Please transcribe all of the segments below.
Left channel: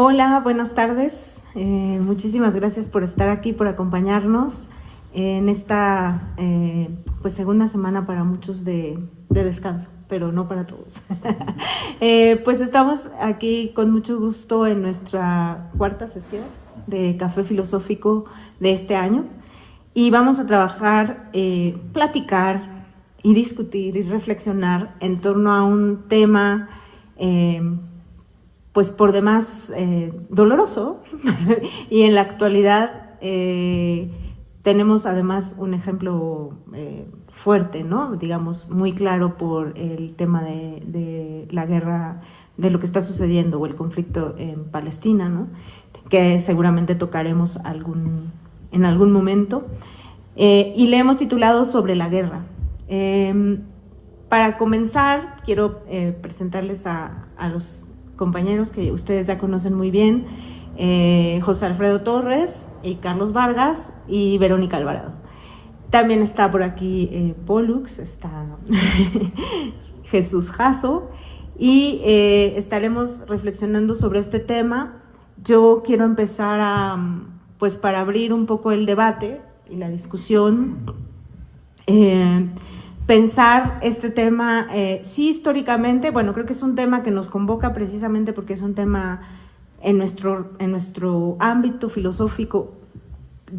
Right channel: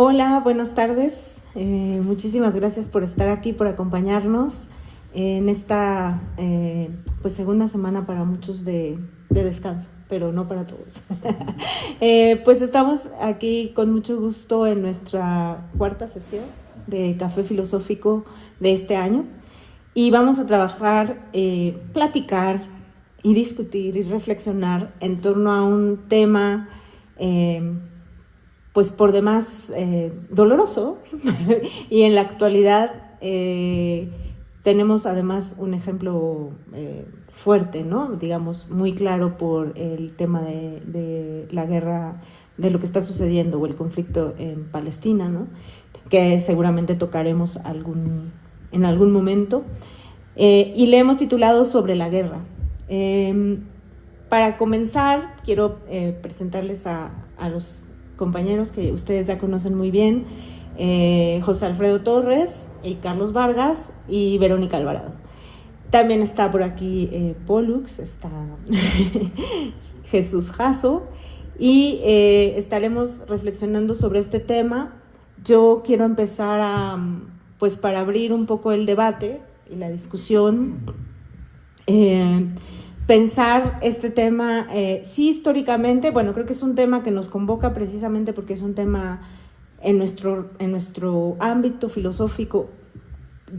Hola, buenas tardes. Muchísimas gracias por estar aquí, por acompañarnos en esta segunda semana para muchos de descanso, pero no para todos. Pues estamos aquí con mucho gusto en nuestra cuarta sesión de Café Filosófico de este año y vamos a trabajar, platicar y discutir y reflexionar en torno a un tema pues por demás doloroso y en la actualidad tenemos además un ejemplo fuerte, ¿no? Digamos, muy claro por el tema de la guerra, de lo que está sucediendo o el conflicto en Palestina, ¿no? Que seguramente tocaremos en algún momento. Y le hemos titulado Sobre la guerra. Para comenzar, quiero presentarles a los compañeros que ustedes ya conocen muy bien, José Alfredo Torres y Carlos Vargas y Verónica Alvarado. También está por aquí Pollux, está Jesús Jasso y estaremos reflexionando sobre este tema. Yo quiero empezar para abrir un poco el debate y la discusión, pensar este tema, sí históricamente, bueno, creo que es un tema que nos convoca precisamente porque es un tema en nuestro ámbito filosófico,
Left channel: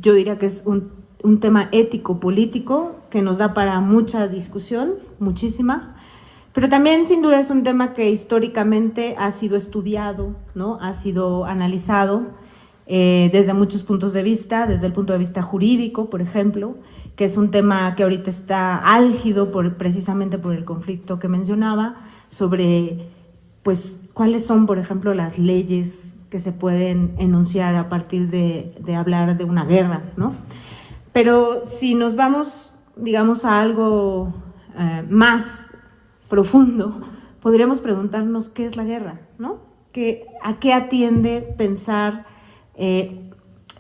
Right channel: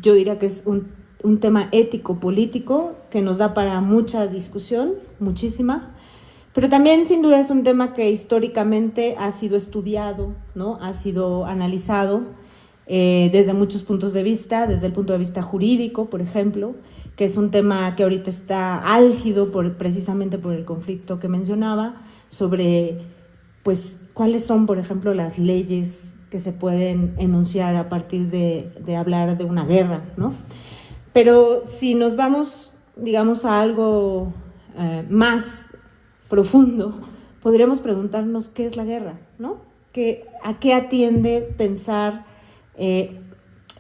yo diría que es un tema ético-político que nos da para mucha discusión, muchísima, pero también sin duda es un tema que históricamente ha sido estudiado, ¿no? Ha sido analizado desde muchos puntos de vista, desde el punto de vista jurídico, por ejemplo, que es un tema que ahorita está álgido precisamente por el conflicto que mencionaba, sobre pues cuáles son, por ejemplo, las leyes que se pueden enunciar a partir de hablar de una guerra, ¿no? Pero si nos vamos, digamos, a algo más profundo, podríamos preguntarnos qué es la guerra, ¿no? ¿A qué atiende pensar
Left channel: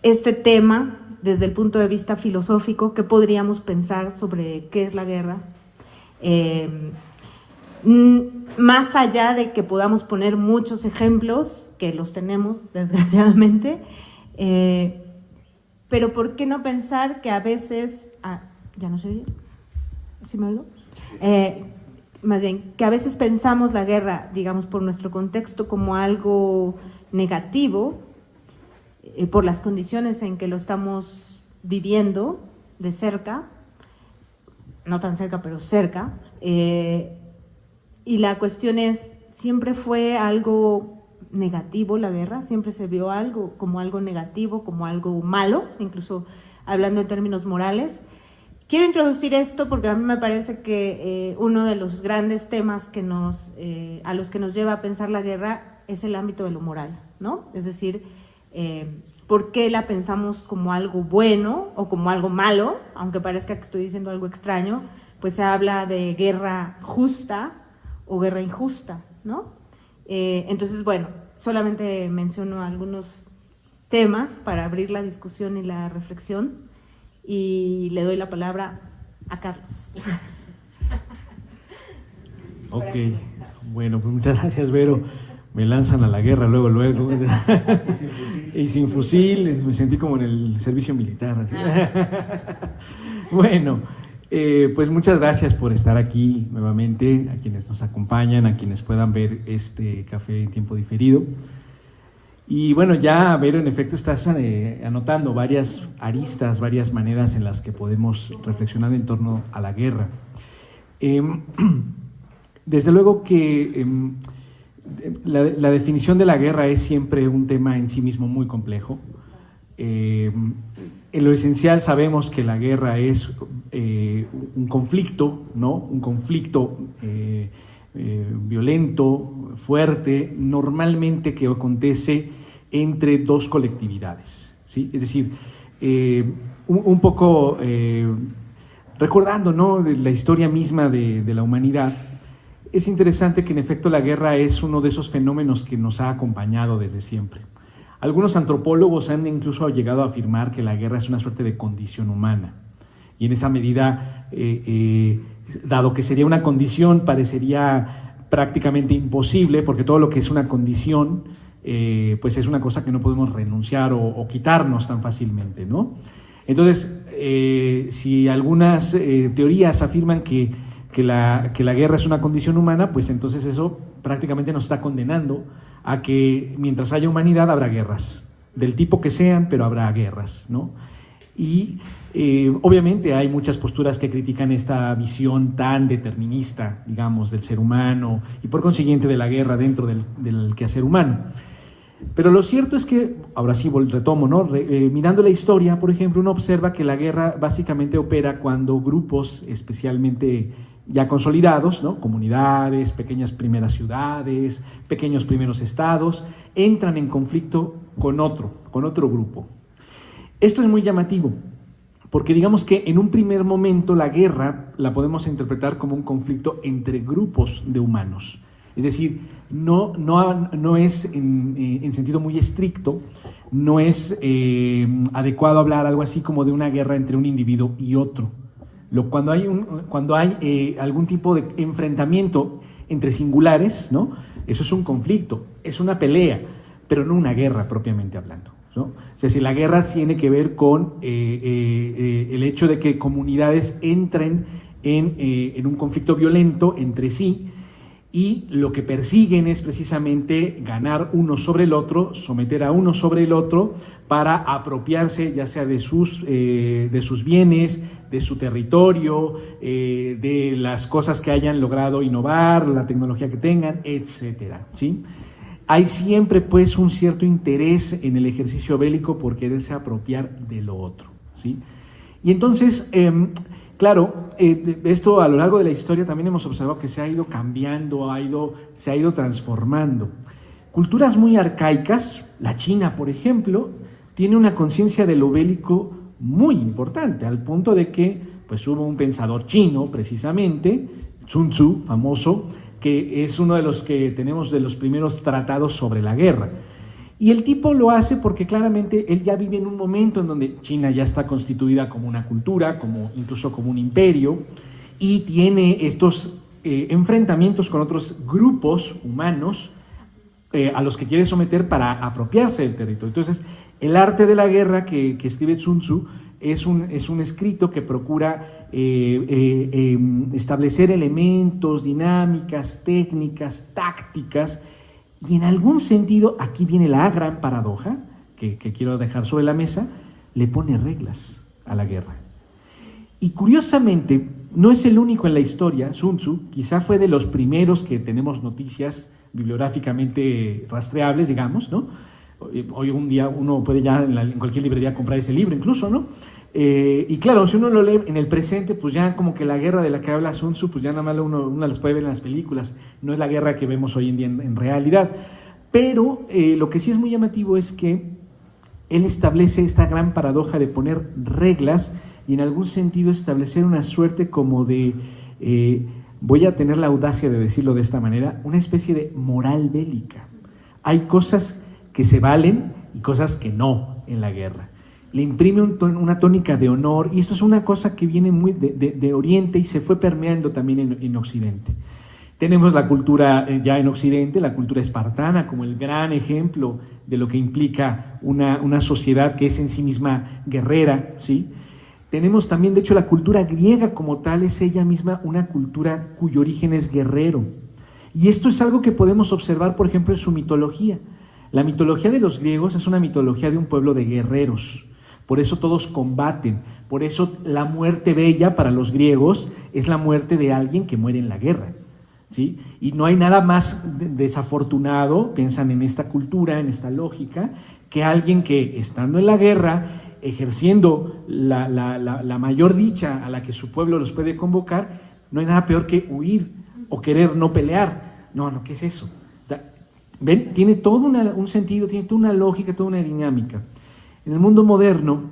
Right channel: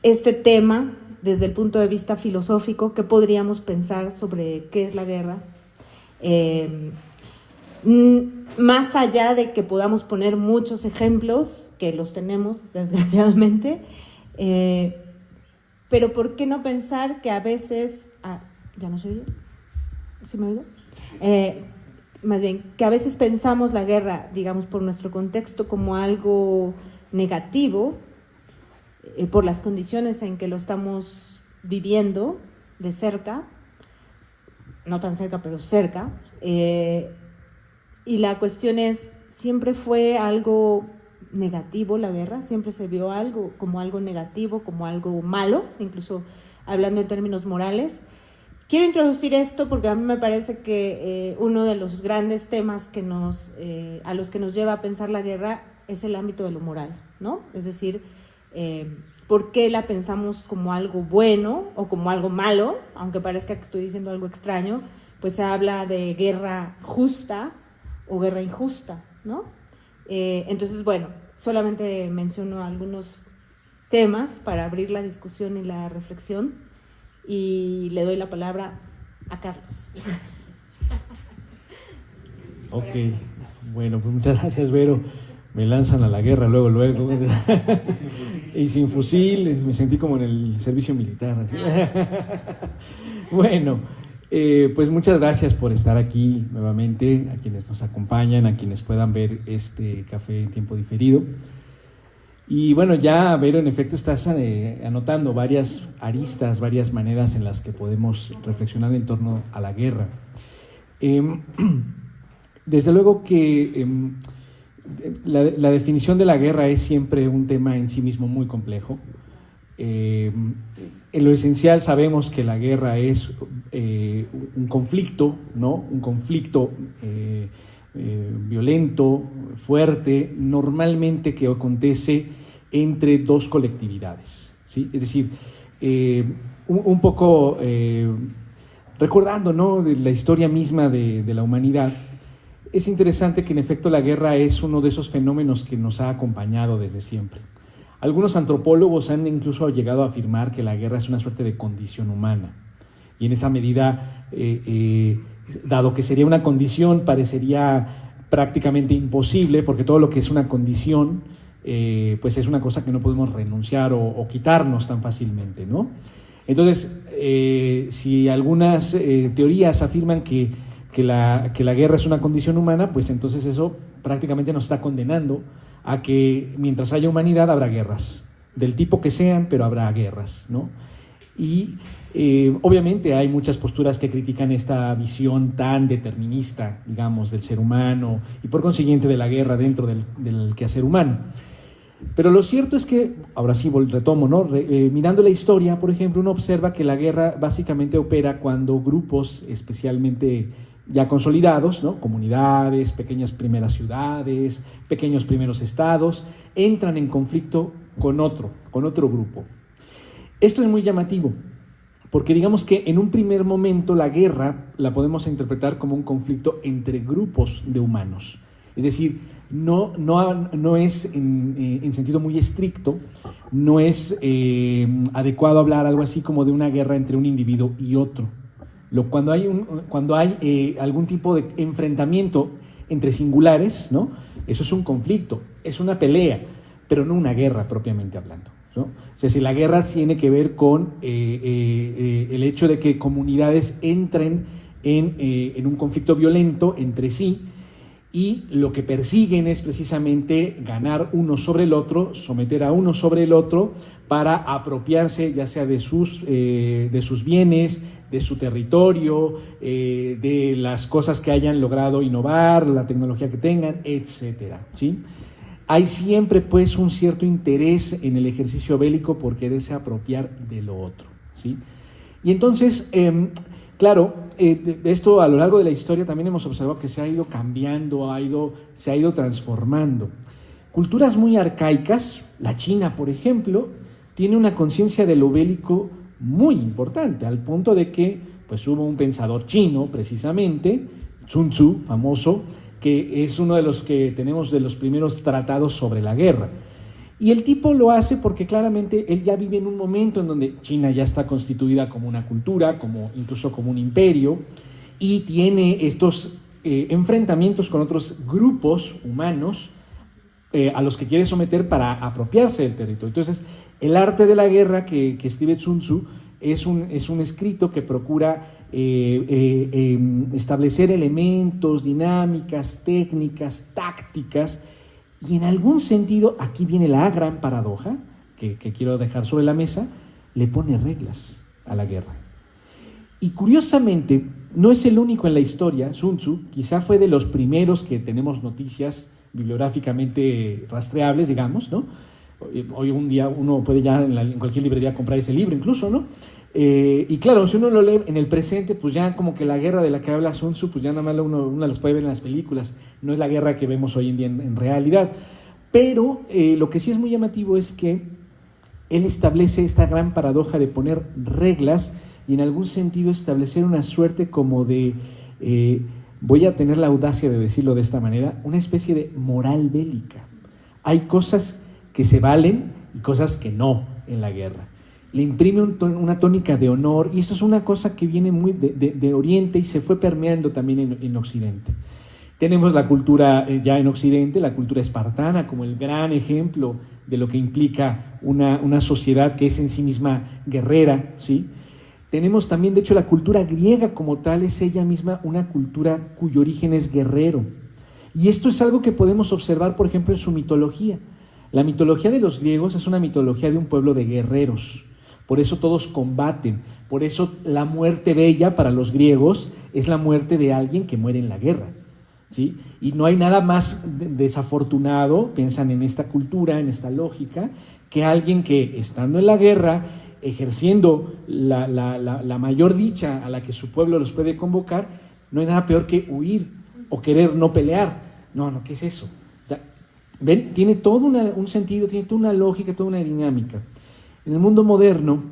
este tema desde el punto de vista filosófico? ¿Qué podríamos pensar sobre qué es la guerra? Más allá de que podamos poner muchos ejemplos, que los tenemos desgraciadamente, pero ¿por qué no pensar que a veces... ¿ya no soy yo? ¿Sí me oigo? Más bien, que a veces pensamos la guerra, digamos, por nuestro contexto como algo negativo, por las condiciones en que lo estamos viviendo de cerca, no tan cerca, pero cerca, y la cuestión es, ¿siempre fue algo negativo la guerra? ¿Siempre se vio algo como algo negativo, como algo malo, incluso hablando en términos morales? Quiero introducir esto porque a mí me parece que uno de los grandes temas a los que nos lleva a pensar la guerra es el ámbito de lo moral, ¿no? Es decir, ¿por qué la pensamos como algo bueno o como algo malo? Aunque parezca que estoy diciendo algo extraño, pues se habla de guerra justa o guerra injusta, ¿no? Entonces, bueno, solamente menciono algunos temas para abrir la discusión y la reflexión y le doy la palabra a Carlos. Ok, bueno, pues muchas gracias, Vero. Me lanzan a la guerra luego. Y sin fusil, me sentí como en el servicio militar. Bueno, pues muchas gracias por estar aquí nuevamente, a quienes nos acompañan, a quienes puedan ver este café en tiempo diferido. Y bueno, ya, Vero, en efecto estás anotando varias aristas, varias maneras en las que podemos reflexionar en torno a la guerra. Desde luego que la definición de la guerra es siempre un tema en sí mismo muy complejo. En lo esencial sabemos que la guerra es un conflicto, ¿no? Un conflicto violento, fuerte, normalmente que acontece entre dos colectividades, ¿sí? Es decir, un poco recordando, ¿no?, la historia misma de la humanidad, es interesante que en efecto la guerra es uno de esos fenómenos que nos ha acompañado desde siempre. Algunos antropólogos han incluso llegado a afirmar que la guerra es una suerte de condición humana, y en esa medida, dado que sería una condición, parecería prácticamente imposible, porque todo lo que es una condición pues es una cosa que no podemos renunciar o quitarnos tan fácilmente, ¿no? Entonces, si algunas teorías afirman que la guerra es una condición humana, pues entonces eso prácticamente nos está condenando a que mientras haya humanidad habrá guerras, del tipo que sean, pero habrá guerras, ¿no? Y obviamente hay muchas posturas que critican esta visión tan determinista, digamos, del ser humano y por consiguiente de la guerra dentro del quehacer humano. Pero lo cierto es que, ahora sí retomo, ¿no? Mirando la historia, por ejemplo, uno observa que la guerra básicamente opera cuando grupos especialmente ya consolidados, ¿no? Comunidades, pequeñas primeras ciudades, pequeños primeros estados, entran en conflicto con otro grupo. Esto es muy llamativo, porque digamos que en un primer momento la guerra la podemos interpretar como un conflicto entre grupos de humanos. Es decir, no es en sentido muy estricto, no es adecuado hablar algo así como de una guerra entre un individuo y otro. Cuando hay algún tipo de enfrentamiento entre singulares, ¿no? Eso es un conflicto, es una pelea, pero no una guerra propiamente hablando, ¿no? O sea, si la guerra tiene que ver con el hecho de que comunidades entren en un conflicto violento entre sí, y lo que persiguen es precisamente ganar uno sobre el otro, someter a uno sobre el otro para apropiarse ya sea de sus bienes, de su territorio, de las cosas que hayan logrado innovar, la tecnología que tengan, etcétera, ¿sí? Hay siempre pues un cierto interés en el ejercicio bélico por quererse apropiar de lo otro, ¿sí? Y entonces, claro, esto a lo largo de la historia también hemos observado que se ha ido cambiando, se ha ido transformando. Culturas muy arcaicas, la China, por ejemplo, tiene una conciencia de lo bélico muy importante, al punto de que pues, hubo un pensador chino, precisamente, Sun Tzu, famoso, que es uno de los que tenemos de los primeros tratados sobre la guerra. Y el tipo lo hace porque claramente él ya vive en un momento en donde China ya está constituida como una cultura, incluso como un imperio, y tiene estos enfrentamientos con otros grupos humanos a los que quiere someter para apropiarse del territorio. Entonces, el arte de la guerra que escribe Sun Tzu es un escrito que procura establecer elementos, dinámicas, técnicas, tácticas. Y en algún sentido, aquí viene la gran paradoja que quiero dejar sobre la mesa, le pone reglas a la guerra. Y curiosamente, no es el único en la historia. Sun Tzu quizá fue de los primeros que tenemos noticias bibliográficamente rastreables, digamos, ¿no? Hoy un día uno puede ya en cualquier librería comprar ese libro incluso, ¿no? Y claro, si uno lo lee en el presente, pues ya como que la guerra de la que habla Sun Tzu, pues ya nada más uno las puede ver en las películas, no es la guerra que vemos hoy en día en realidad. Pero lo que sí es muy llamativo es que él establece esta gran paradoja de poner reglas y en algún sentido establecer una suerte como de, voy a tener la audacia de decirlo de esta manera, una especie de moral bélica. Hay cosas que se valen y cosas que no en la guerra. Le imprime una tónica de honor, y esto es una cosa que viene muy de Oriente y se fue permeando también en Occidente. Tenemos la cultura ya en Occidente, la cultura espartana, como el gran ejemplo de lo que implica una sociedad que es en sí misma guerrera, ¿sí? Tenemos también, de hecho, la cultura griega como tal, es ella misma una cultura cuyo origen es guerrero. Y esto es algo que podemos observar, por ejemplo, en su mitología. La mitología de los griegos es una mitología de un pueblo de guerreros. Por eso todos combaten, por eso la muerte bella para los griegos es la muerte de alguien que muere en la guerra, ¿sí? Y no hay nada más desafortunado, piensan en esta cultura, en esta lógica, que alguien que estando en la guerra, ejerciendo la mayor dicha a la que su pueblo los puede convocar, no hay nada peor que huir o querer no pelear. No, ¿qué es eso? O sea, ¿ven? Tiene todo un sentido, tiene toda una lógica, toda una dinámica. En el mundo moderno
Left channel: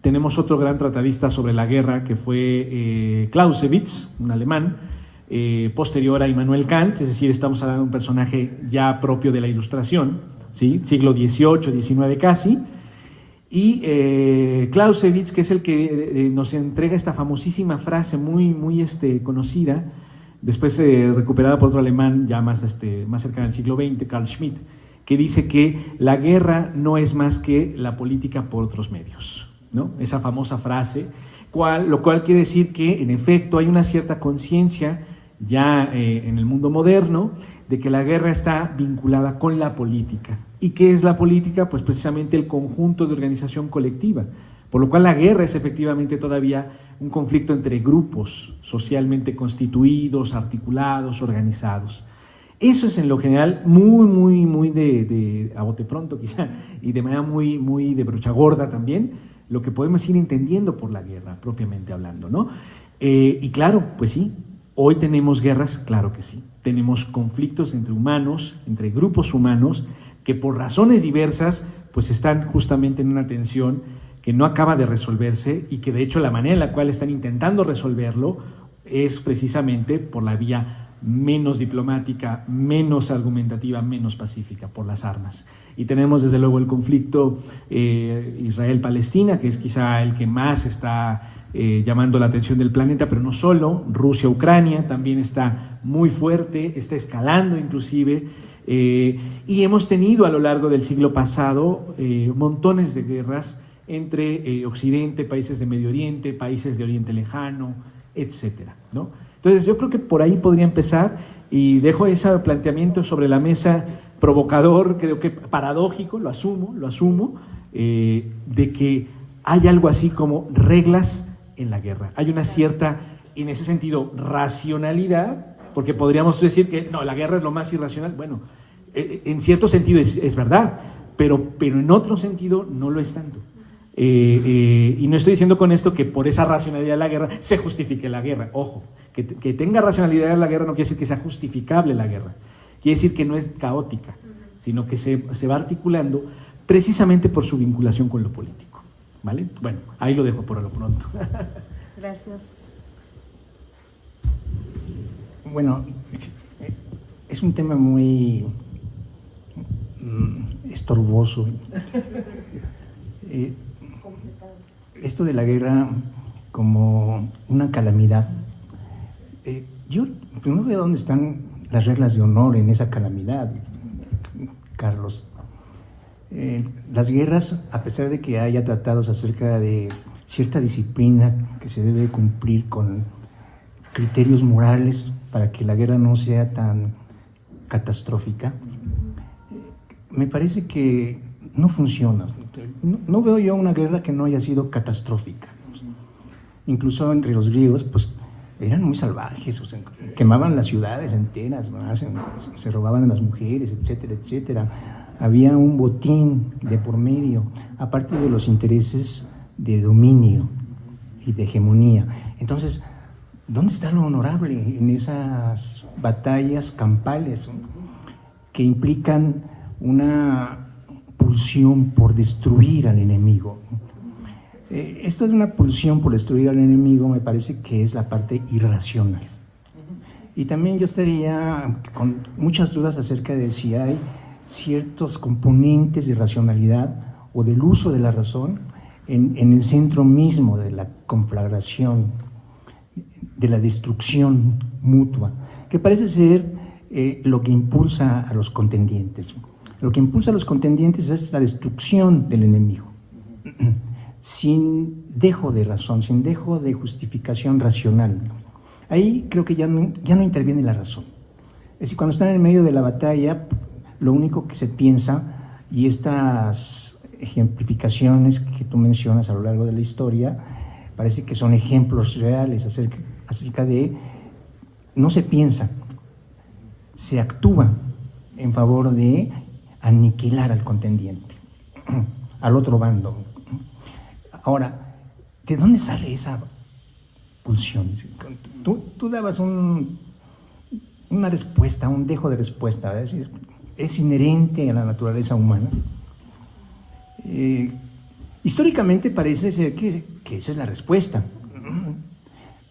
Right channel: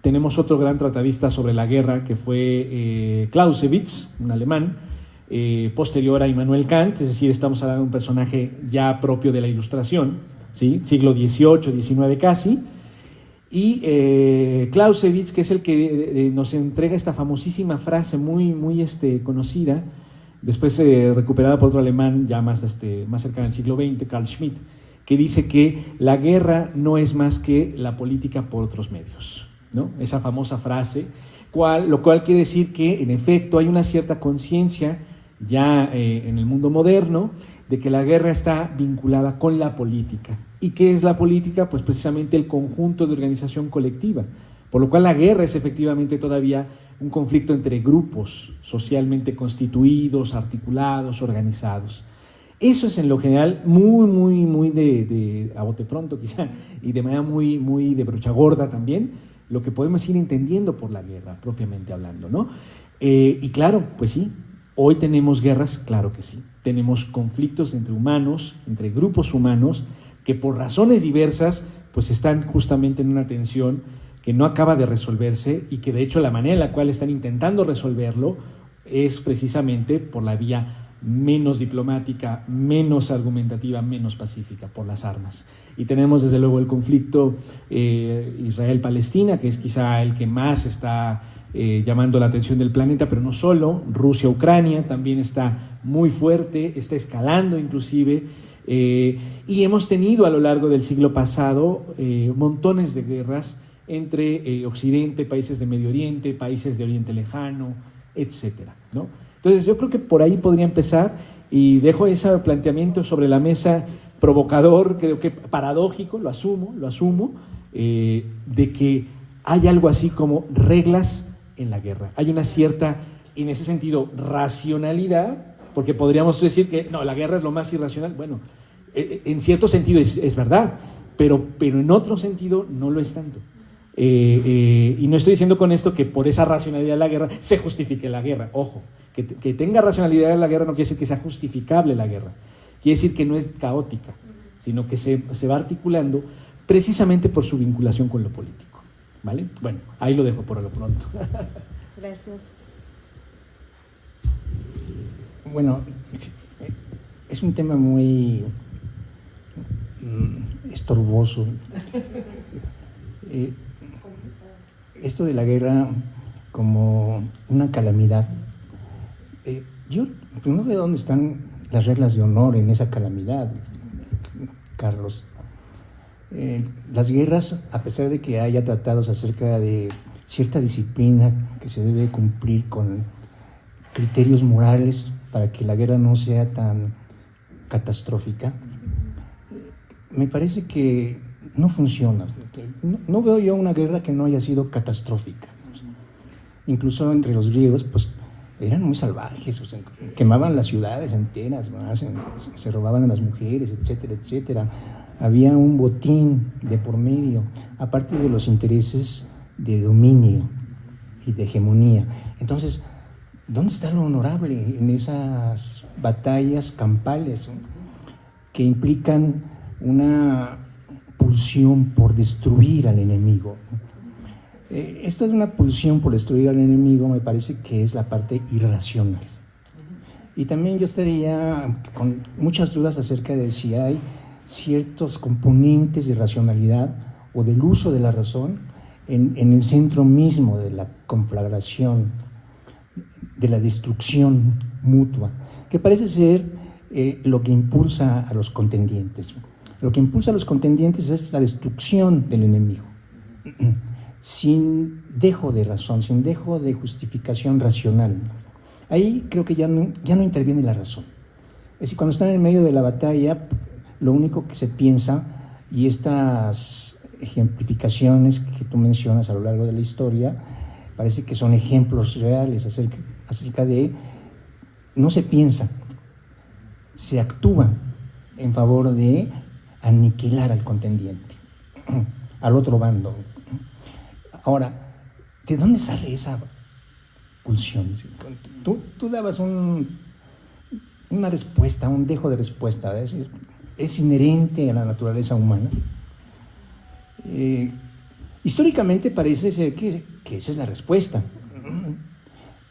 tenemos otro gran tratadista sobre la guerra que fue Clausewitz, un alemán, posterior a Immanuel Kant, es decir, estamos hablando de un personaje ya propio de la Ilustración, ¿sí? Siglo XVIII, XIX casi, y Clausewitz, que es el que nos entrega esta famosísima frase muy conocida, después recuperada por otro alemán ya más cercano al siglo XX, Carl Schmitt, que dice que la guerra no es más que la política por otros medios, ¿no? Esa famosa frase, lo cual quiere decir que en efecto hay una cierta conciencia ya en el mundo moderno de que la guerra está vinculada con la política. ¿Y qué es la política? Pues precisamente el conjunto de organización colectiva, por lo cual la guerra es efectivamente todavía un conflicto entre grupos socialmente constituidos, articulados, organizados. Eso es en lo general muy de a bote pronto quizá, y de manera muy de brocha gorda también, lo que podemos ir entendiendo por la guerra, propiamente hablando, ¿no? Y claro, pues sí, hoy tenemos guerras, claro que sí. Tenemos conflictos entre humanos, entre grupos humanos, que por razones diversas, pues están justamente en una tensión que no acaba de resolverse y que de hecho la manera en la cual están intentando resolverlo es precisamente por la vía menos diplomática, menos argumentativa, menos pacífica, por las armas. Y tenemos desde luego el conflicto Israel-Palestina, que es quizá el que más está llamando la atención del planeta, pero no solo. Rusia-Ucrania también está muy fuerte, está escalando inclusive, y hemos tenido a lo largo del siglo pasado montones de guerras entre Occidente, países de Medio Oriente, países de Oriente Lejano, etcétera, ¿no? Entonces yo creo que por ahí podría empezar, y dejo ese planteamiento sobre la mesa provocador, creo que paradójico, lo asumo, de que hay algo así como reglas en la guerra. Hay una cierta, en ese sentido, racionalidad, porque podríamos decir que no, la guerra es lo más irracional. Bueno, en cierto sentido es verdad, pero en otro sentido no lo es tanto. Y no estoy diciendo con esto que por esa racionalidad de la guerra se justifique la guerra. Ojo, que tenga racionalidad en la guerra no quiere decir que sea justificable la guerra. Quiere decir que no es caótica, sino que se va articulando precisamente por su vinculación con lo político. ¿Vale? Bueno, ahí lo dejo por lo pronto. Gracias. Bueno, es un tema muy estorboso. Esto de la guerra como una calamidad. Yo no veo dónde están las reglas de honor en esa calamidad, Carlos. Las guerras, a pesar de que haya tratados acerca de cierta disciplina que se debe cumplir con criterios morales para que la guerra no sea tan catastrófica, me parece que no funciona. No veo yo una guerra que no haya sido catastrófica. Incluso entre los griegos, pues eran muy salvajes, o sea, quemaban las ciudades enteras, se robaban a las mujeres, etcétera, etcétera. Había un botín de por medio, aparte de los intereses de dominio y de hegemonía. Entonces, ¿dónde está lo honorable en esas batallas campales, ¿no?, que implican una pulsión por destruir al enemigo? Esto de una pulsión por destruir al enemigo me parece que es la parte irracional. Y también yo estaría con muchas dudas acerca de si hay ciertos componentes de racionalidad o del uso de la razón en el centro mismo de la conflagración, de la destrucción mutua, que parece ser lo que impulsa a los contendientes. Lo que impulsa a los contendientes es la destrucción del enemigo, sin dejo de razón, sin dejo de justificación racional. Ahí creo que ya no interviene la razón. Es decir, cuando están en medio de la batalla, lo único que se piensa, y estas ejemplificaciones que tú mencionas a lo largo de la historia, parece que son ejemplos reales acerca de, no se piensa, se actúa en favor de aniquilar al contendiente, al otro bando. Ahora, ¿de dónde sale esa pulsión? Tú dabas una respuesta, un dejo de respuesta, es decir, es inherente a la naturaleza humana. Históricamente parece ser que esa es la respuesta,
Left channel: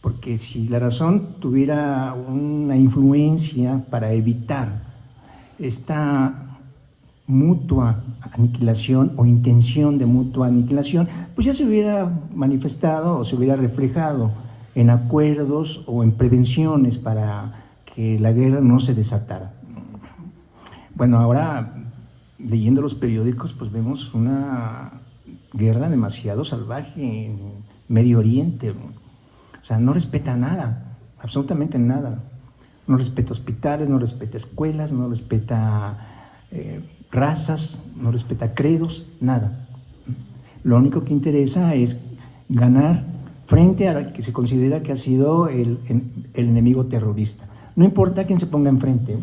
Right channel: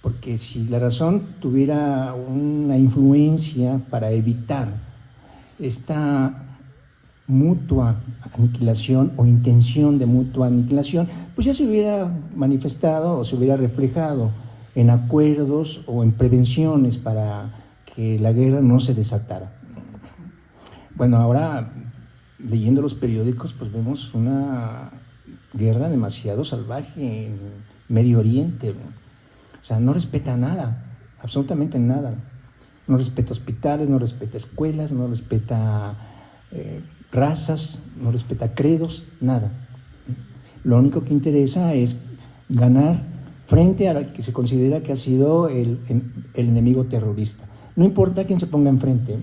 porque si la razón tuviera una influencia para evitar esta mutua aniquilación o intención de mutua aniquilación, pues ya se hubiera manifestado o se hubiera reflejado en acuerdos o en prevenciones para que la guerra no se desatara. Bueno, ahora leyendo los periódicos, pues vemos una guerra demasiado salvaje en Medio Oriente. O sea, no respeta nada, absolutamente nada. No respeta hospitales, no respeta escuelas, no respeta razas, no respeta credos, nada. Lo único que interesa es ganar frente a la que se considera que ha sido el enemigo terrorista. No importa quién se ponga enfrente.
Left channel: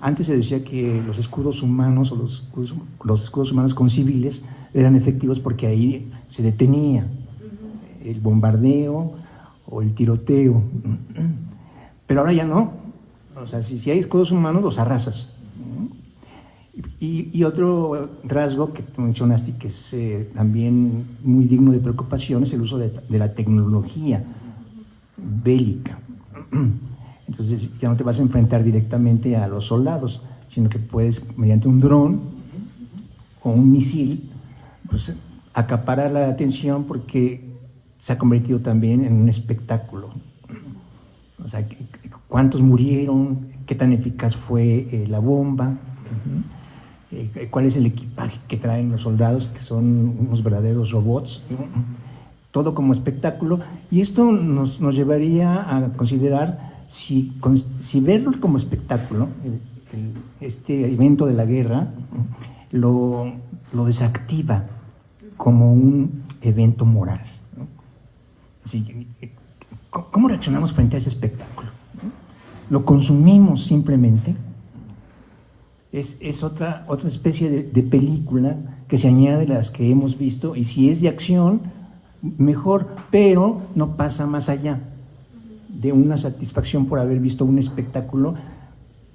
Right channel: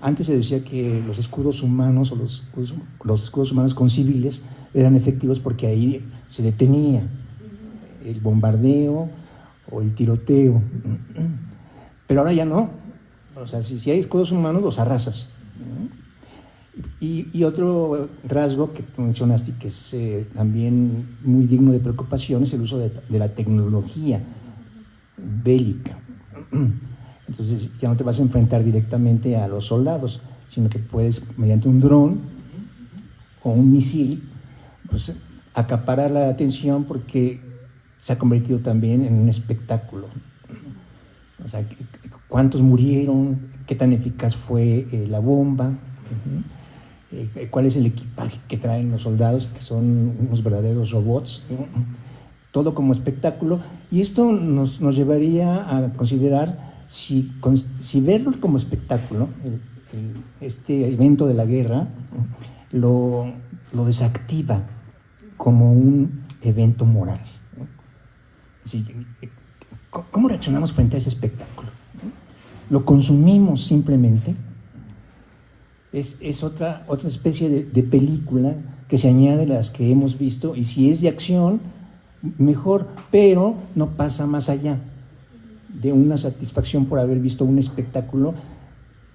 Antes se decía que los escudos humanos o los escudos humanos con civiles eran efectivos porque ahí se detenía el bombardeo o el tiroteo. Pero ahora ya no. O sea, si hay escudos humanos, los arrasas. Y otro rasgo que tú mencionaste, que es también muy digno de preocupación, es el uso de la tecnología bélica. Entonces ya no te vas a enfrentar directamente a los soldados, sino que puedes, mediante un dron o un misil, pues, acaparar la atención, porque se ha convertido también en un espectáculo. O sea, ¿cuántos murieron? ¿Qué tan eficaz fue la bomba? ¿Cuál es el equipaje que traen los soldados, que son unos verdaderos robots? Todo como espectáculo. Y esto nos llevaría a considerar si verlo como espectáculo, este evento de la guerra, lo desactiva como un evento moral. ¿Cómo reaccionamos frente a ese espectáculo? ¿Lo consumimos simplemente? Es otra especie de película que se añade a las que hemos visto, y si es de acción, mejor, pero no pasa más allá de una satisfacción por haber visto un espectáculo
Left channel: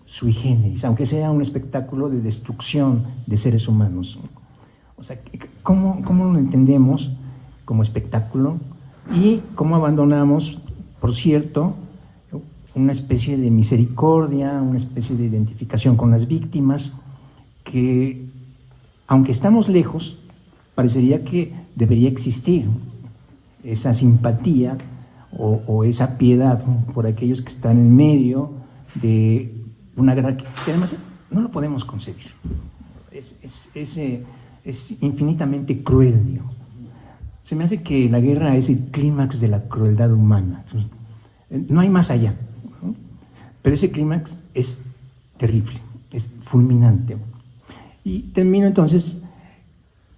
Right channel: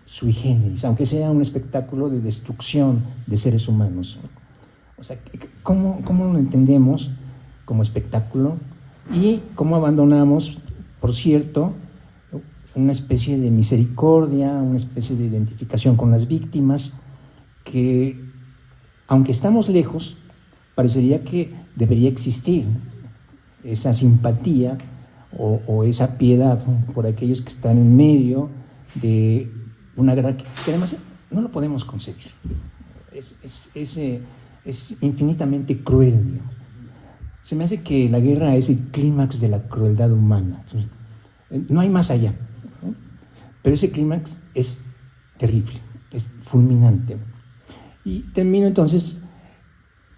sui generis, aunque sea un espectáculo de destrucción de seres humanos. O sea, ¿cómo lo entendemos como espectáculo? Y cómo abandonamos, por cierto, una especie de misericordia, una especie de identificación con las víctimas, que, aunque estamos lejos, parecería que debería existir esa simpatía o esa piedad, ¿no?, por aquellos que están en medio de una guerra que además no lo podemos concebir. Es infinitamente cruel, ¿no? Se me hace que la guerra es el clímax de la crueldad humana. No hay más allá, ¿no? Pero ese clímax es terrible, es fulminante. Y termino entonces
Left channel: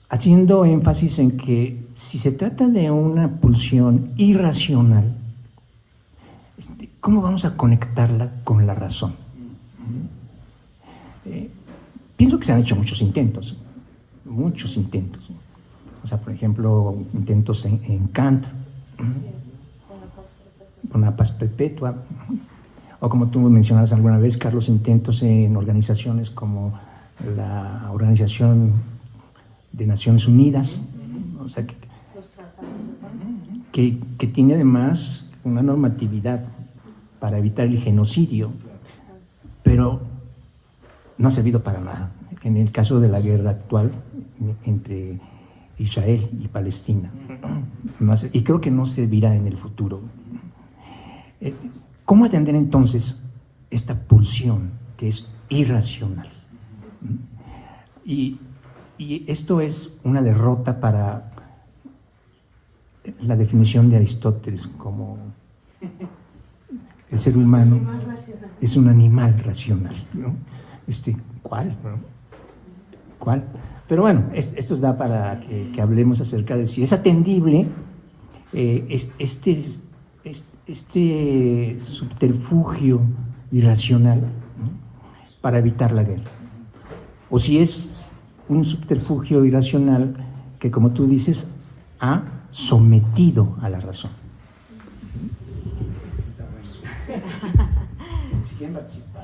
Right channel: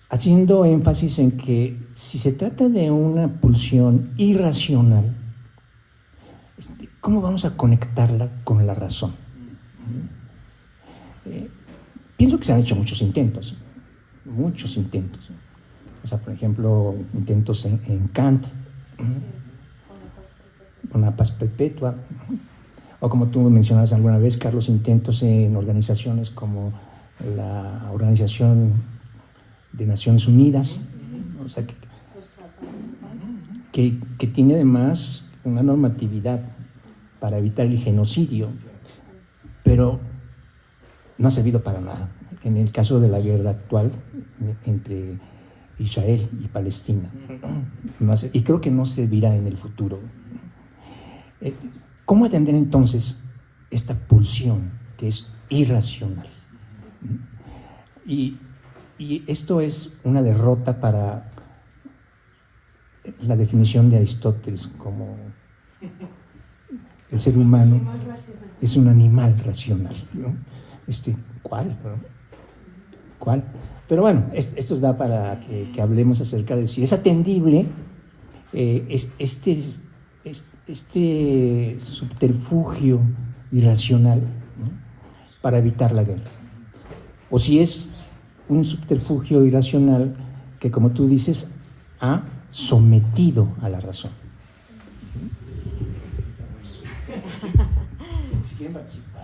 haciendo énfasis en que si se trata de una pulsión irracional, ¿cómo vamos a conectarla con la razón? Pienso que se han hecho muchos intentos. O sea, por ejemplo, intentos en Kant, con la paz perpetua, o como tú mencionabas alguna vez, Carlos, intentos en organizaciones como la Organización de Naciones Unidas, o sea, que tiene además una normatividad para evitar el genocidio, pero no ha servido para nada en el caso de la guerra actual entre Israel y Palestina, y creo que no servirá en el futuro. ¿Cómo atender entonces esta pulsión que es irracional? Y esto es una derrota para la definición de Aristóteles como el ser humano es un animal racional, ¿no? ¿Cuál? ¿Cuál? Pero bueno, esto da para que hablemos acerca de si es atendible este subterfugio irracional, ¿no?, para evitar la guerra, o si es un subterfugio irracional que, como tú dices, ha sometido a la razón.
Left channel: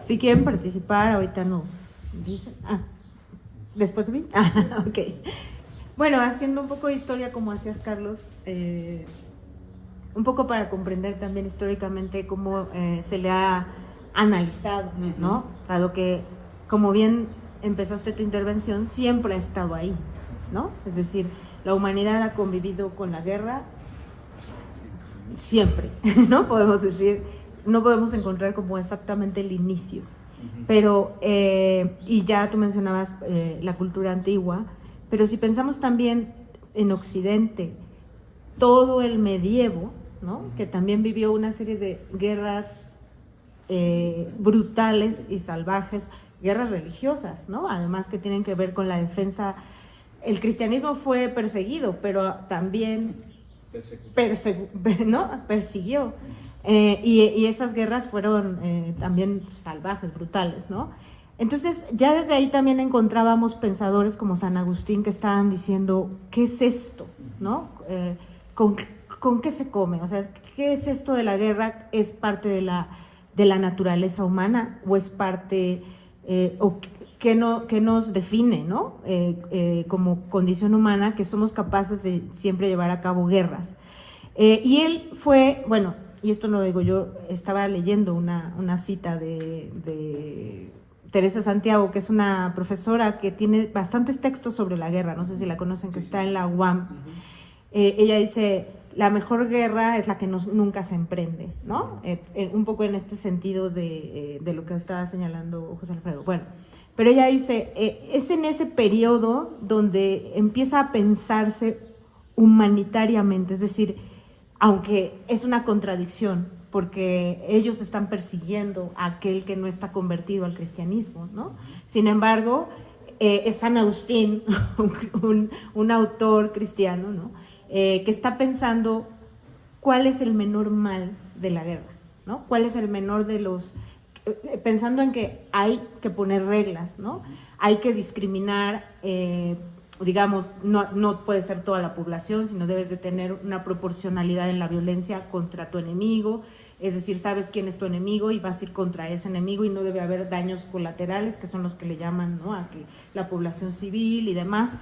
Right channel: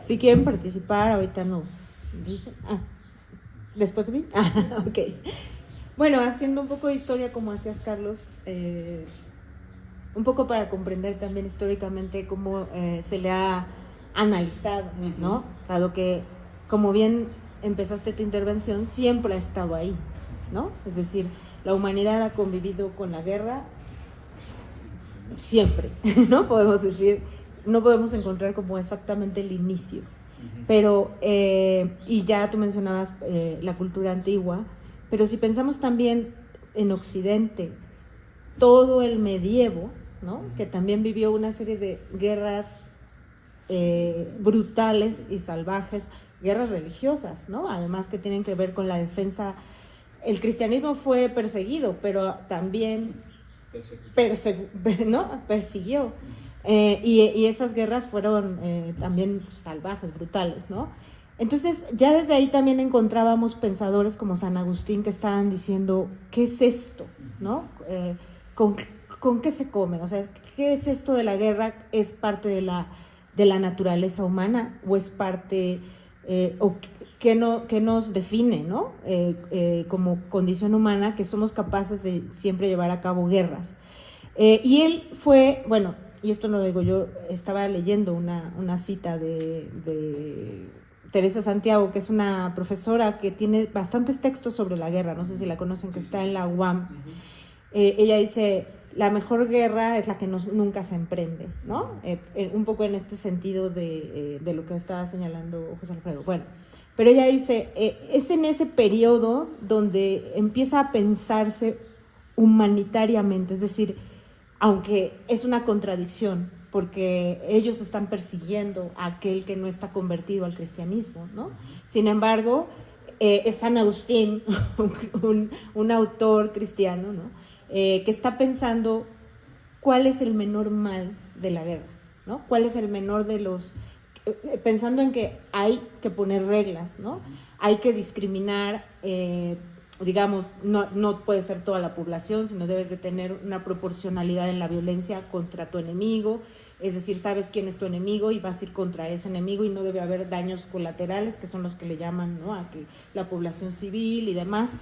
Si quieren participar, ahorita nos dicen. ¿Después de mí? Ok. Bueno, haciendo un poco de historia, como hacías, Carlos, un poco para comprender también históricamente cómo se le ha analizado, ¿no? Dado que, como bien empezaste tu intervención, siempre ha estado ahí, ¿no? Es decir, la humanidad ha convivido con la guerra siempre, ¿no? Podemos decir, no podemos encontrar como exactamente el inicio. Pero, y ya tú mencionabas la cultura antigua, pero si pensamos también en Occidente, todo el medievo, ¿no? Que también vivió una serie de guerras brutales y salvajes, guerras religiosas, ¿no? Además que tienen que ver con la defensa. El cristianismo fue perseguido, pero también persiguió. Y esas guerras fueron también salvajes, brutales, ¿no? Entonces, ya desde ahí también encontrábamos pensadores como San Agustín que estaban diciendo, ¿qué es esto? ¿No? ¿Con qué se come? O sea, ¿qué es esto de la guerra? ¿Es parte de la naturaleza humana o es parte, o qué nos define, ¿no? Como condición humana, que somos capaces de siempre llevar a cabo guerras. Y él fue, bueno, y esto no lo digo yo, estaba leyendo una cita de Teresa Santiago, que es una profesora que tiene bastantes textos sobre la guerra, no sé si la conocen, que está en la UAM. Ella dice, la mejor guerra es la que nunca se emprende, ¿no? Un poco en este sentido de lo que estaba señalando José Alfredo. Bueno, pero ella dice, es en ese periodo donde empieza a pensarse humanitariamente, es decir, aunque es una contradicción, porque ellos están persiguiendo a aquel que no está convertido al cristianismo, ¿no? Sin embargo, es San Agustín, un autor cristiano, ¿no? Que está pensando cuál es el menor mal de la guerra, ¿no? Cuál es el menor de los... pensando en que hay que poner reglas, ¿no? Hay que discriminar, digamos, no puede ser toda la población, sino debes de tener una proporcionalidad en la violencia contra tu enemigo, es decir, sabes quién es tu enemigo y vas a ir contra ese enemigo y no debe haber daños colaterales, que son los que le llaman, ¿no? A que la población civil y demás.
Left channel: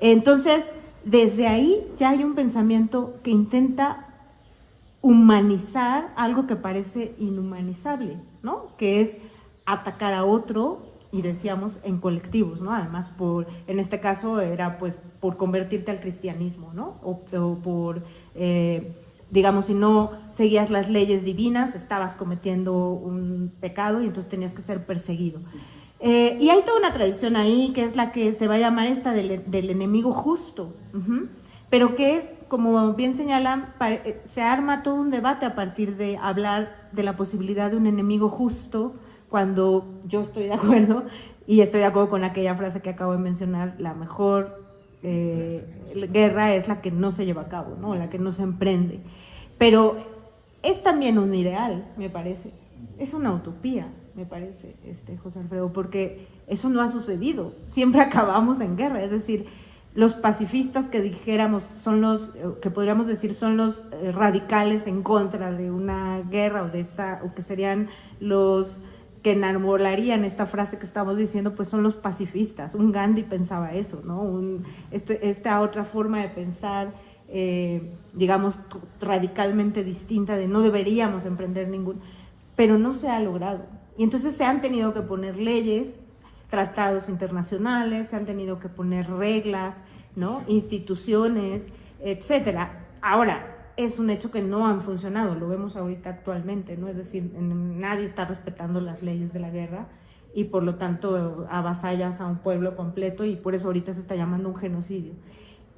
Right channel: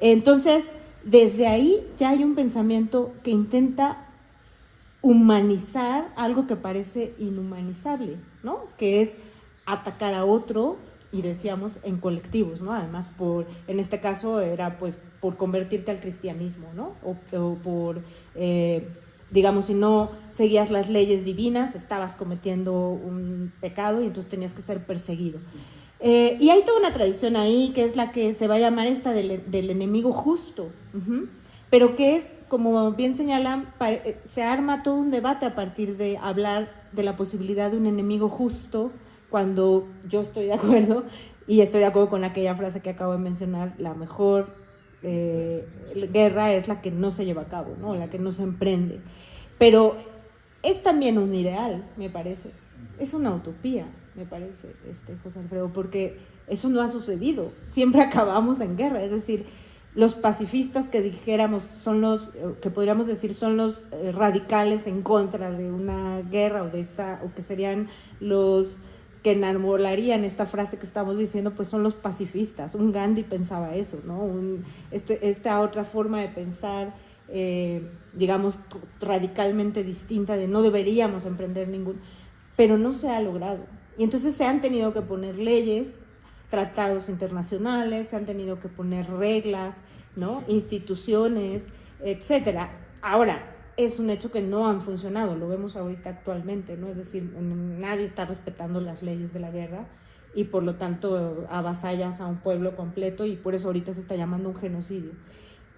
Entonces, desde ahí ya hay un pensamiento que intenta humanizar algo que parece inhumanizable, ¿no? Que es atacar a otro, y decíamos en colectivos, ¿no? Además, en este caso era pues por convertirte al cristianismo, ¿no? O por, digamos, si no seguías las leyes divinas, estabas cometiendo un pecado y entonces tenías que ser perseguido. Y hay toda una tradición ahí que es la que se va a llamar esta del enemigo justo, pero que es, como bien señalan, se arma todo un debate a partir de hablar de la posibilidad de un enemigo justo, cuando yo estoy de acuerdo, y estoy de acuerdo con aquella frase que acabo de mencionar, la mejor guerra es la que no se lleva a cabo, ¿no? La que no se emprende. Pero es también un ideal, me parece, es una utopía, me parece, José Alfredo, porque eso no ha sucedido, siempre acabamos en guerra, es decir, los pacifistas que dijéramos son los, que podríamos decir son los radicales en contra de una guerra o que serían los que enamolarían esta frase que estamos diciendo, pues son los pacifistas. Un Gandhi pensaba eso, ¿no? Esta otra forma de pensar, digamos, radicalmente distinta, de no deberíamos emprender ningún, pero no se ha logrado. Y entonces se han tenido que poner leyes, tratados internacionales, se han tenido que poner reglas, ¿no? Instituciones, etcétera. Ahora, es un hecho que no han funcionado, lo vemos ahorita actualmente, ¿no? Es decir, nadie está respetando las leyes de la guerra y por lo tanto avasallas a un pueblo completo y por eso ahorita se está llamando un genocidio.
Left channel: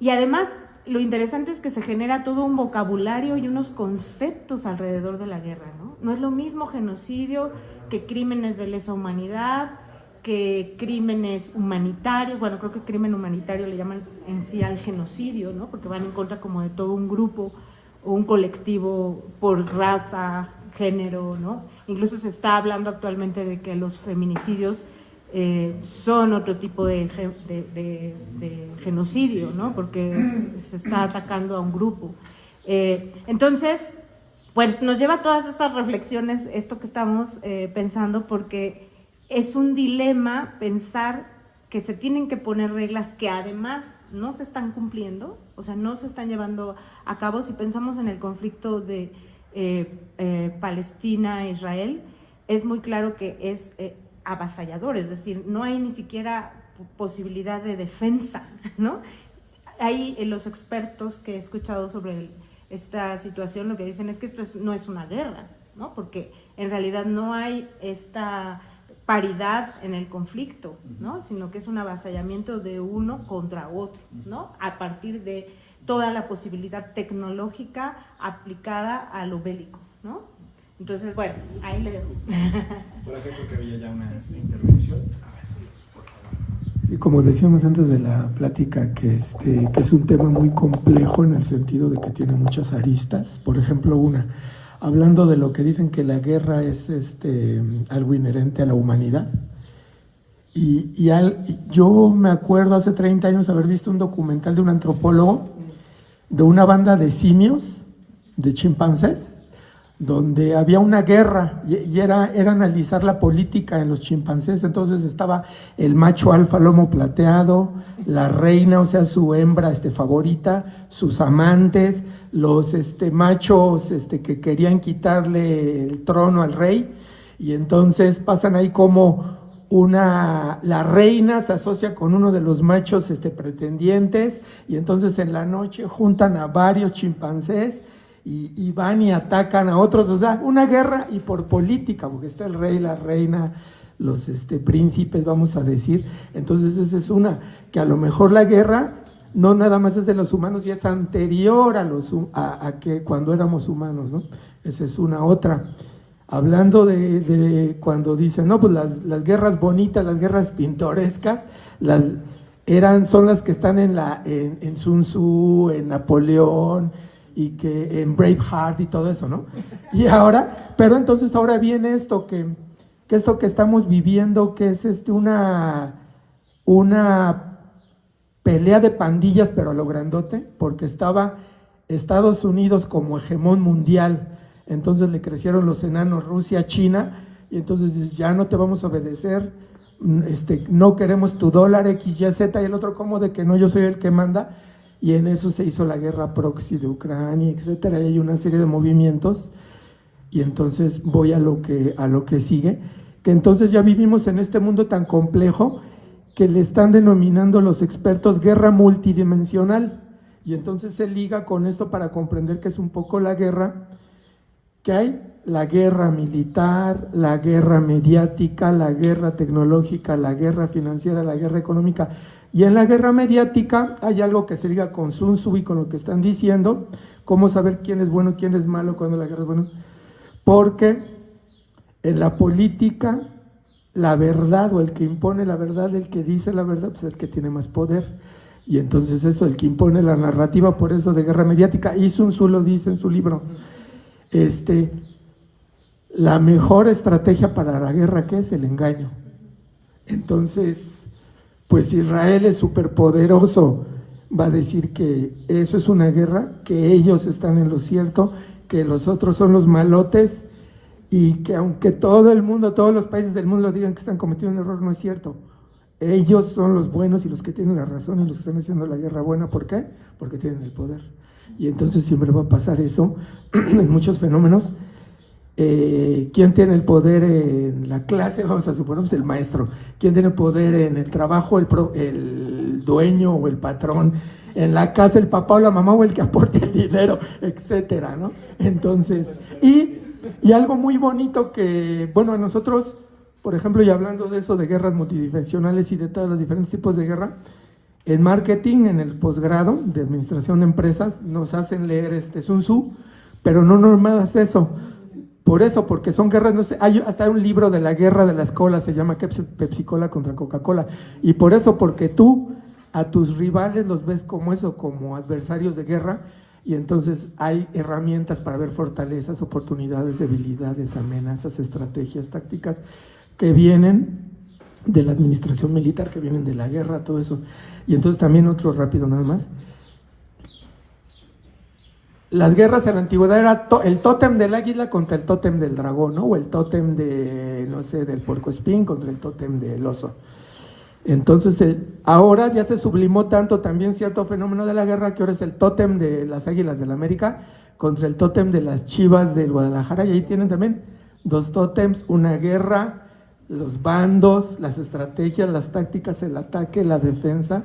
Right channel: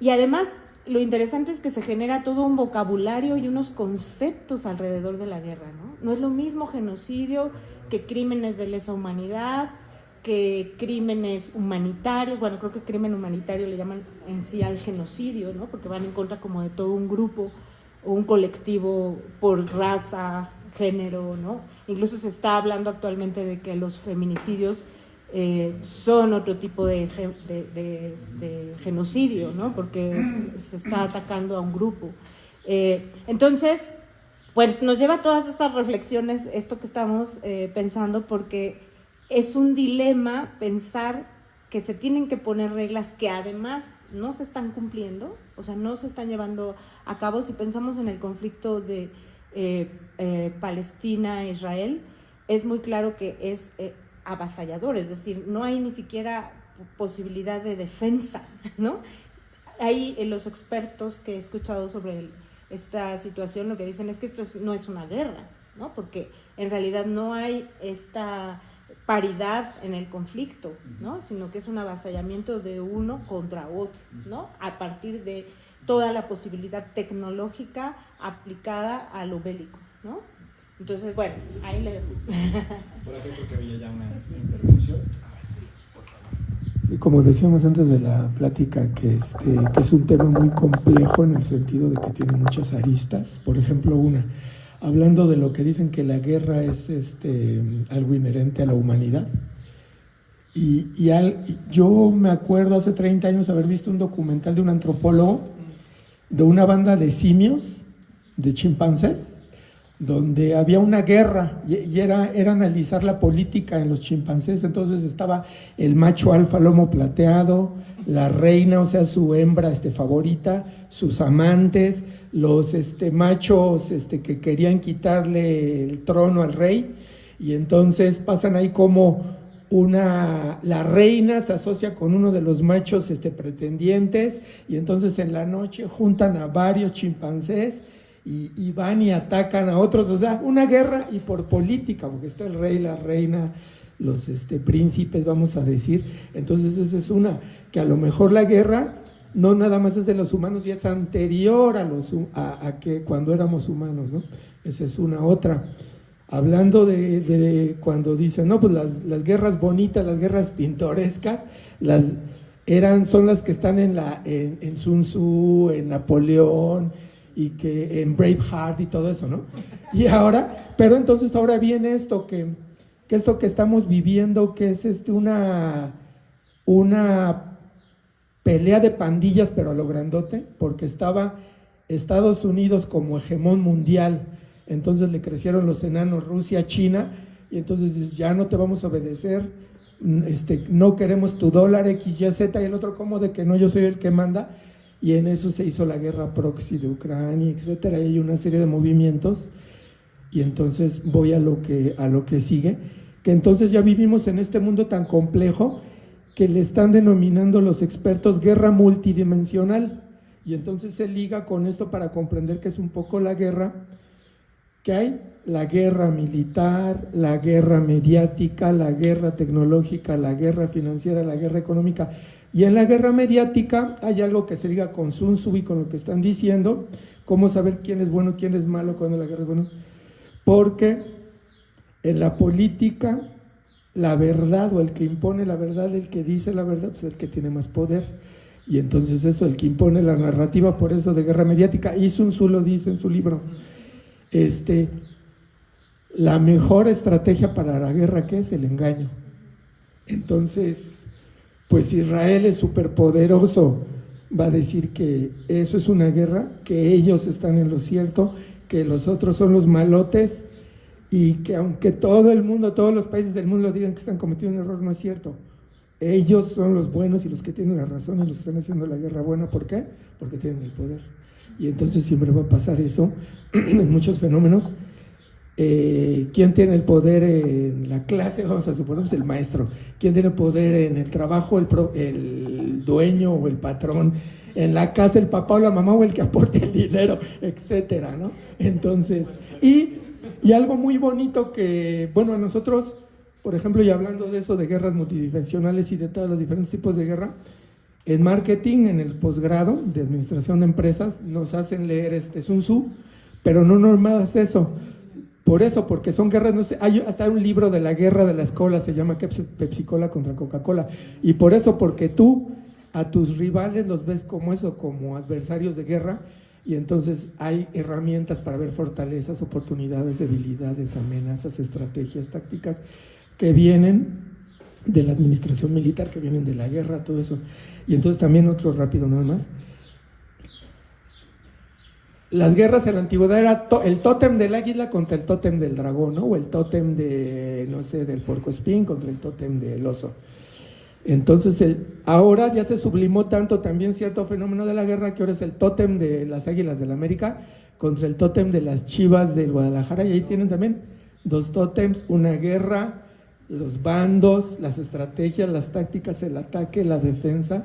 Y además, lo interesante es que se genera todo un vocabulario y unos conceptos alrededor de la guerra, ¿no? No es lo mismo genocidio que crímenes de lesa humanidad, que crímenes humanitarios. Bueno, creo que crimen humanitario le llaman en sí al genocidio, ¿no? Porque van en contra como de todo un grupo o un colectivo por raza, género, ¿no? Incluso se está hablando actualmente de que los feminicidios son otro tipo de genocidio, ¿no? Porque se está atacando a un grupo. Entonces, pues nos lleva a todas estas reflexiones, esto que estamos pensando, porque es un dilema pensar que se tienen que poner reglas que además no se están cumpliendo, o sea, no se están llevando a cabo. Si pensamos en el conflicto de Palestina-Israel, es muy claro que es avasallador, es decir, no hay ni siquiera posibilidad de defensa, ¿no? Hay los expertos que he escuchado sobre esta situación lo que dicen es que esto no es una guerra, ¿no? Porque en realidad no hay esta paridad en el conflicto, ¿no? Sino que es un avasallamiento de uno contra otro, ¿no? A partir de toda la posibilidad tecnológica aplicada a lo bélico, ¿no? Entonces, bueno, ahí le dejo. Por acá creo que había ya una intervención. Sí, como decíamos antes de la plática, que es un tema muy complejo en el sentido de que tiene muchas aristas. Por ejemplo, hablando de lo que dicen que la guerra es algo inherente a la humanidad. Yo me acuerdo hace 30 años haber visto un documental de un antropólogo de una banda de simios, de chimpancés, donde había una guerra y era analizar la política en los chimpancés. Entonces estaba el macho alfa lomo plateado, la reina, o sea, su hembra favorita, sus amantes, los machos que querían quitarle el trono al rey, y entonces pasan ahí como la reina se asocia con uno de los machos pretendientes, y entonces en la noche juntan a varios chimpancés y van y atacan a otros, o sea, una guerra, y por política, porque está el rey, la reina, los príncipes, vamos a decir. Entonces esa es una, que a lo mejor la guerra no nada más es de los humanos y es anterior a que cuando éramos humanos, ¿no? Esa es una otra. Hablando de cuando dicen, no, pues las guerras bonitas, las guerras pintorescas, son las que están en Sun Tzu, en Napoleón, y que en Braveheart y todo eso, ¿no? Y pero entonces ahora viene esto que esto que estamos viviendo, que es una pelea de pandillas, pero a lo grandote, porque estaba Estados Unidos como hegemón mundial, entonces le crecieron los enanos Rusia, China, y entonces ya no te vamos a obedecer, no queremos tu dólar X, Y, Z, y el otro como de que no, yo soy el que manda. Y en eso se hizo la guerra proxy de Ucrania, etcétera, y hay una serie de movimientos. Y entonces voy a lo que sigue, que entonces ya vivimos en este mundo tan complejo que le están denominando los expertos guerra multidimensional, y entonces se liga con esto para comprender que es un poco la guerra que hay, la guerra militar, la guerra mediática, la guerra tecnológica, la guerra financiera, la guerra económica. Y en la guerra mediática hay algo que se liga con Sun Tzu y con lo que están diciendo, cómo saber quién es bueno, quién es malo, cuando la guerra es buena. Porque en la política, la verdad, o el que impone la verdad, el que dice la verdad, pues es el que tiene más poder. Y entonces eso, el que impone la narrativa, por eso de guerra mediática, y Sun Tzu lo dice en su libro, la mejor estrategia para la guerra, ¿qué es? El engaño. Entonces, pues Israel es superpoderoso, va a decir que eso es una guerra, que ellos están en lo cierto, que los otros son los malotes, y que aunque todo el mundo, todos los países del mundo digan que están cometiendo un error, no es cierto. Ellos son los buenos y los que tienen la razón y los que están haciendo la guerra buena. ¿Por qué? Porque tienen el poder. Y entonces siempre va a pasar eso en muchos fenómenos. ¿Quién tiene el poder en la clase? Vamos a suponer, pues el maestro. ¿Quién tiene el poder en el trabajo? El dueño o el patrón. En la casa, el papá o la mamá, o el que aporte el dinero, etcétera, ¿no? Entonces, y algo muy bonito que, bueno, nosotros, por ejemplo, y hablando de eso, de guerras multidimensionales y de todos los diferentes tipos de guerra, en marketing, en el posgrado de administración de empresas, nos hacen leer Sun Tzu, pero no nomás eso. Por eso, porque son guerras, no sé, hay hasta un libro de la guerra de las colas, se llama Pepsi-Cola contra Coca-Cola, y por eso, porque tú a tus rivales los ves como eso, como adversarios de guerra, y entonces hay herramientas para ver fortalezas, oportunidades, debilidades, amenazas, estrategias, tácticas, que vienen de la administración militar, que vienen de la guerra, todo eso. Y entonces también otro rápido nada más. Las guerras en la antigüedad era el tótem del águila contra el tótem del dragón, ¿no? O el tótem de, no sé, del puercoespín contra el tótem del oso. Entonces, ahora ya se sublimó tanto también cierto fenómeno de la guerra, que ahora es el tótem de las Águilas del América contra el tótem de las Chivas del Guadalajara, y ahí tienen también dos tótems, una guerra, los bandos, las estrategias, las tácticas, el ataque, la defensa,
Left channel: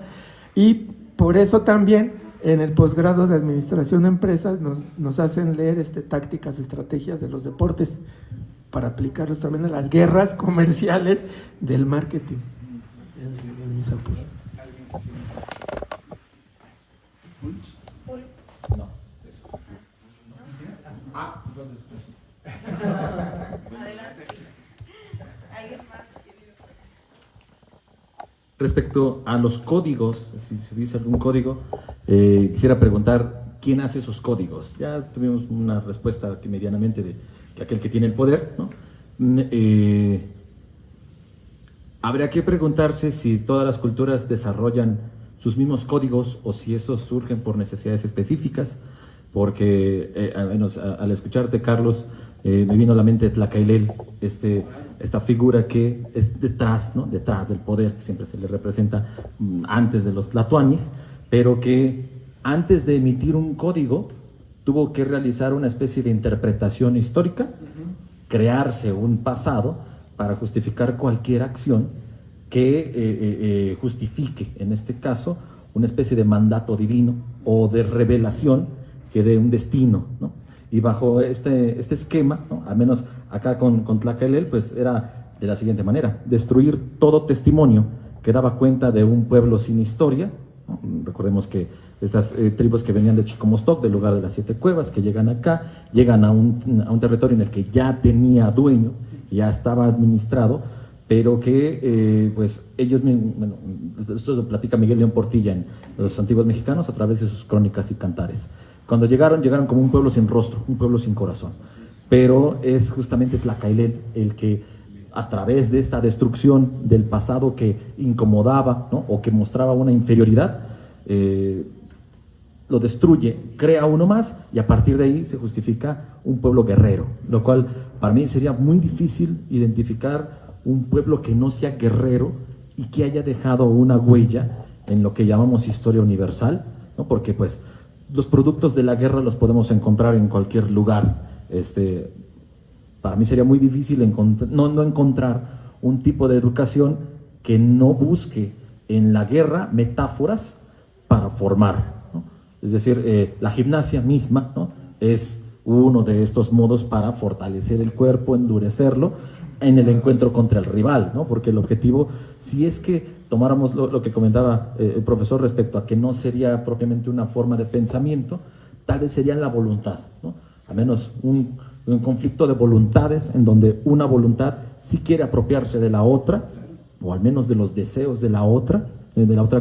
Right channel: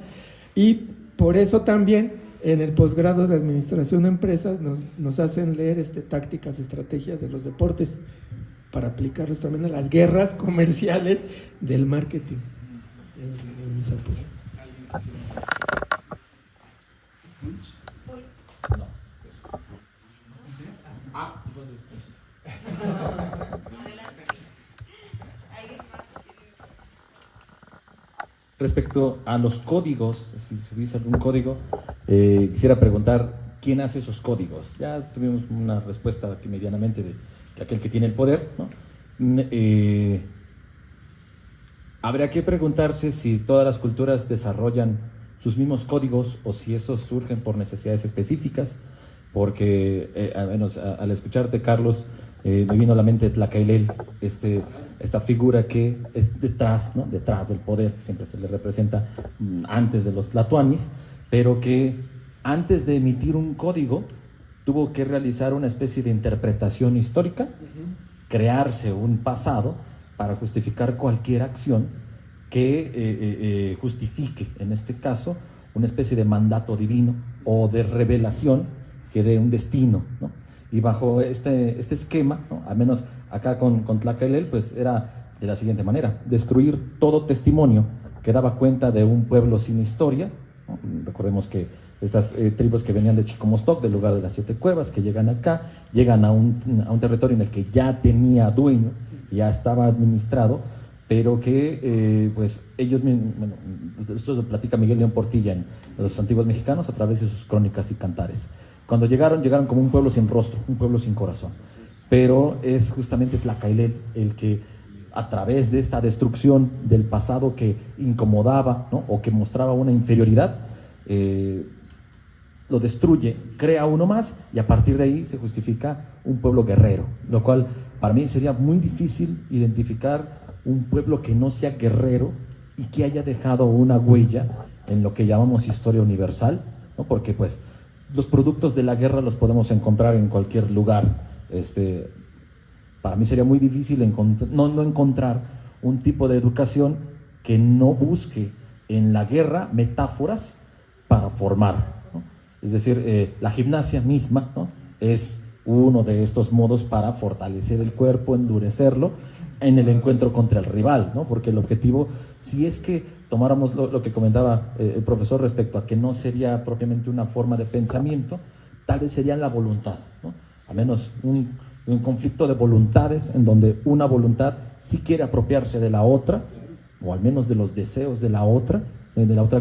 y por eso también en el posgrado de administración de empresas nos hacen leer tácticas, estrategias de los deportes, para aplicarlos también a las guerras comerciales del marketing. Mis apuntes. No. Respecto a los códigos, si se dice algún código, quisiera preguntar quién hace esos códigos. Ya tuvimos una respuesta aquí medianamente de que aquel que tiene el poder, ¿no? Habría que preguntarse si todas las culturas desarrollan sus mismos códigos o si esos surgen por necesidades específicas, porque al menos al escucharte, Carlos, me vino a la mente Tlacaelel, esta figura que es detrás, ¿no? Detrás del poder, que siempre se le representa antes de los tlatoanis, pero que antes de emitir un código tuvo que realizar una especie de interpretación histórica, crearse un pasado para justificar cualquier acción que justifique, en este caso, una especie de mandato divino o de revelación que dé un destino, ¿no? Y bajo este esquema, ¿no? Al menos acá con Tlacaelel, pues era de la siguiente manera: destruir todo testimonio que daba cuenta de un pueblo sin historia, ¿no? Recordemos que estas tribus que venían de Chicomostoc, del lugar de las 7 cuevas, que llegan acá, llegan a un territorio en el que ya tenía dueño, ya estaba administrado, pero que pues ellos, bueno, esto lo platica Miguel León Portilla en Los Antiguos Mexicanos a través de sus crónicas y cantares. Cuando llegaron como un pueblo sin rostro, un pueblo sin corazón, pero es justamente Tlacaelel el que, a través de esta destrucción del pasado que incomodaba, ¿no? O que mostraba una inferioridad, lo destruye, crea uno más, y a partir de ahí se justifica un pueblo guerrero, lo cual para mí sería muy difícil identificar un pueblo que no sea guerrero y que haya dejado una huella en lo que llamamos historia universal, ¿no? Porque pues los productos de la guerra los podemos encontrar en cualquier lugar. Para mí sería muy difícil no encontrar un tipo de educación que no busque en la guerra metáforas para formar, ¿no? Es decir, la gimnasia misma, ¿no? Es uno de estos modos para fortalecer el cuerpo, endurecerlo en el encuentro contra el rival, ¿no? Porque el objetivo, si es que tomáramos lo que comentaba el profesor respecto a que no sería propiamente una forma de pensamiento, tal vez sería la voluntad, ¿no? Al menos un conflicto de voluntades en donde una voluntad sí quiere apropiarse de la otra, o al menos de los deseos de la otra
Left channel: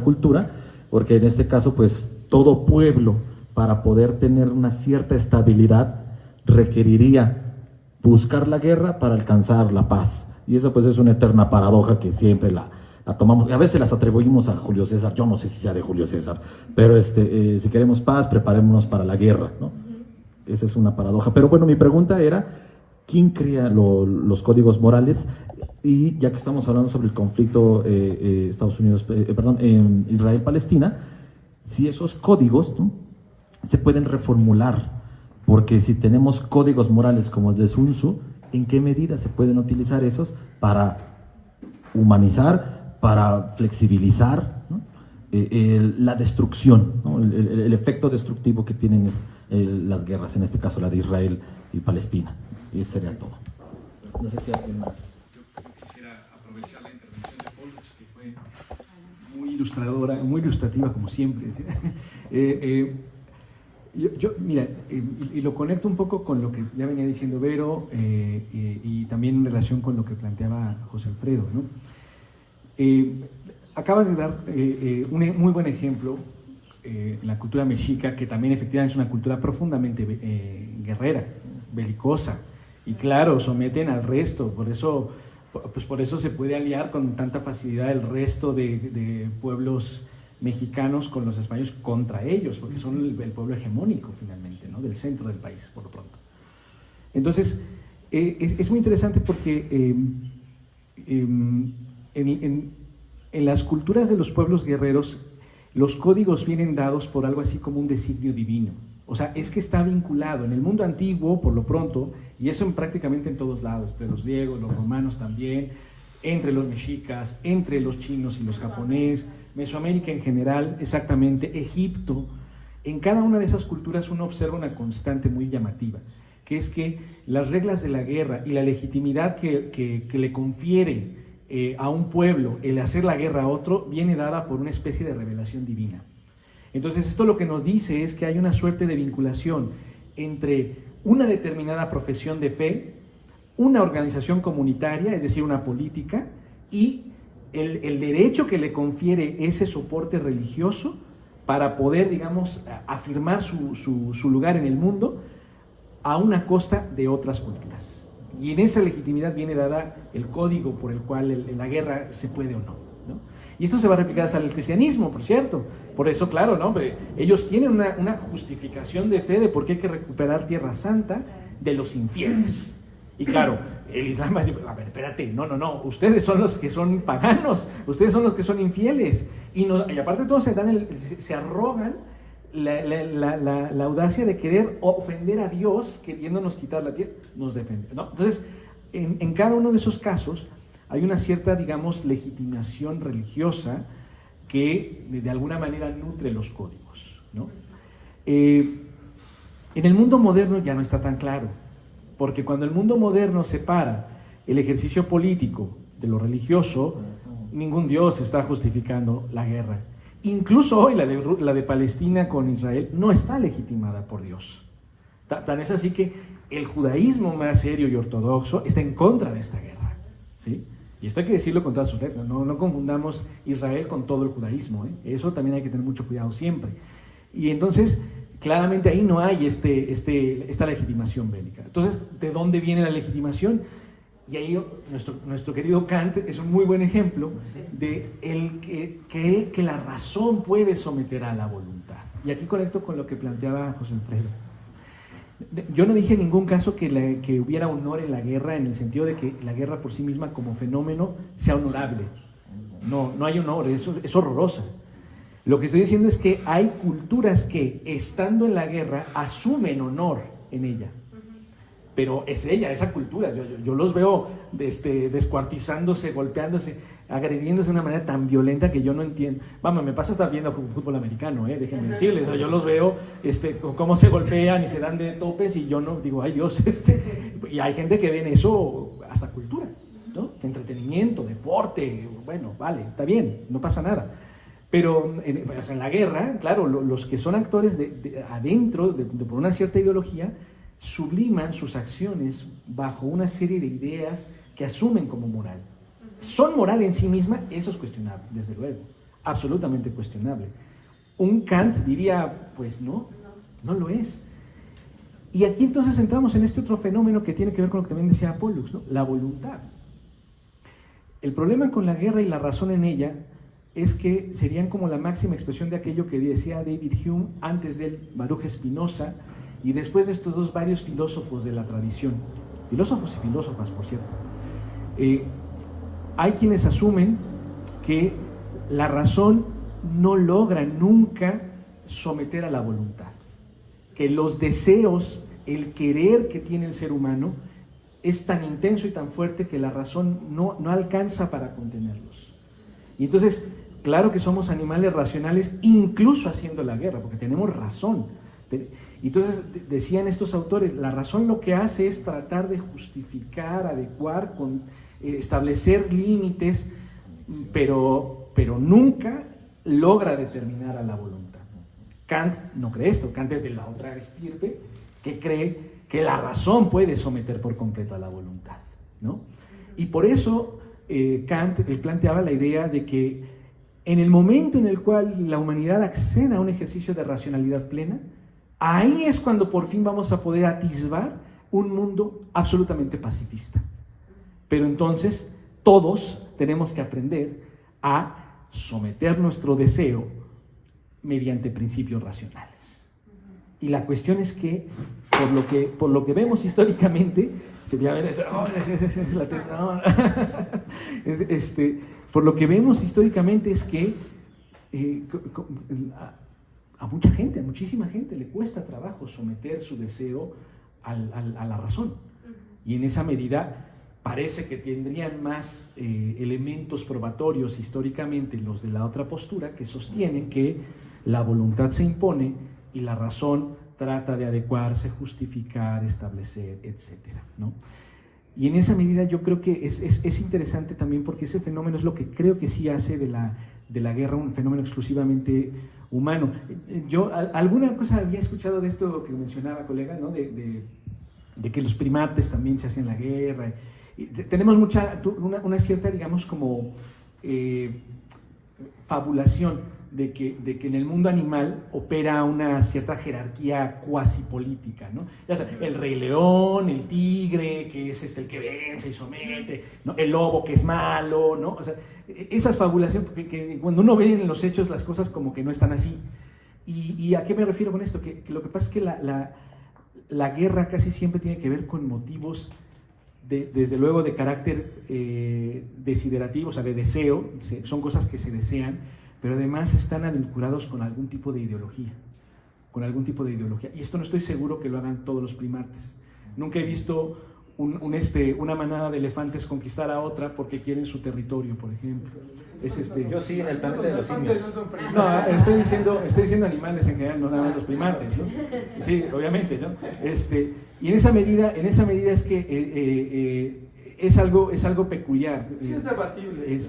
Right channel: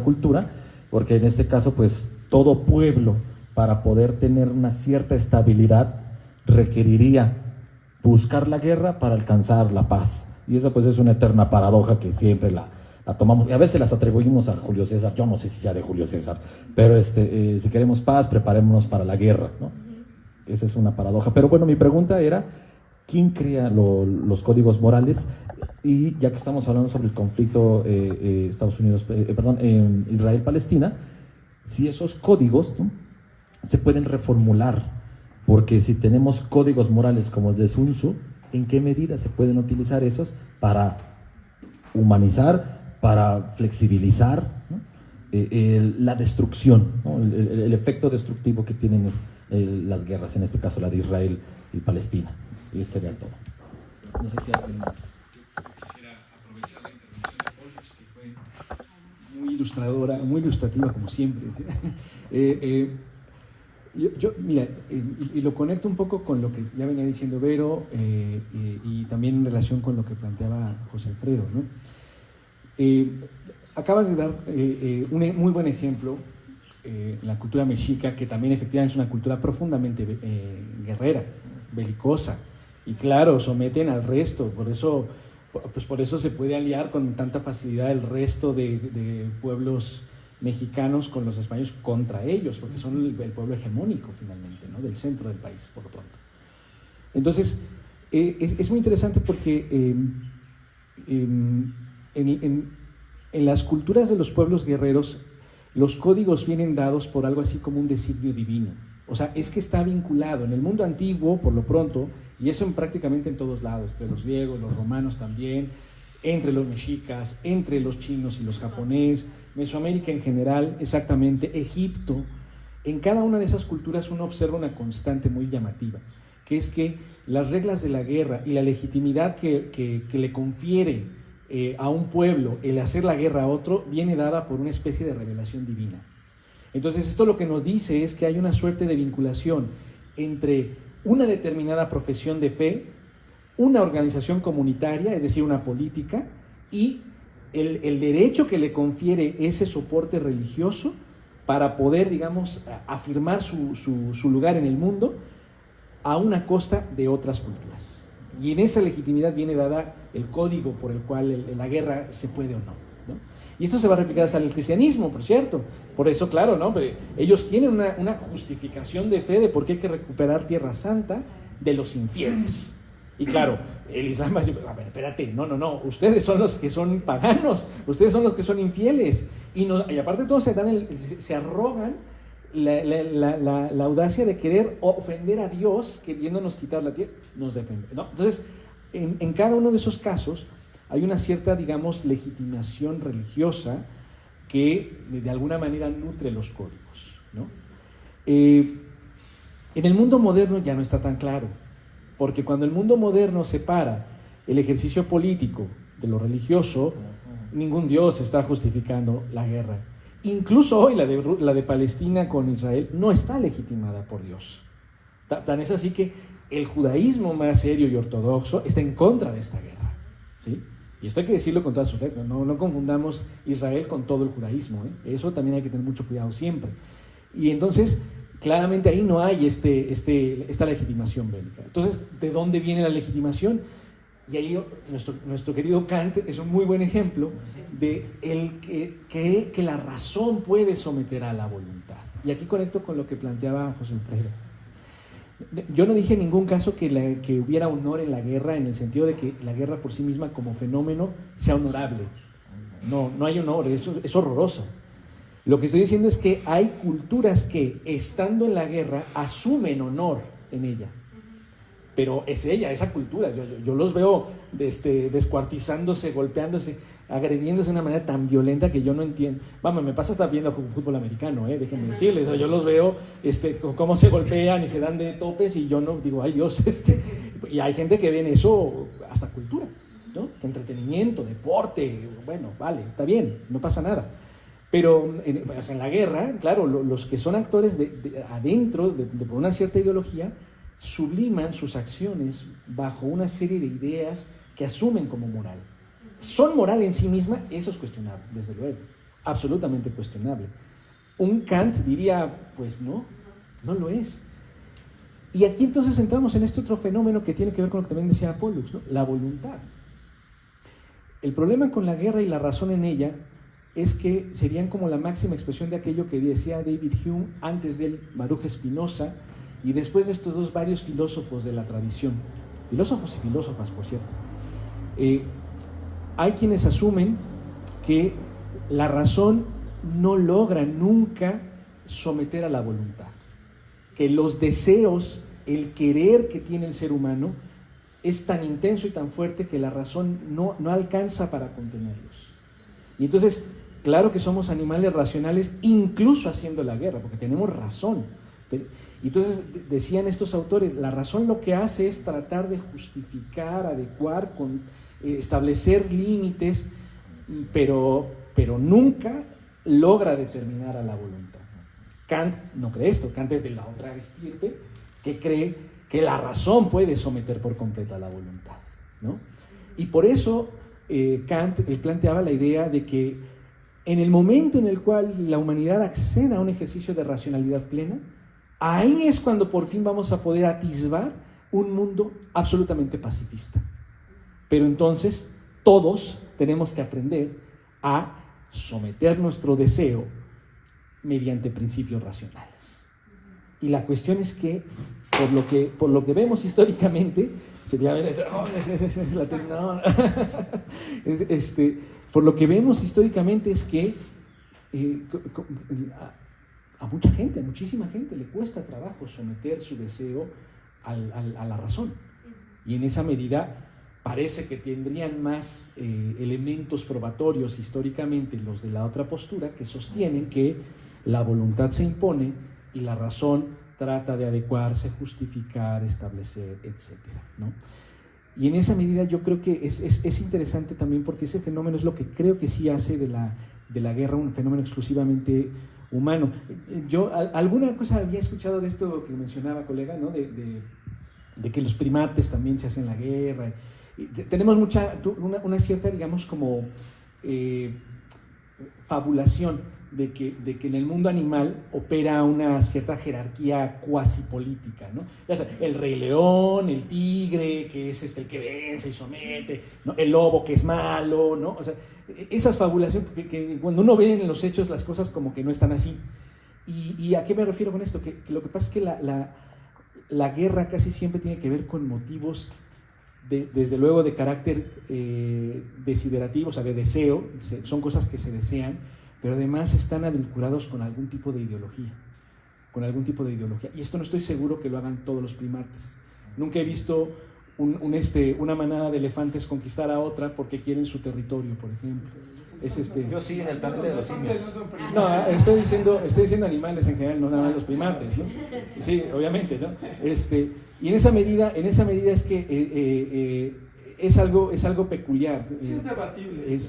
cultura, porque en este caso pues todo pueblo, para poder tener una cierta estabilidad, requeriría buscar la guerra para alcanzar la paz, y eso pues es una eterna paradoja que siempre la tomamos, y a veces las atribuimos a Julio César. Yo no sé si sea de Julio César, pero si queremos paz, preparémonos para la guerra, ¿no? Esa es una paradoja. Pero bueno, mi pregunta era, ¿quién crea los códigos morales? Y ya que estamos hablando sobre el conflicto Israel-Palestina, si esos códigos, ¿no? Se pueden reformular, porque si tenemos códigos morales como el de Sun Tzu, ¿en qué medida se pueden utilizar esos para humanizar, para flexibilizar, ¿no? La destrucción, ¿no? El efecto destructivo que tienen las guerras, en este caso la de Israel y Palestina? Y eso sería todo. No sé si alguien más. Quisiera aprovechar la intervención de Pollux, que fue muy ilustradora, muy ilustrativa como siempre. Mira, y lo conecto un poco con lo que ya venía diciendo Vero, y también en relación con lo que planteaba José Alfredo, ¿no? Acabas de dar un muy buen ejemplo, la cultura mexica, que también efectivamente es una cultura profundamente guerrera, belicosa, y claro, someten al resto. Por eso se puede aliar con tanta facilidad el resto de pueblos mexicanos con los españoles contra ellos, porque son el pueblo hegemónico finalmente, ¿no? Del centro del país, por lo tanto. Entonces, es muy interesante porque en las culturas de los pueblos guerreros, los códigos vienen dados por algo así como un designio divino. O sea, es que está vinculado en el mundo antiguo, por lo pronto, y eso prácticamente en todos lados, de los griegos, los romanos también, entre los mexicas, entre los chinos y los japoneses, Mesoamérica en general, exactamente, Egipto. En cada una de esas culturas uno observa una constante muy llamativa, que es que las reglas de la guerra y la legitimidad que le confiere a un pueblo el hacer la guerra a otro viene dada por una especie de revelación divina. Entonces esto lo que nos dice es que hay una suerte de vinculación entre una determinada profesión de fe, una organización comunitaria, es decir, una política, y el derecho que le confiere ese soporte religioso para poder, digamos, afirmar su lugar en el mundo a una costa de otras culturas. Y en esa legitimidad viene dada el código por el cual la guerra se puede o no. Y esto se va a replicar hasta el cristianismo, por cierto. Por eso, claro, ¿no? Ellos tienen una justificación de fe de por qué hay que recuperar Tierra Santa de los infieles. Y claro, el Islam va a decir, a ver, espérate, no, ustedes son los que son paganos, ustedes son los que son infieles. Y aparte de todo se arrogan la audacia de querer ofender a Dios, queriéndonos quitar la tierra, nos defiende, ¿no? Entonces, en cada uno de esos casos hay una cierta, digamos, legitimación religiosa que de alguna manera nutre los códigos, ¿no? En el mundo moderno ya no está tan claro, porque cuando el mundo moderno separa el ejercicio político de lo religioso, ningún Dios está justificando la guerra. Incluso hoy la de Palestina con Israel no está legitimada por Dios. Tan es así que el judaísmo más serio y ortodoxo está en contra de esta guerra, ¿sí? Y esto hay que decirlo con todas sus letras. No confundamos Israel con todo el judaísmo, ¿eh? Eso también hay que tener mucho cuidado siempre. Y entonces, claramente ahí no hay esta legitimación bélica. Entonces, ¿de dónde viene la legitimación? Y ahí nuestro querido Kant es un muy buen ejemplo de el que cree que la razón puede someter a la voluntad. Y aquí conecto con lo que planteaba José Alfredo. Yo no dije en ningún caso que hubiera honor en la guerra, en el sentido de que la guerra por sí misma como fenómeno sea honorable. No hay honor, es horrorosa. Lo que estoy diciendo es que hay culturas que, estando en la guerra, asumen honor en ella. Pero es esa cultura. Yo los veo descuartizándose, golpeándose, agrediéndose de una manera tan violenta que yo no entiendo. Vamos, me pasa estar viendo fútbol americano, déjenme decirles. Yo los veo cómo se golpean y se dan de topes y yo no digo, ay Dios, y hay gente que ve en eso hasta cultura, ¿no? Entretenimiento, deporte, bueno, vale, está bien, no pasa nada. Pero en la guerra, claro, los que son actores adentro, por una cierta ideología, subliman sus acciones bajo una serie de ideas que asumen como moral. ¿Son moral en sí misma? Eso es cuestionable, desde luego, absolutamente cuestionable. Un Kant diría, pues no lo es. Y aquí entonces entramos en este otro fenómeno que tiene que ver con lo que también decía Pollux, ¿no? La voluntad. El problema con la guerra y la razón en ella es que serían como la máxima expresión de aquello que decía David Hume, antes de él Baruch Spinoza, y después de estos varios filósofos de la tradición, filósofos y filósofas, por cierto. Hay quienes asumen que la razón no logra nunca someter a la voluntad, que los deseos, el querer que tiene el ser humano es tan intenso y tan fuerte que la razón no alcanza para contenerlos. Y entonces, claro que somos animales racionales incluso haciendo la guerra, porque tenemos razón. Entonces decían estos autores, la razón lo que hace es tratar de justificar, adecuar, establecer límites, pero nunca logra determinar a la voluntad. Kant no cree esto. Kant es de la otra estirpe que cree que la razón puede someter por completo a la voluntad, ¿no? Y por eso Kant planteaba la idea de que en el momento en el cual la humanidad acceda a un ejercicio de racionalidad plena, ahí es cuando por fin vamos a poder atisbar un mundo absolutamente pacifista. Pero entonces todos tenemos que aprender a someter nuestro deseo mediante principios racionales. Y la cuestión es que, por lo que vemos históricamente, por lo que vemos históricamente es que a mucha gente, a muchísima gente le cuesta trabajo someter su deseo a la razón. Y en esa medida parece que tendrían más elementos probatorios históricamente los de la otra postura, que sostienen que la voluntad se impone y la razón trata de adecuarse, justificar, establecer, etcétera, ¿no? Y en esa medida yo creo que es interesante también, porque ese fenómeno es lo que creo que sí hace de la guerra un fenómeno exclusivamente humano. Yo alguna cosa había escuchado de esto que mencionaba, colega, ¿no? De que los primates también se hacían la guerra. Y tenemos una cierta, digamos, como fabulación de que en el mundo animal opera una cierta jerarquía cuasi política, ¿no? Ya sabes, el rey león, el tigre, que es el que vence y somete, ¿no? El lobo que es malo, ¿no? O sea, esas fabulaciones, que cuando uno ve en los hechos las cosas como que no están así. ¿Y a qué me refiero con esto? Que lo que pasa es que la guerra casi siempre tiene que ver con motivos desde luego de carácter desiderativo, o sea, de deseo, son cosas que se desean, pero además están vinculados con algún tipo de ideología, y esto no estoy seguro que lo hagan todos los primates. Nunca he visto una manada de elefantes conquistar a otra porque quieren su territorio, por ejemplo. Yo sí, en el planeta de los simios. No, estoy diciendo animales en general, no los primates, ¿no? Sí, obviamente, ¿no? Y en esa medida es que es algo peculiar. Sí, es debatible.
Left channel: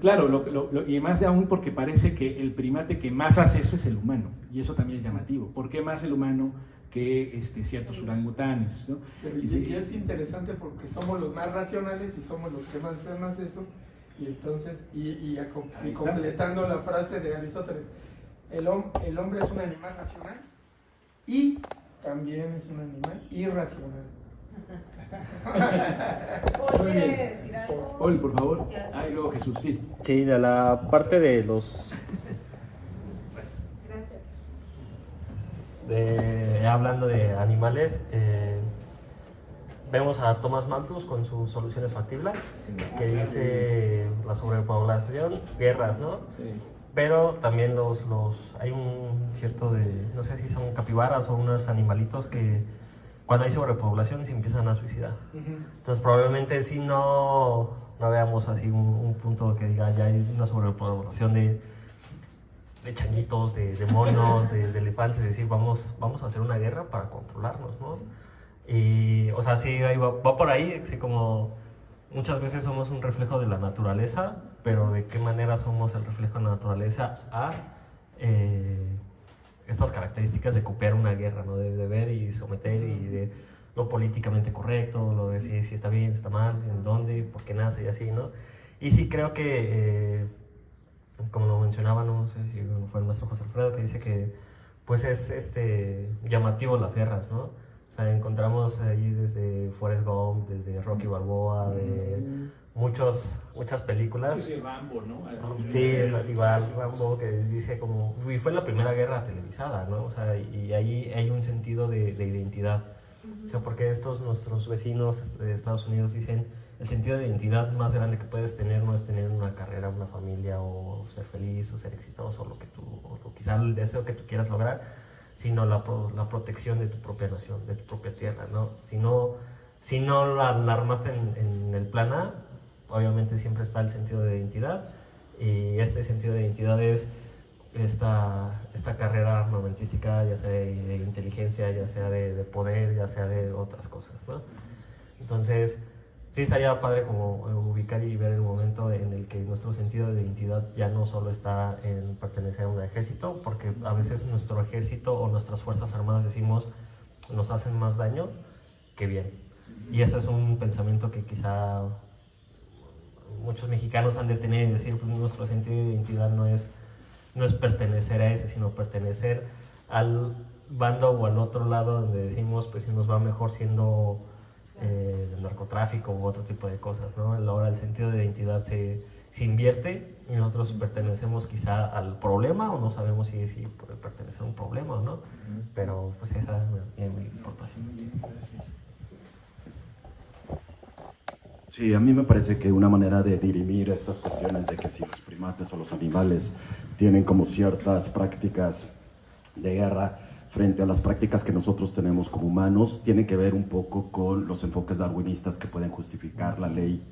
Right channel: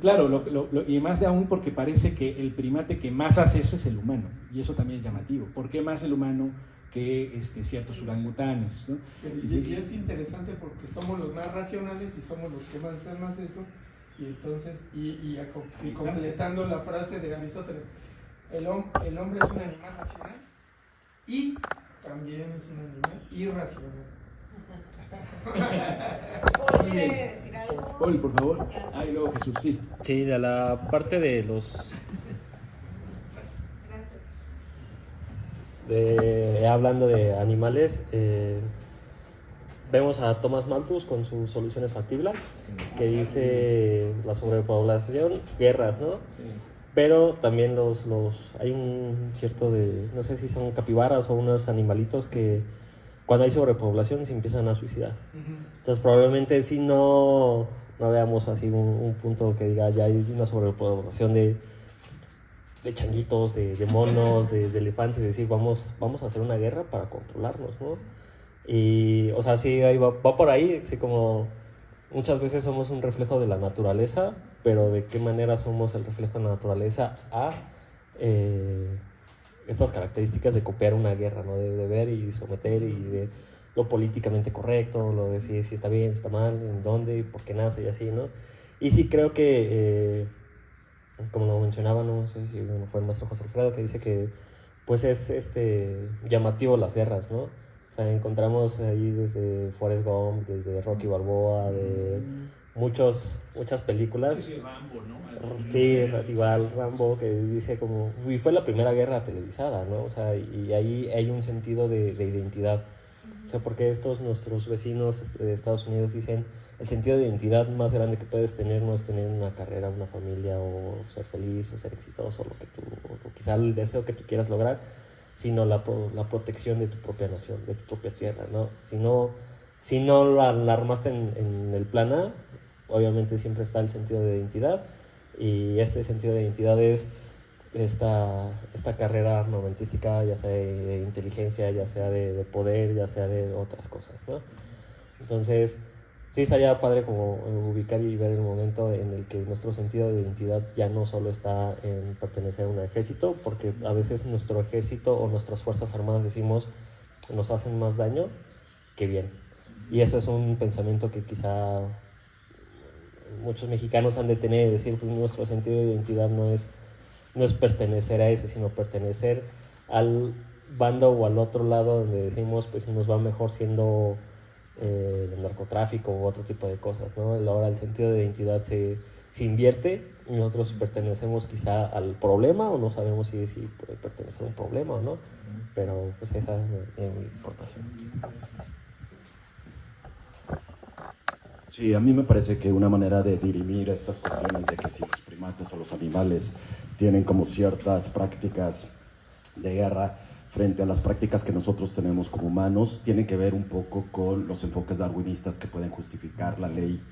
Claro, y más de aún porque parece que el primate que más hace eso es el humano, y eso también es llamativo. ¿Por qué más el humano que ciertos orangutanes, ¿no? Y es interesante porque somos los más racionales y somos los que más hacemos eso. Y entonces, y completando la frase de Aristóteles, el hombre es un animal racional y también es un animal irracional. ¿Puede decir algo? Poli, por favor. Ay, luego Jesús, sí. Sí, de la parte de los... hablando de animales, vemos a Thomas Malthus con sus soluciones factibles, que dice la sobrepoblación, guerras, ¿no? Sí. Pero también hay un cierto no sé si son capibaras o unos animalitos que cuando hay sobrepoblación se empiezan a suicidar. Entonces probablemente si no veamos así un punto que diga ya hay una sobrepoblación de changuitos, de monos, de elefantes, es decir, vamos a hacer una guerra para controlarnos, ¿no? Y, o sea, sí, ahí va por ahí, así como muchas veces somos un reflejo de la naturaleza, pero de qué manera somos el reflejo de la naturaleza a estas características de copiar una guerra, ¿no? De ver y someter y de lo políticamente correcto, lo de si está bien, está mal, en dónde, por qué nace y así, ¿no? Y sí creo que, como lo mencionaba, no sé si fue el maestro José Alfredo, que dice que pues es llamativo las guerras, ¿no? O sea, encontramos ahí desde Forrest Gump, desde Rocky Balboa, de muchas películas. Sí, Rambo, ¿no? Sí, igual Rambo, que dice como, y fue la primera guerra televisada, ¿no? O sea, y ahí hay un sentido de identidad. O sea, porque nuestros vecinos de Estados Unidos dicen, el sentido de identidad más grande que puedes tener no es tener una carrera, una familia, o ser feliz, o ser exitoso, o quizá el deseo que tú quieras lograr, sino la protección de tu propia nación, de tu propia tierra, ¿no? Si no la armaste en el plan A, obviamente siempre está el sentido de identidad, y este sentido de identidad es esta carrera armamentística, ya sea de inteligencia, ya sea de poder, ya sea de otras cosas, ¿no? Entonces, sí estaría padre como ubicar y ver el momento en el que nuestro sentido de identidad ya no solo está en pertenecer a un ejército, porque a veces nuestro ejército o nuestras fuerzas armadas decimos nos hacen más daño que bien. Y eso es un pensamiento que quizá muchos mexicanos han de tener, decir, pues nuestro sentido de identidad no es pertenecer a ese, sino pertenecer al bando o al otro lado donde decimos, pues si nos va mejor siendo del narcotráfico u otro tipo de cosas, ¿no? Ahora el sentido de identidad se invierte y nosotros pertenecemos quizá al problema, o no sabemos si puede pertenecer a un problema o no, pero pues esa es mi importación. Sí, a mí me parece que una manera de dirimir estas cuestiones de que si los primates o los animales tienen como ciertas prácticas de guerra frente a las prácticas que nosotros tenemos como humanos, tiene que ver un poco con los enfoques darwinistas que pueden justificar la ley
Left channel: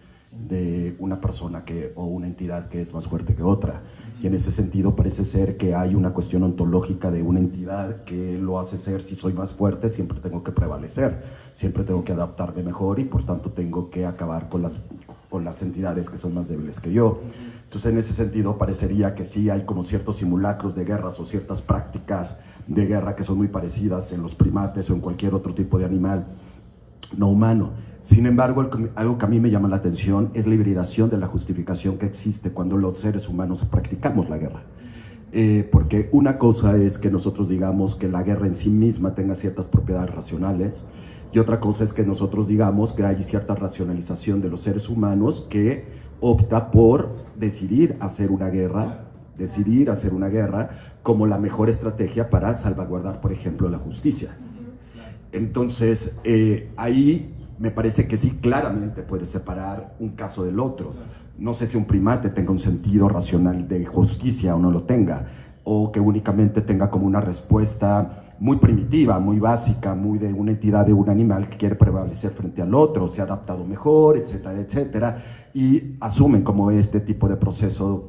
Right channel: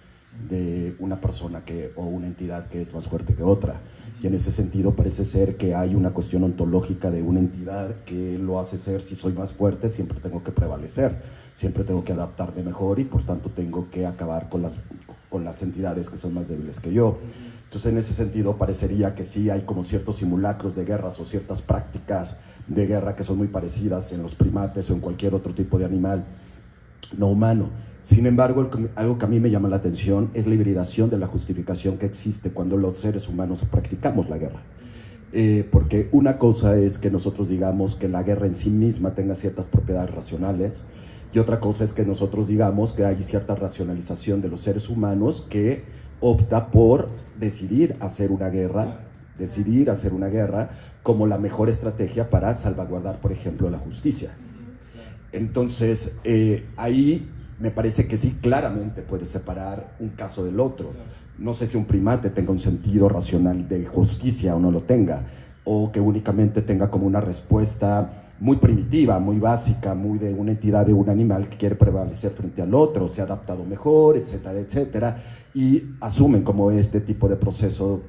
de una persona o una entidad que es más fuerte que otra. Y en ese sentido parece ser que hay una cuestión ontológica de una entidad que lo hace ser, si soy más fuerte, siempre tengo que prevalecer, siempre tengo que adaptarme mejor y por tanto tengo que acabar con las entidades que son más débiles que yo. Entonces en ese sentido parecería que sí hay como ciertos simulacros de guerras o ciertas prácticas de guerra que son muy parecidas en los primates o en cualquier otro tipo de animal no humano. Sin embargo, algo que a mí me llama la atención es la hibridación de la justificación que existe cuando los seres humanos practicamos la guerra. Porque una cosa es que nosotros digamos que la guerra en sí misma tenga ciertas propiedades racionales, y otra cosa es que nosotros digamos que hay cierta racionalización de los seres humanos que opta por decidir hacer una guerra como la mejor estrategia para salvaguardar, por ejemplo, la justicia. Entonces, ahí me parece que sí, claramente puedes separar un caso del otro. No sé si un primate tenga un sentido racional de justicia o no lo tenga, o que únicamente tenga como una respuesta muy primitiva, muy básica, muy de una entidad de un animal que quiere prevalecer frente al otro, se ha adaptado mejor, etcétera, etcétera, y asumen como este tipo de proceso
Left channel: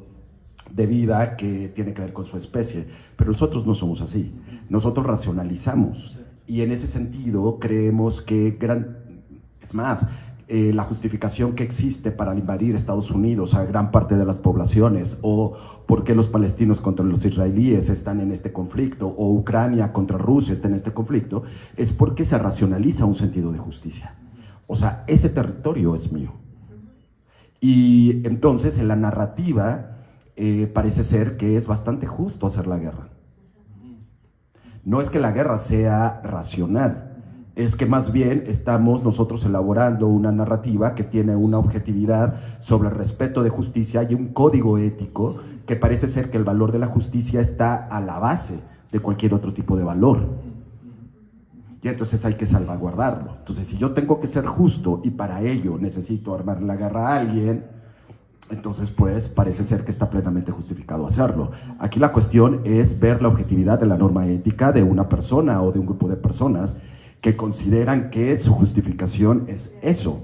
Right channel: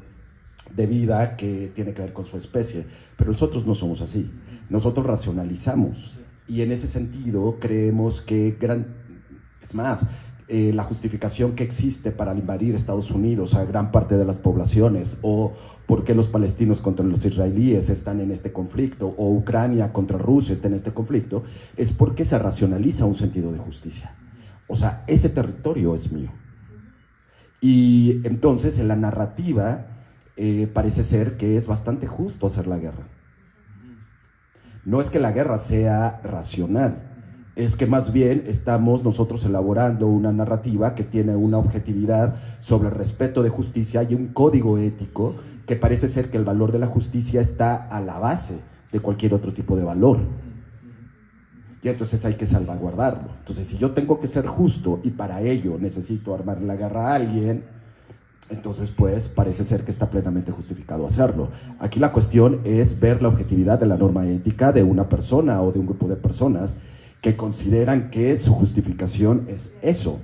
de vida que tiene que ver con su especie. Pero nosotros no somos así, nosotros racionalizamos, y en ese sentido creemos que es más, la justificación que existe para invadir Estados Unidos a gran parte de las poblaciones, o por qué los palestinos contra los israelíes están en este conflicto, o Ucrania contra Rusia está en este conflicto, es porque se racionaliza un sentido de justicia. O sea, ese territorio es mío. Y entonces en la narrativa parece ser que es bastante justo hacer la guerra. No es que la guerra sea racional, es que más bien estamos nosotros elaborando una narrativa que tiene una objetividad sobre el respeto de justicia y un código ético que parece ser que el valor de la justicia está a la base de cualquier otro tipo de valor. Y entonces hay que salvaguardarlo. Entonces, si yo tengo que ser justo y para ello necesito armar la guerra a alguien, entonces pues parece ser que está plenamente justificado hacerlo. Aquí la cuestión es ver la objetividad de la norma ética de una persona o de un grupo de personas que consideran que su justificación es eso,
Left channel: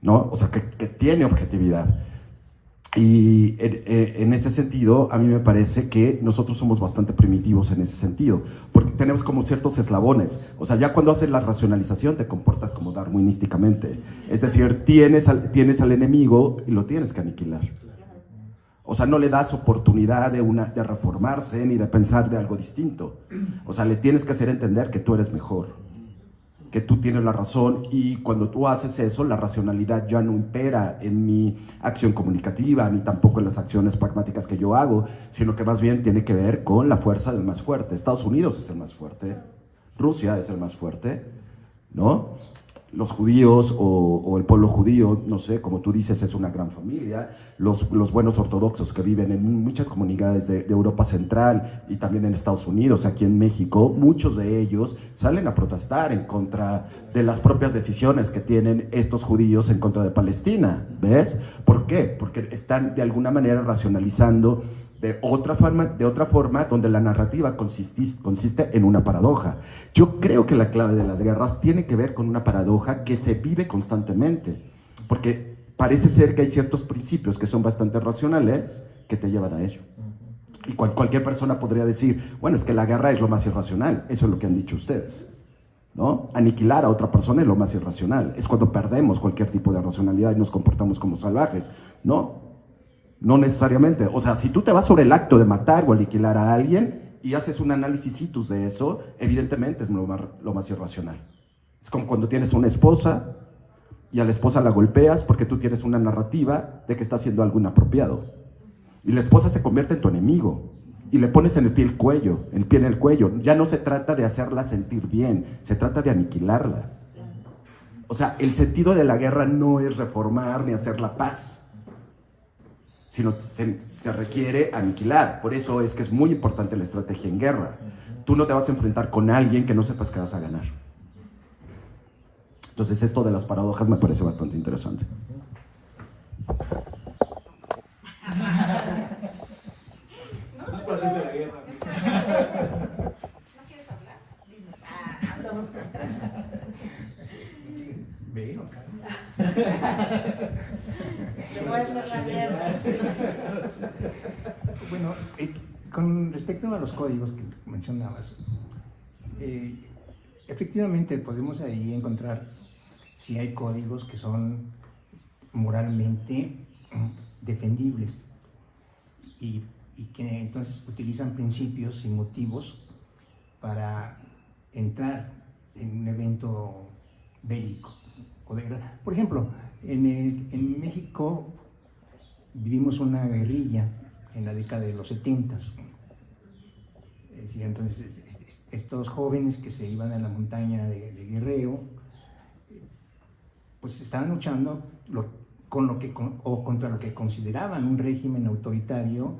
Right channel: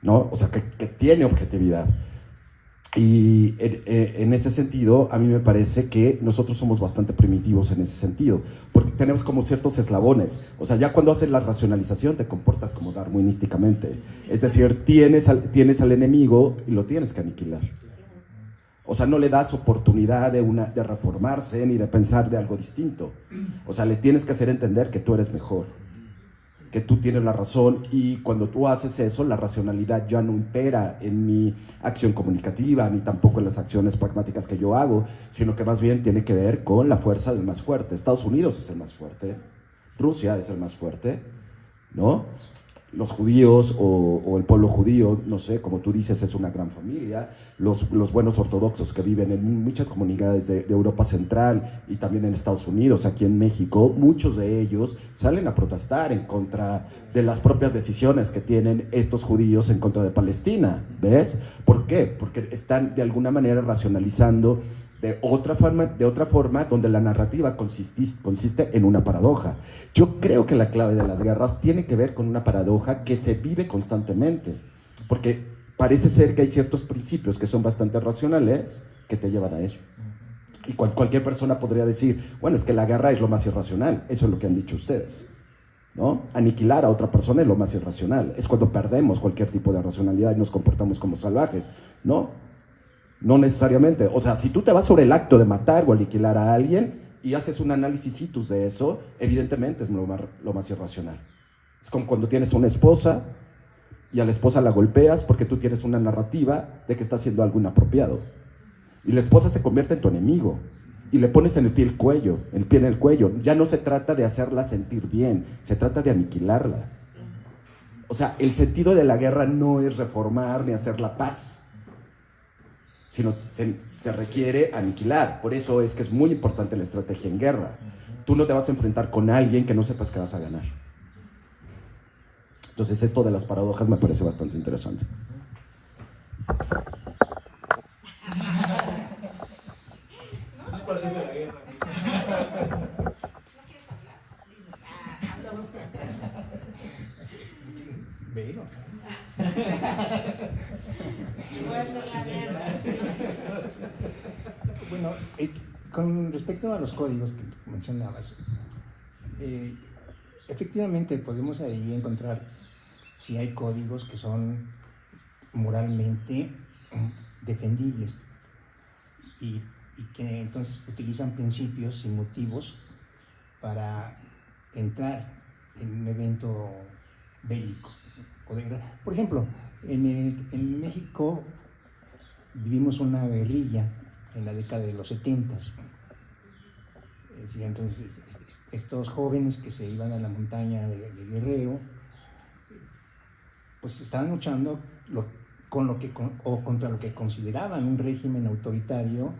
¿no? O sea, que tiene objetividad. Y en ese sentido, a mí me parece que nosotros somos bastante primitivos en ese sentido, porque tenemos como ciertos eslabones. O sea, ya cuando haces la racionalización te comportas como darwinísticamente. Es decir, tienes al enemigo y lo tienes que aniquilar. O sea, no le das oportunidad de reformarse ni de pensar de algo distinto. O sea, le tienes que hacer entender que tú eres mejor, que tú tienes la razón, y cuando tú haces eso, la racionalidad ya no impera en mi acción comunicativa, ni tampoco en las acciones pragmáticas que yo hago, sino que más bien tiene que ver con la fuerza del más fuerte. Estados Unidos es el más fuerte, Rusia es el más fuerte, ¿no? Los judíos o el pueblo judío, no sé, como tú dices, es una gran familia. Los buenos ortodoxos que viven en muchas comunidades de Europa Central y también en Estados Unidos, aquí en México, muchos de ellos salen a protestar en contra de las propias decisiones que tienen estos judíos en contra de Palestina, ¿ves? ¿Por qué? Porque están de alguna manera racionalizando de otra forma donde la narrativa consiste en una paradoja. Yo creo que la clave de las guerras tiene que ver con una paradoja que se vive constantemente, porque parece ser que hay ciertos principios que son bastante racionales que te llevan a ello. Y cualquier persona podría decir, bueno, es que la guerra es lo más irracional. Eso es lo que han dicho ustedes, ¿no? Aniquilar a otra persona es lo más irracional. Es cuando perdemos cualquier tipo de racionalidad y nos comportamos como salvajes. No necesariamente. O sea, si tú te vas sobre el acto de matar o aniquilar a alguien y haces un análisis situs de eso, evidentemente es lo más irracional. Es como cuando tienes una esposa y a la esposa la golpeas porque tú tienes una narrativa de que está haciendo algo inapropiado. Y la esposa se convierte en tu enemigo y le pones el pie en el cuello. Ya no se trata de hacerla sentir bien, se trata de aniquilarla. O sea, el sentido de la guerra no es reformar ni hacer la paz, sino se requiere aniquilar. Por eso es que es muy importante la estrategia en guerra. Tú no te vas a enfrentar con alguien que no sepas que vas a ganar. Entonces esto de las paradojas me parece bastante interesante. No es para hacer de la guerra. ¿No quieres hablar? Dime. Hablamos. Ven, hacer la guerra. Bueno, con respecto a los códigos que mencionabas, efectivamente podemos ahí encontrar si hay códigos que son moralmente defendibles y que entonces utilizan principios y motivos para entrar en un evento bélico. Por ejemplo, en México vivimos una guerrilla en la década de los 70. Es decir, entonces estos jóvenes que se iban a la montaña de Guerrero, pues estaban luchando contra lo que consideraban un régimen autoritario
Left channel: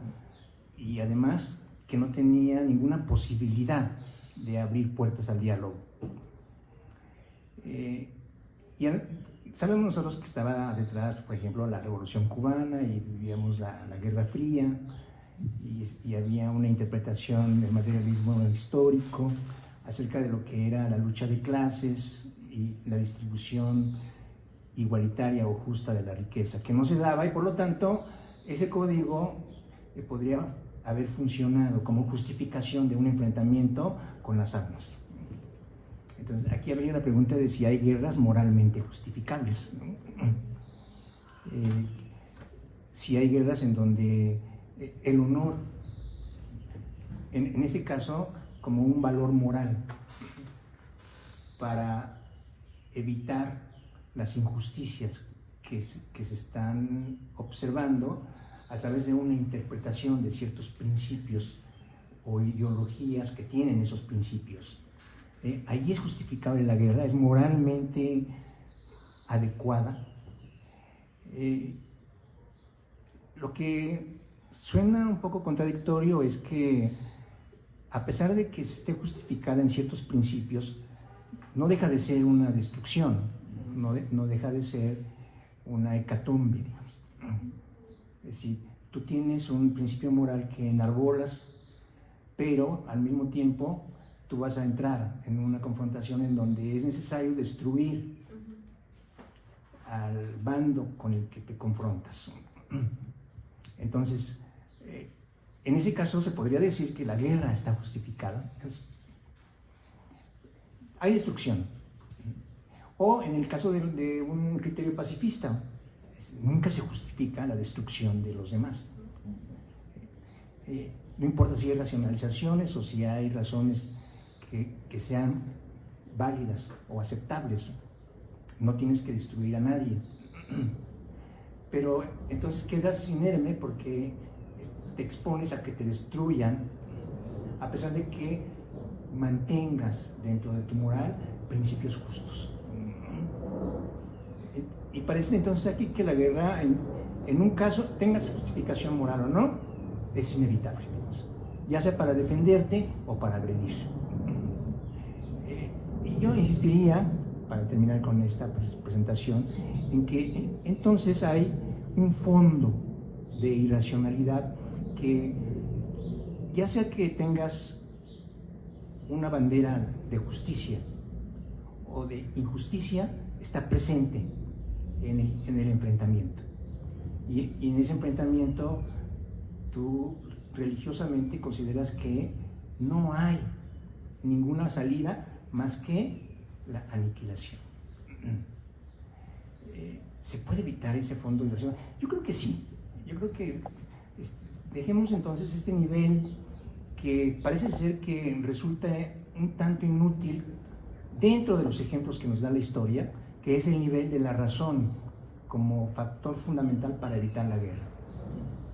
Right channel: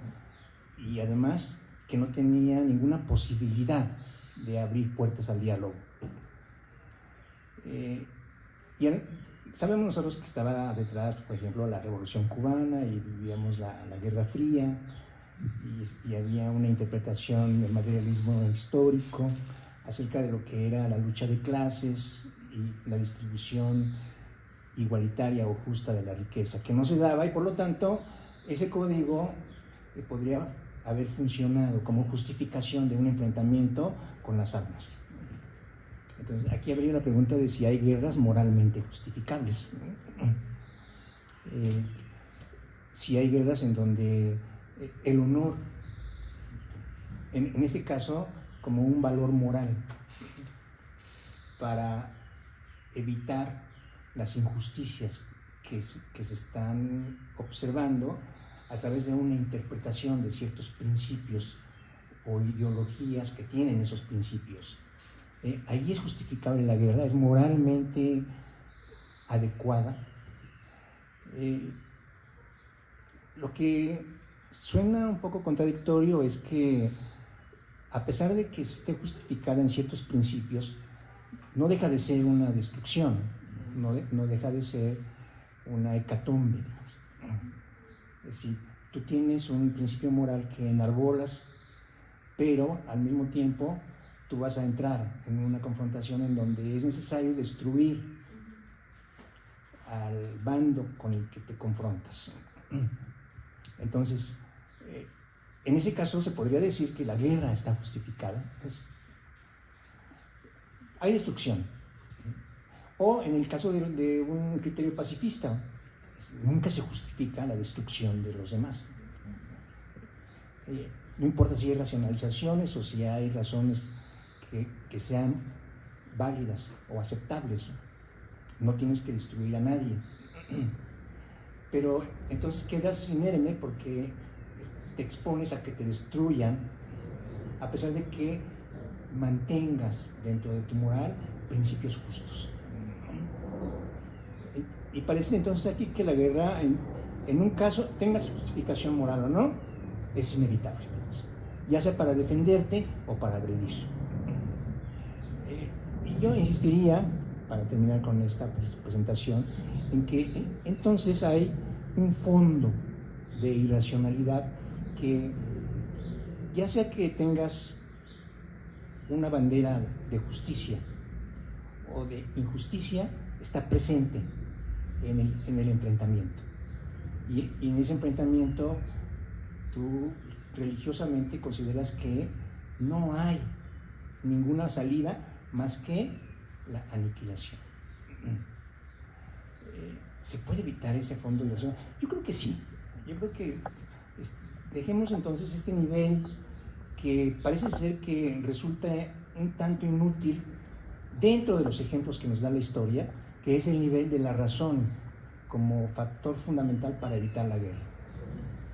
y además que no tenía ninguna posibilidad de abrir puertas al diálogo. Y sabemos nosotros que estaba detrás, por ejemplo, la Revolución Cubana y vivíamos la Guerra Fría y había una interpretación del materialismo histórico acerca de lo que era la lucha de clases y la distribución igualitaria o justa de la riqueza, que no se daba y por lo tanto ese código podría haber funcionado como justificación de un enfrentamiento con las armas. Entonces aquí habría una pregunta de si hay guerras moralmente justificables. Si hay guerras en donde el honor, en este caso, como un valor moral para evitar las injusticias que se están observando a través de una interpretación de ciertos principios o ideologías que tienen esos principios. Ahí es justificable la guerra, es moralmente adecuada. Lo que suena un poco contradictorio es que, a pesar de que esté justificada en ciertos principios, no deja de ser una destrucción, no deja de ser una hecatombe, digamos. Es decir, tú tienes un principio moral que enarbolas, pero al mismo tiempo tú vas a entrar en una confrontación en donde es necesario destruir al bando con el que te confrontas. Entonces, en ese caso se podría decir que la guerra está justificada. Hay destrucción. O en el caso de un criterio pacifista, nunca se justifica la destrucción de los demás. No importa si hay racionalizaciones o si hay razones que sean válidas o aceptables, no tienes que destruir a nadie. Pero entonces quedas inerme porque te expones a que te destruyan, a pesar de que mantengas dentro de tu moral principios justos. Y parece entonces aquí que la guerra, en un caso, tengas justificación moral o no, es inevitable, ya sea para defenderte o para agredir. Y yo insistiría, para terminar con esta presentación, en que entonces hay un fondo de irracionalidad que, ya sea que tengas una bandera de justicia o de injusticia, está presente en el enfrentamiento. Y en ese enfrentamiento tú religiosamente consideras que no hay ninguna salida más que la aniquilación. ¿Se puede evitar ese fondo de irracionalidad? Yo creo que sí. Yo creo que dejemos entonces este nivel que parece ser que resulta un tanto inútil dentro de los ejemplos que nos da la historia, que es el nivel de la razón como factor fundamental para evitar la guerra.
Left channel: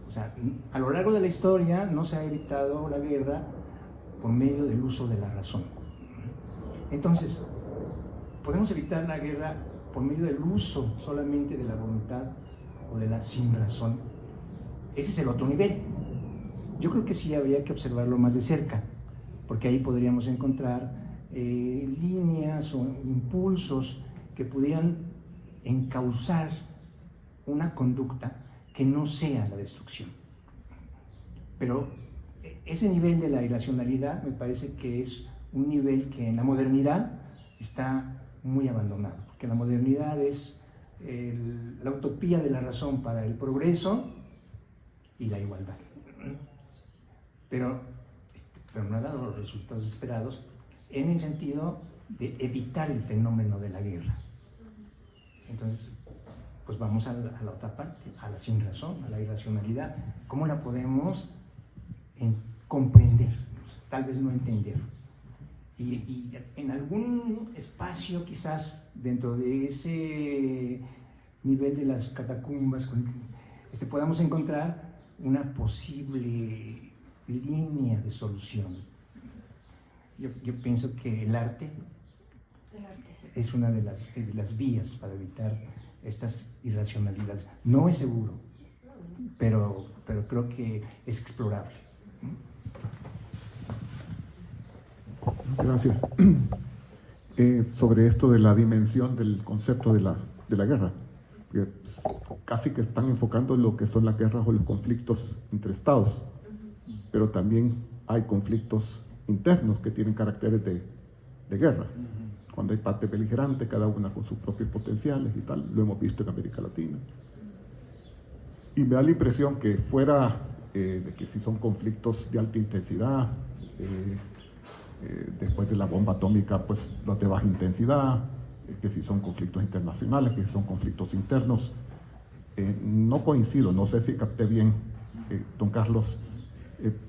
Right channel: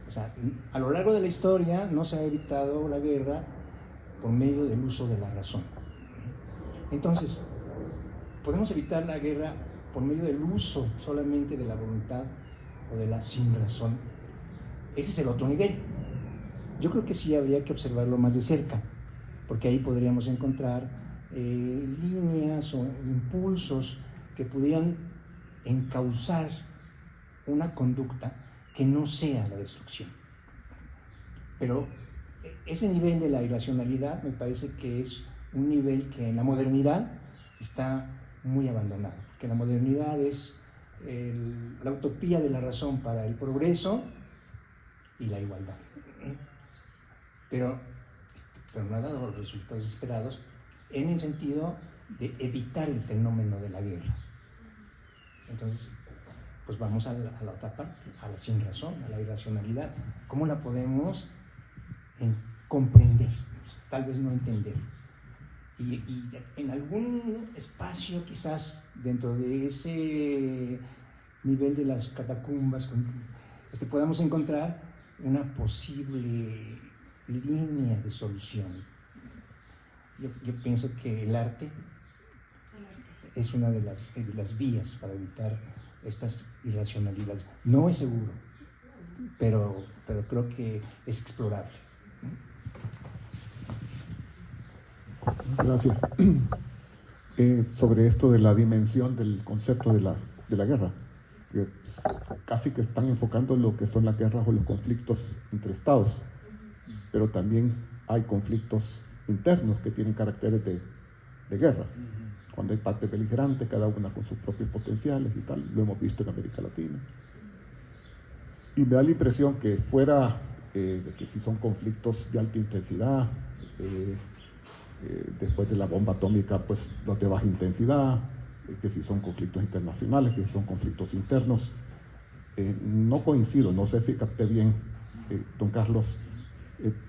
O sea, a lo largo de la historia no se ha evitado la guerra por medio del uso de la razón. Entonces, podemos evitar la guerra por medio del uso solamente de la voluntad o de la sin razón. Ese es el otro nivel. Yo creo que sí habría que observarlo más de cerca, porque ahí podríamos encontrar líneas o impulsos que pudieran encauzar una conducta que no sea la destrucción. Pero ese nivel de la irracionalidad me parece que es un nivel que en la modernidad está muy abandonado, porque la modernidad es la utopía de la razón para el progreso y la igualdad. Pero no ha dado los resultados esperados en el sentido de evitar el fenómeno de la guerra. Entonces, pues vamos a la otra parte, a la sin razón, a la irracionalidad. ¿Cómo la podemos comprender? Tal vez no entender. Y en algún espacio, quizás dentro de ese nivel de las catacumbas, podamos encontrar una posible línea de solución. Yo pienso que el arte es una de las vías para evitar estas irracionalidades. No es seguro, pero creo que es explorable. Gracias. Sobre esto de la dimensión del concepto de la guerra, casi que están enfocando lo que son las guerras o los conflictos entre estados, pero también hay conflictos internos que tienen caracteres de guerra. Cuando hay partes beligerantes, cada una con sus propios potenciales y tal, lo hemos visto en América Latina. Y me da la impresión que fuera de que si son conflictos de alta intensidad, después de la bomba atómica, pues los de baja intensidad, que si son conflictos internacionales, que si son conflictos internos, no coincido, no sé si capté bien, don Carlos,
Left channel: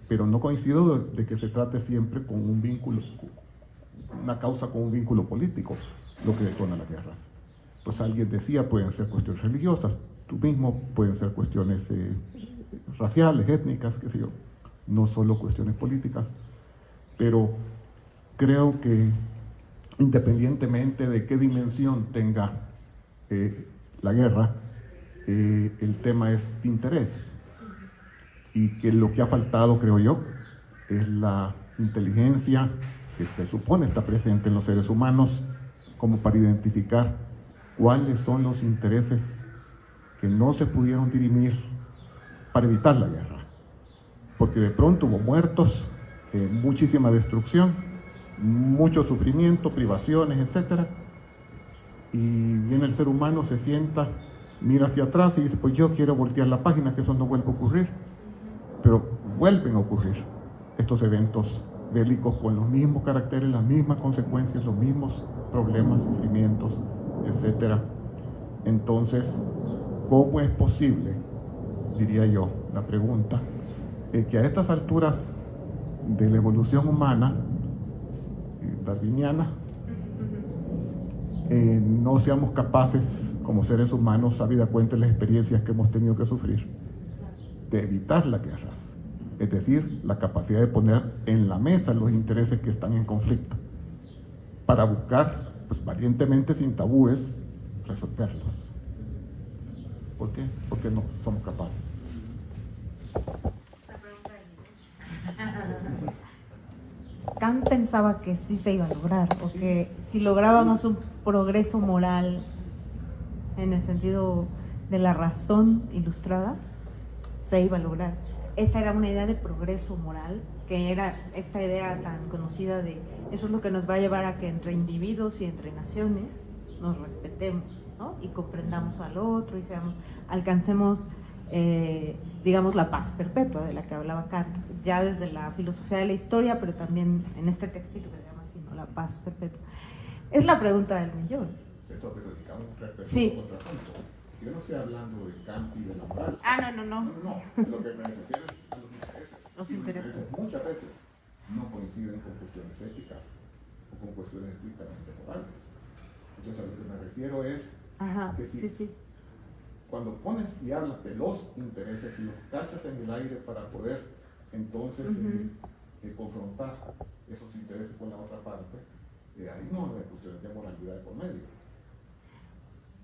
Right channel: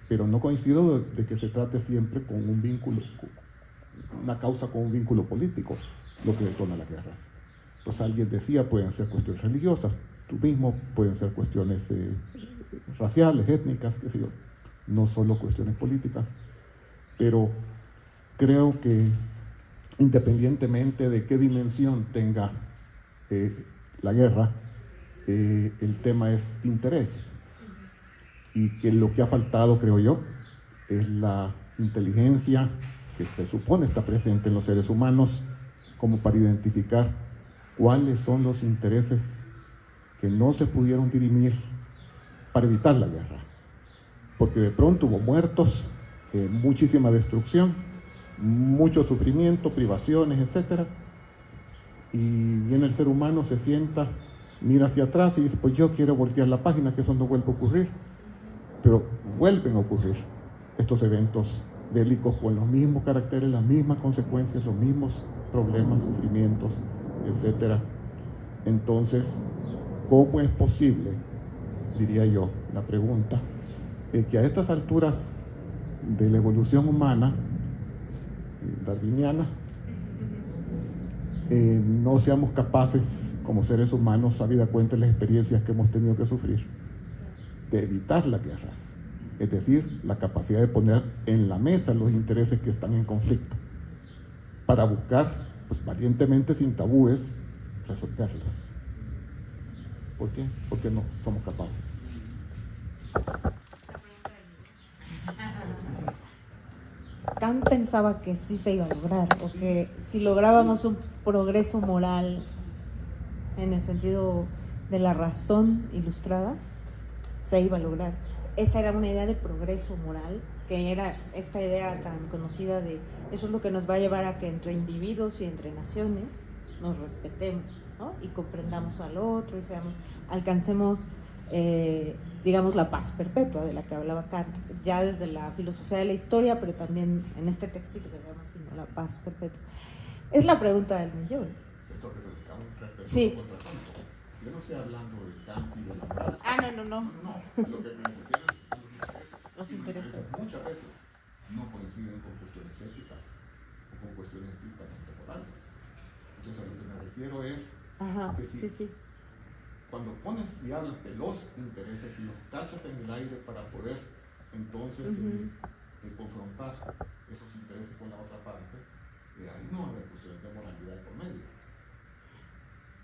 pero no coincido de que se trate siempre con un vínculo, una causa con un vínculo político, lo que detona las guerras. Pues alguien decía, pueden ser cuestiones religiosas, tú mismo, pueden ser cuestiones raciales, étnicas, qué sé yo, no solo cuestiones políticas, pero creo que independientemente de qué dimensión tenga la guerra, el tema es interés, y que lo que ha faltado, creo yo, es la inteligencia que se supone está presente en los seres humanos como para identificar cuáles son los intereses que no se pudieron dirimir para evitar la guerra, porque de pronto hubo muertos, muchísima destrucción, mucho sufrimiento, privaciones, etc. Y viene el ser humano, se sienta, mira hacia atrás y dice, pues yo quiero voltear la página, que eso no vuelve a ocurrir. Pero vuelven a ocurrir estos eventos bélicos con los mismos caracteres, las mismas consecuencias, los mismos problemas, sufrimientos, etc. Entonces, ¿cómo es posible, diría yo, la pregunta, que a estas alturas de la evolución humana, darwiniana, no seamos capaces como seres humanos, habida cuenta de las experiencias que hemos tenido que sufrir, de evitar las guerras? Es decir, la capacidad de poner en la mesa los intereses que están en conflicto para buscar, pues valientemente, sin tabúes, resolverlos. ¿Por qué? Porque no somos capaces. Kant pensaba que sí se iba a lograr, porque si lográbamos un progreso moral en el sentido de la razón ilustrada, se iba a lograr. Esa era una idea de progreso moral, que era esta idea tan conocida de eso es lo que nos va a llevar a que entre individuos y entre naciones nos respetemos, ¿no? Y comprendamos al otro y alcancemos digamos la paz perpetua de la que hablaba Kant, ya desde la filosofía de la historia, pero también en este textito que se llama así, la paz perpetua. Es la pregunta del millón. Sí. Yo no estoy hablando de Kant y de la moral. No. Lo que me refiero es los intereses. Muchas veces no coinciden con cuestiones éticas o con cuestiones estrictamente morales. Entonces, a lo que me refiero es que si cuando pones y hablas de los intereses y los cachas en el aire para poder entonces confrontar esos intereses con la otra parte, ahí no hay cuestiones de moralidad por medio.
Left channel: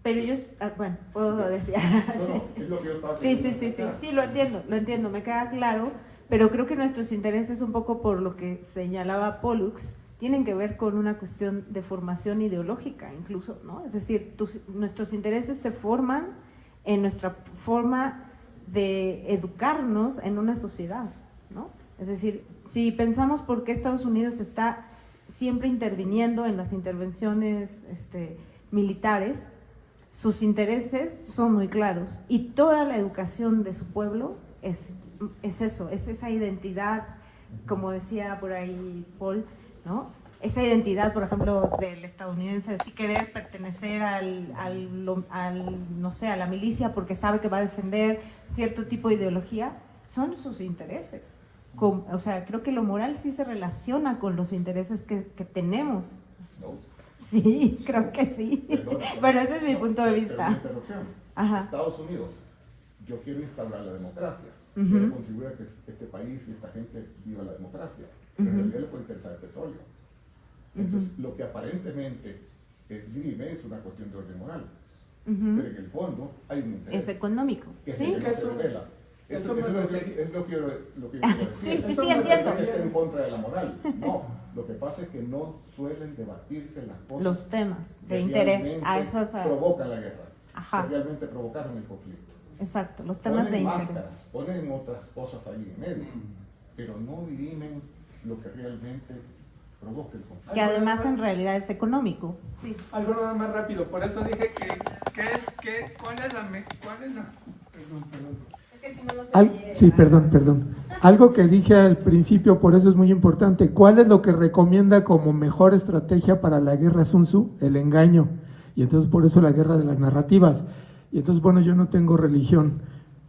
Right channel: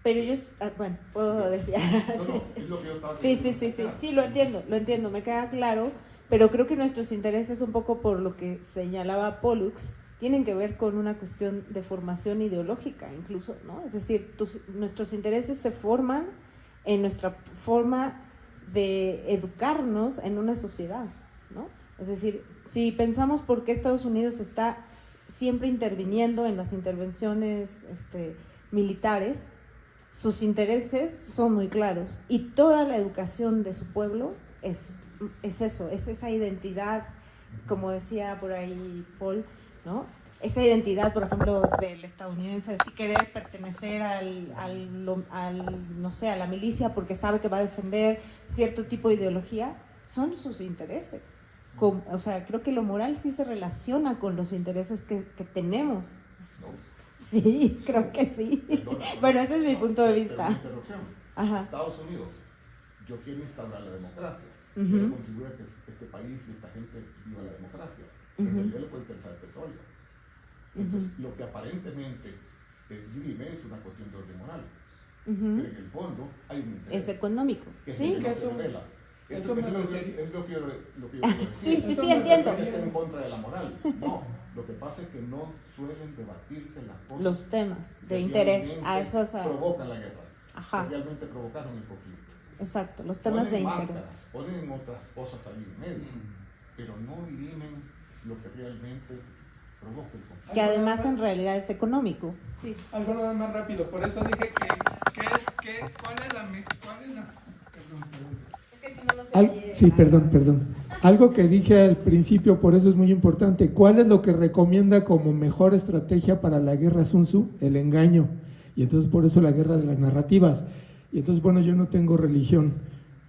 Pero ellos, bueno, puedo decir. No, es lo que yo estaba diciendo. Sí, lo entiendo, me queda claro, pero creo que nuestros intereses, un poco por lo que señalaba Pollux, tienen que ver con una cuestión de formación ideológica, incluso, ¿no? Es decir, nuestros intereses se forman en nuestra forma de educarnos en una sociedad, ¿no? Es decir, si pensamos por qué Estados Unidos está siempre interviniendo en las intervenciones militares, sus intereses son muy claros y toda la educación de su pueblo es eso, es esa identidad, como decía por ahí Paul, ¿no? Esa identidad, por ejemplo, del estadounidense, si querer pertenecer no sé, a la milicia porque sabe que va a defender cierto tipo de ideología, son sus intereses. O sea, creo que lo moral sí se relaciona con los intereses que tenemos. No. Sí, creo que sí. Perdón, bueno, ese es mi punto de vista. Pero una interrupción. Ajá. Estados Unidos, yo quiero instaurar la democracia. Ujú. Quiero contribuir a que este país y esta gente viva la democracia. Pero en realidad le puede interesar el petróleo. Entonces, lo que aparentemente dirime es una cuestión de orden moral. Ujú. Pero en el fondo hay un interés. Es económico. Que es Sí, el que se revela. Eso es lo que yo quiero decir. Sí, No entiendo. es que esté en contra de la moral. No, lo que pasa es que no suelen debatirse las cosas. Los temas de que interés. realmente A eso es. provocan la guerra. Ajá. Que realmente provocaron el conflicto. Exacto, los temas de Ponen interés. máscaras, ponen otras cosas ahí en medio, pero no dirimen lo que realmente provoca el conflicto. Que además en realidad es económico. Sí. Algo nada más rápido, por eso dije ¿cuál es la perdón. Es que si no, no se oye. Sí, perdón. Algo que dije al principio, por eso es muy importante. ¿Cuál es lo que recomienda como mejor estrategia para la guerra Sun Tzu? El engaño. Y entonces por eso la guerra de las narrativas. Y entonces, bueno, yo no tengo religión.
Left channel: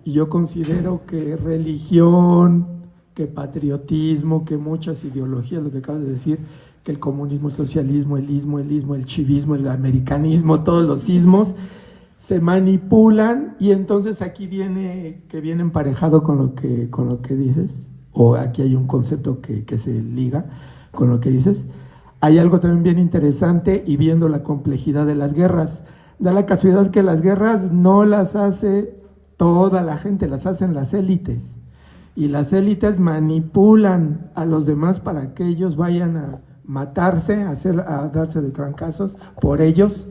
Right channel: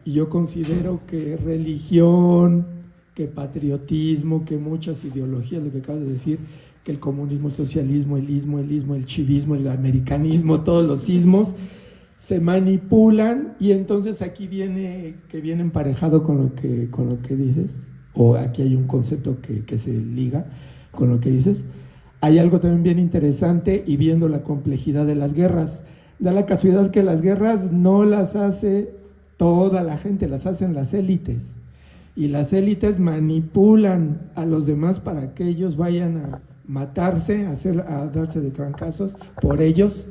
Y yo considero que religión, que patriotismo, que muchas ideologías, lo que acabas de decir, que el comunismo, el socialismo, el ismo, el chivismo, el americanismo, todos los ismos, se manipulan y entonces aquí viene emparejado con lo que dices, o aquí hay un concepto que se liga con lo que dices. Hay algo también bien interesante y viendo la complejidad de las guerras. Da la casualidad que las guerras no las hace toda la gente, las hacen las élites. Y las élites manipulan a los demás para que ellos vayan a matarse, a darse de trancazos por ellos,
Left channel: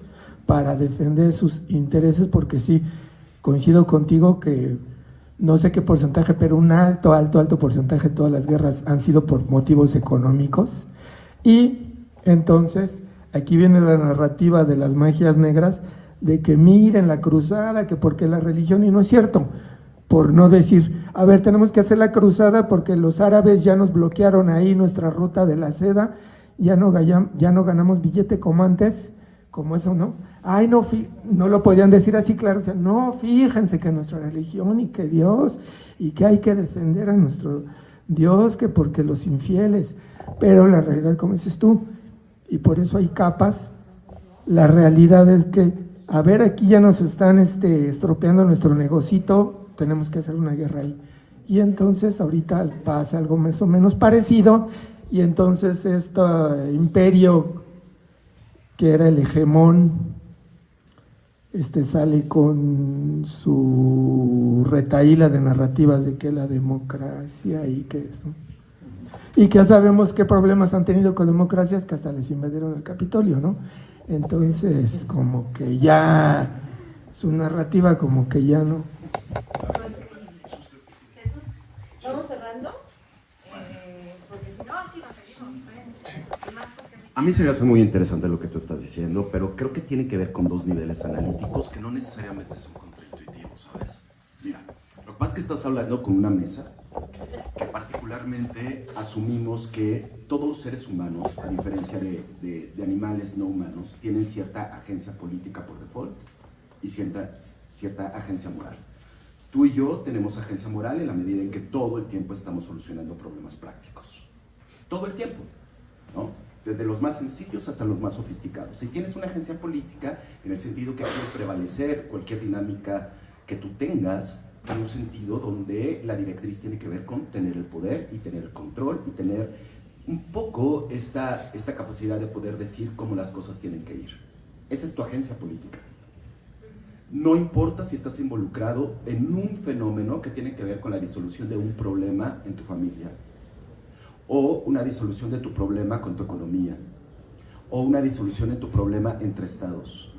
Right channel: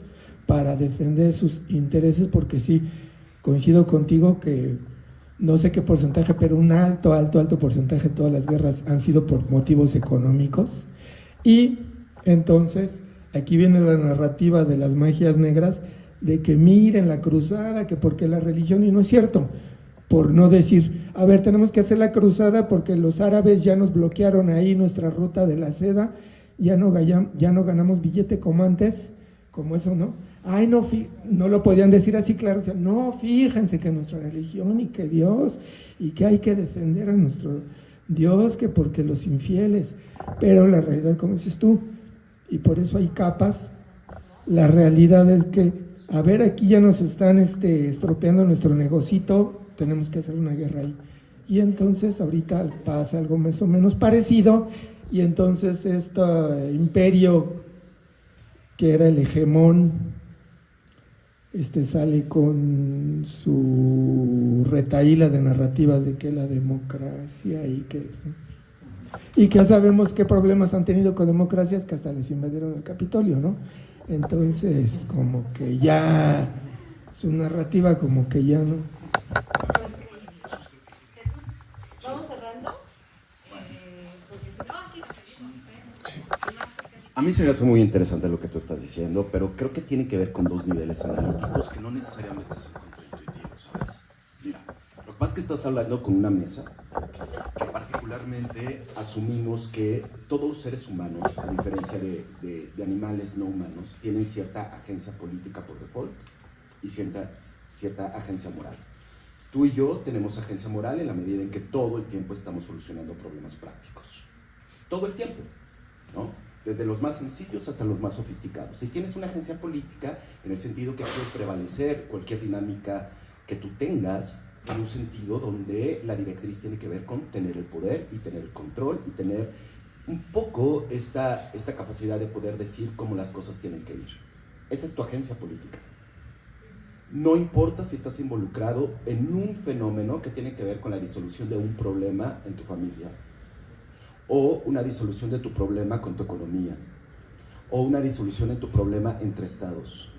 para defender sus intereses, porque sí, coincido contigo que no sé qué porcentaje, pero un alto porcentaje de todas las guerras han sido por motivos económicos. Y entonces, aquí viene la narrativa de las magias negras, de que miren la cruzada, que porque la religión, y no es cierto, por no decir, a ver, tenemos que hacer la cruzada porque los árabes ya nos bloquearon ahí nuestra ruta de la seda, ya no ganamos billete como antes, como eso, ¿no? Ay, no lo podían decir así, claro, o sea, no, fíjense que nuestra religión y que Dios, y que hay que defender a nuestro Dios, que porque los infieles, pero la realidad, como dices tú, y por eso hay capas, la realidad es que, a ver, aquí ya nos están estropeando nuestro negocito, tenemos que hacer una guerra ahí. Y entonces ahorita pasa algo más o menos parecido, y entonces este imperio que era el hegemón, sale con su retahíla de narrativas de que la democracia y que eso. Y que ya sabemos qué problemas han tenido con democracias, que hasta les invadieron el Capitolio, ¿no? Entonces, como que ya su narrativa como que ya no. Pues, Jesús, vamos cerrando, porque si no, aquí nos seguimos. A mí se me hace muy interesante lo que tú estás diciendo, pero creo que tiene que ver con dos niveles analíticos que no necesariamente son contraintuitivos, ¿sabes? Mira, lo que pasa es que estás hablando con una mesa que particularmente asumimos que todos los seres humanos, a diferencia de animales no humanos, tienen cierta agencia política por default y cierta agencia moral. Tú y yo tenemos agencia moral en la medida en que todo el tiempo estamos solucionando problemas prácticos. Todo el tiempo, ¿no? Desde los más sencillos hasta los más sofisticados. Si tienes una agencia política, en el sentido que hace prevalecer cualquier dinámica que tú tengas, en un sentido donde la directriz tiene que ver con tener el poder y tener el control y tener un poco esta capacidad de poder decir cómo las cosas tienen que ir. Esa es tu agencia política. No importa si estás involucrado en un fenómeno que tiene que ver con la disolución de un problema en tu familia, o una disolución de tu problema con tu economía, o una disolución de tu problema entre estados.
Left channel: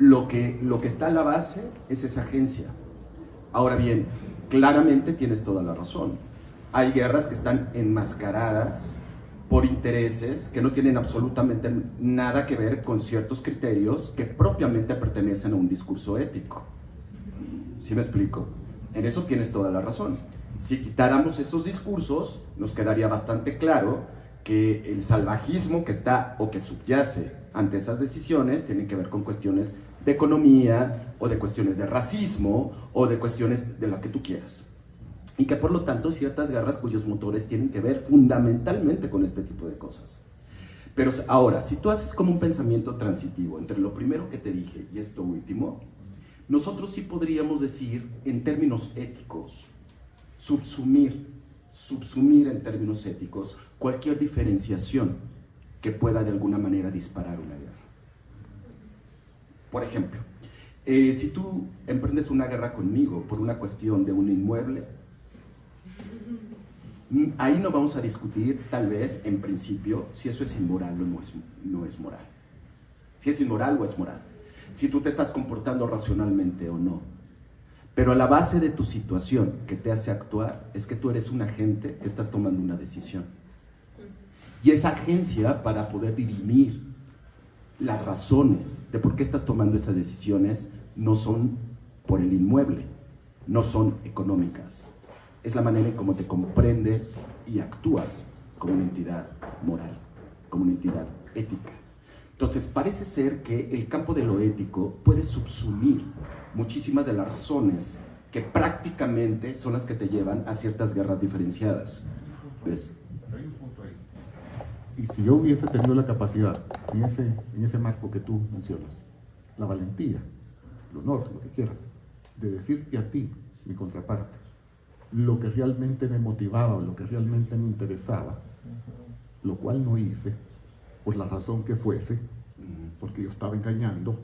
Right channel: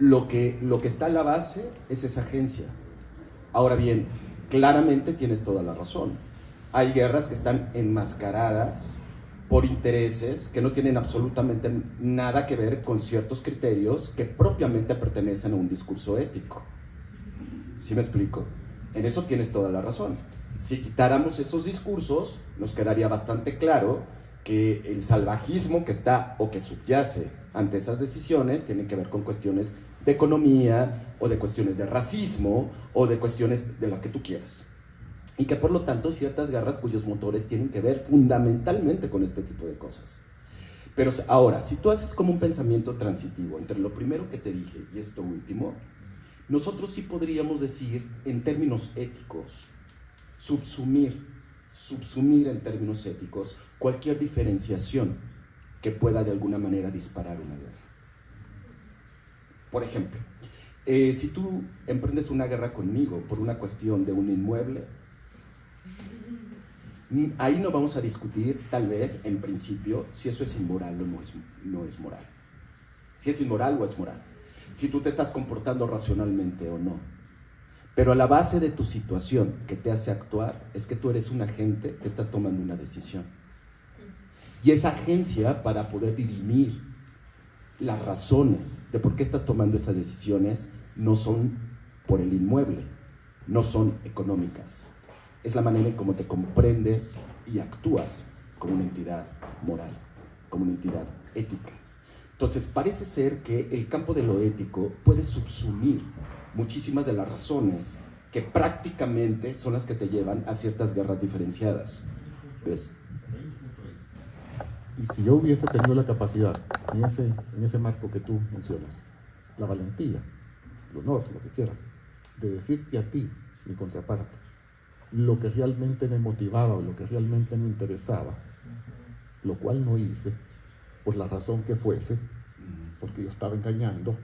Lo que está a la base es esa agencia. Ahora bien, claramente tienes toda la razón. Hay guerras que están enmascaradas por intereses que no tienen absolutamente nada que ver con ciertos criterios que propiamente pertenecen a un discurso ético. ¿Sí me explico? En eso tienes toda la razón. Si quitáramos esos discursos, nos quedaría bastante claro que el salvajismo que está o que subyace ante esas decisiones tiene que ver con cuestiones de economía o de cuestiones de racismo o de cuestiones de lo que tú quieras. Y que por lo tanto ciertas guerras cuyos motores tienen que ver fundamentalmente con este tipo de cosas. Pero ahora, si tú haces como un pensamiento transitivo entre lo primero que te dije y esto último, nosotros sí podríamos decir en términos éticos, subsumir en términos éticos cualquier diferenciación que pueda de alguna manera disparar una guerra. Por ejemplo, si tú emprendes una guerra conmigo por una cuestión de un inmueble, ahí no vamos a discutir, tal vez, en principio, si eso es inmoral o no es moral. Si es inmoral o es moral. Si tú te estás comportando racionalmente o no. Pero a la base de tu situación que te hace actuar es que tú eres un agente que estás tomando una decisión. Y esa agencia, para poder dirimir las razones de por qué estás tomando esas decisiones, no son por el inmueble, no son económicas. Es la manera en cómo te comprendes y actúas como una entidad moral, como una entidad ética. Entonces, parece ser que el campo de lo ético puede subsumir muchísimas de las razones que prácticamente son las que te llevan a ciertas guerras diferenciadas. ¿Ves? Hay un punto ahí. Y si yo hubiese tenido la capacidad, en ese marco que tú mencionas, la valentía, el honor, lo que quieras, de decirte a ti, mi contraparte, lo que realmente me motivaba, lo que realmente me interesaba, lo cual no hice, por la razón que fuese, porque yo estaba engañando,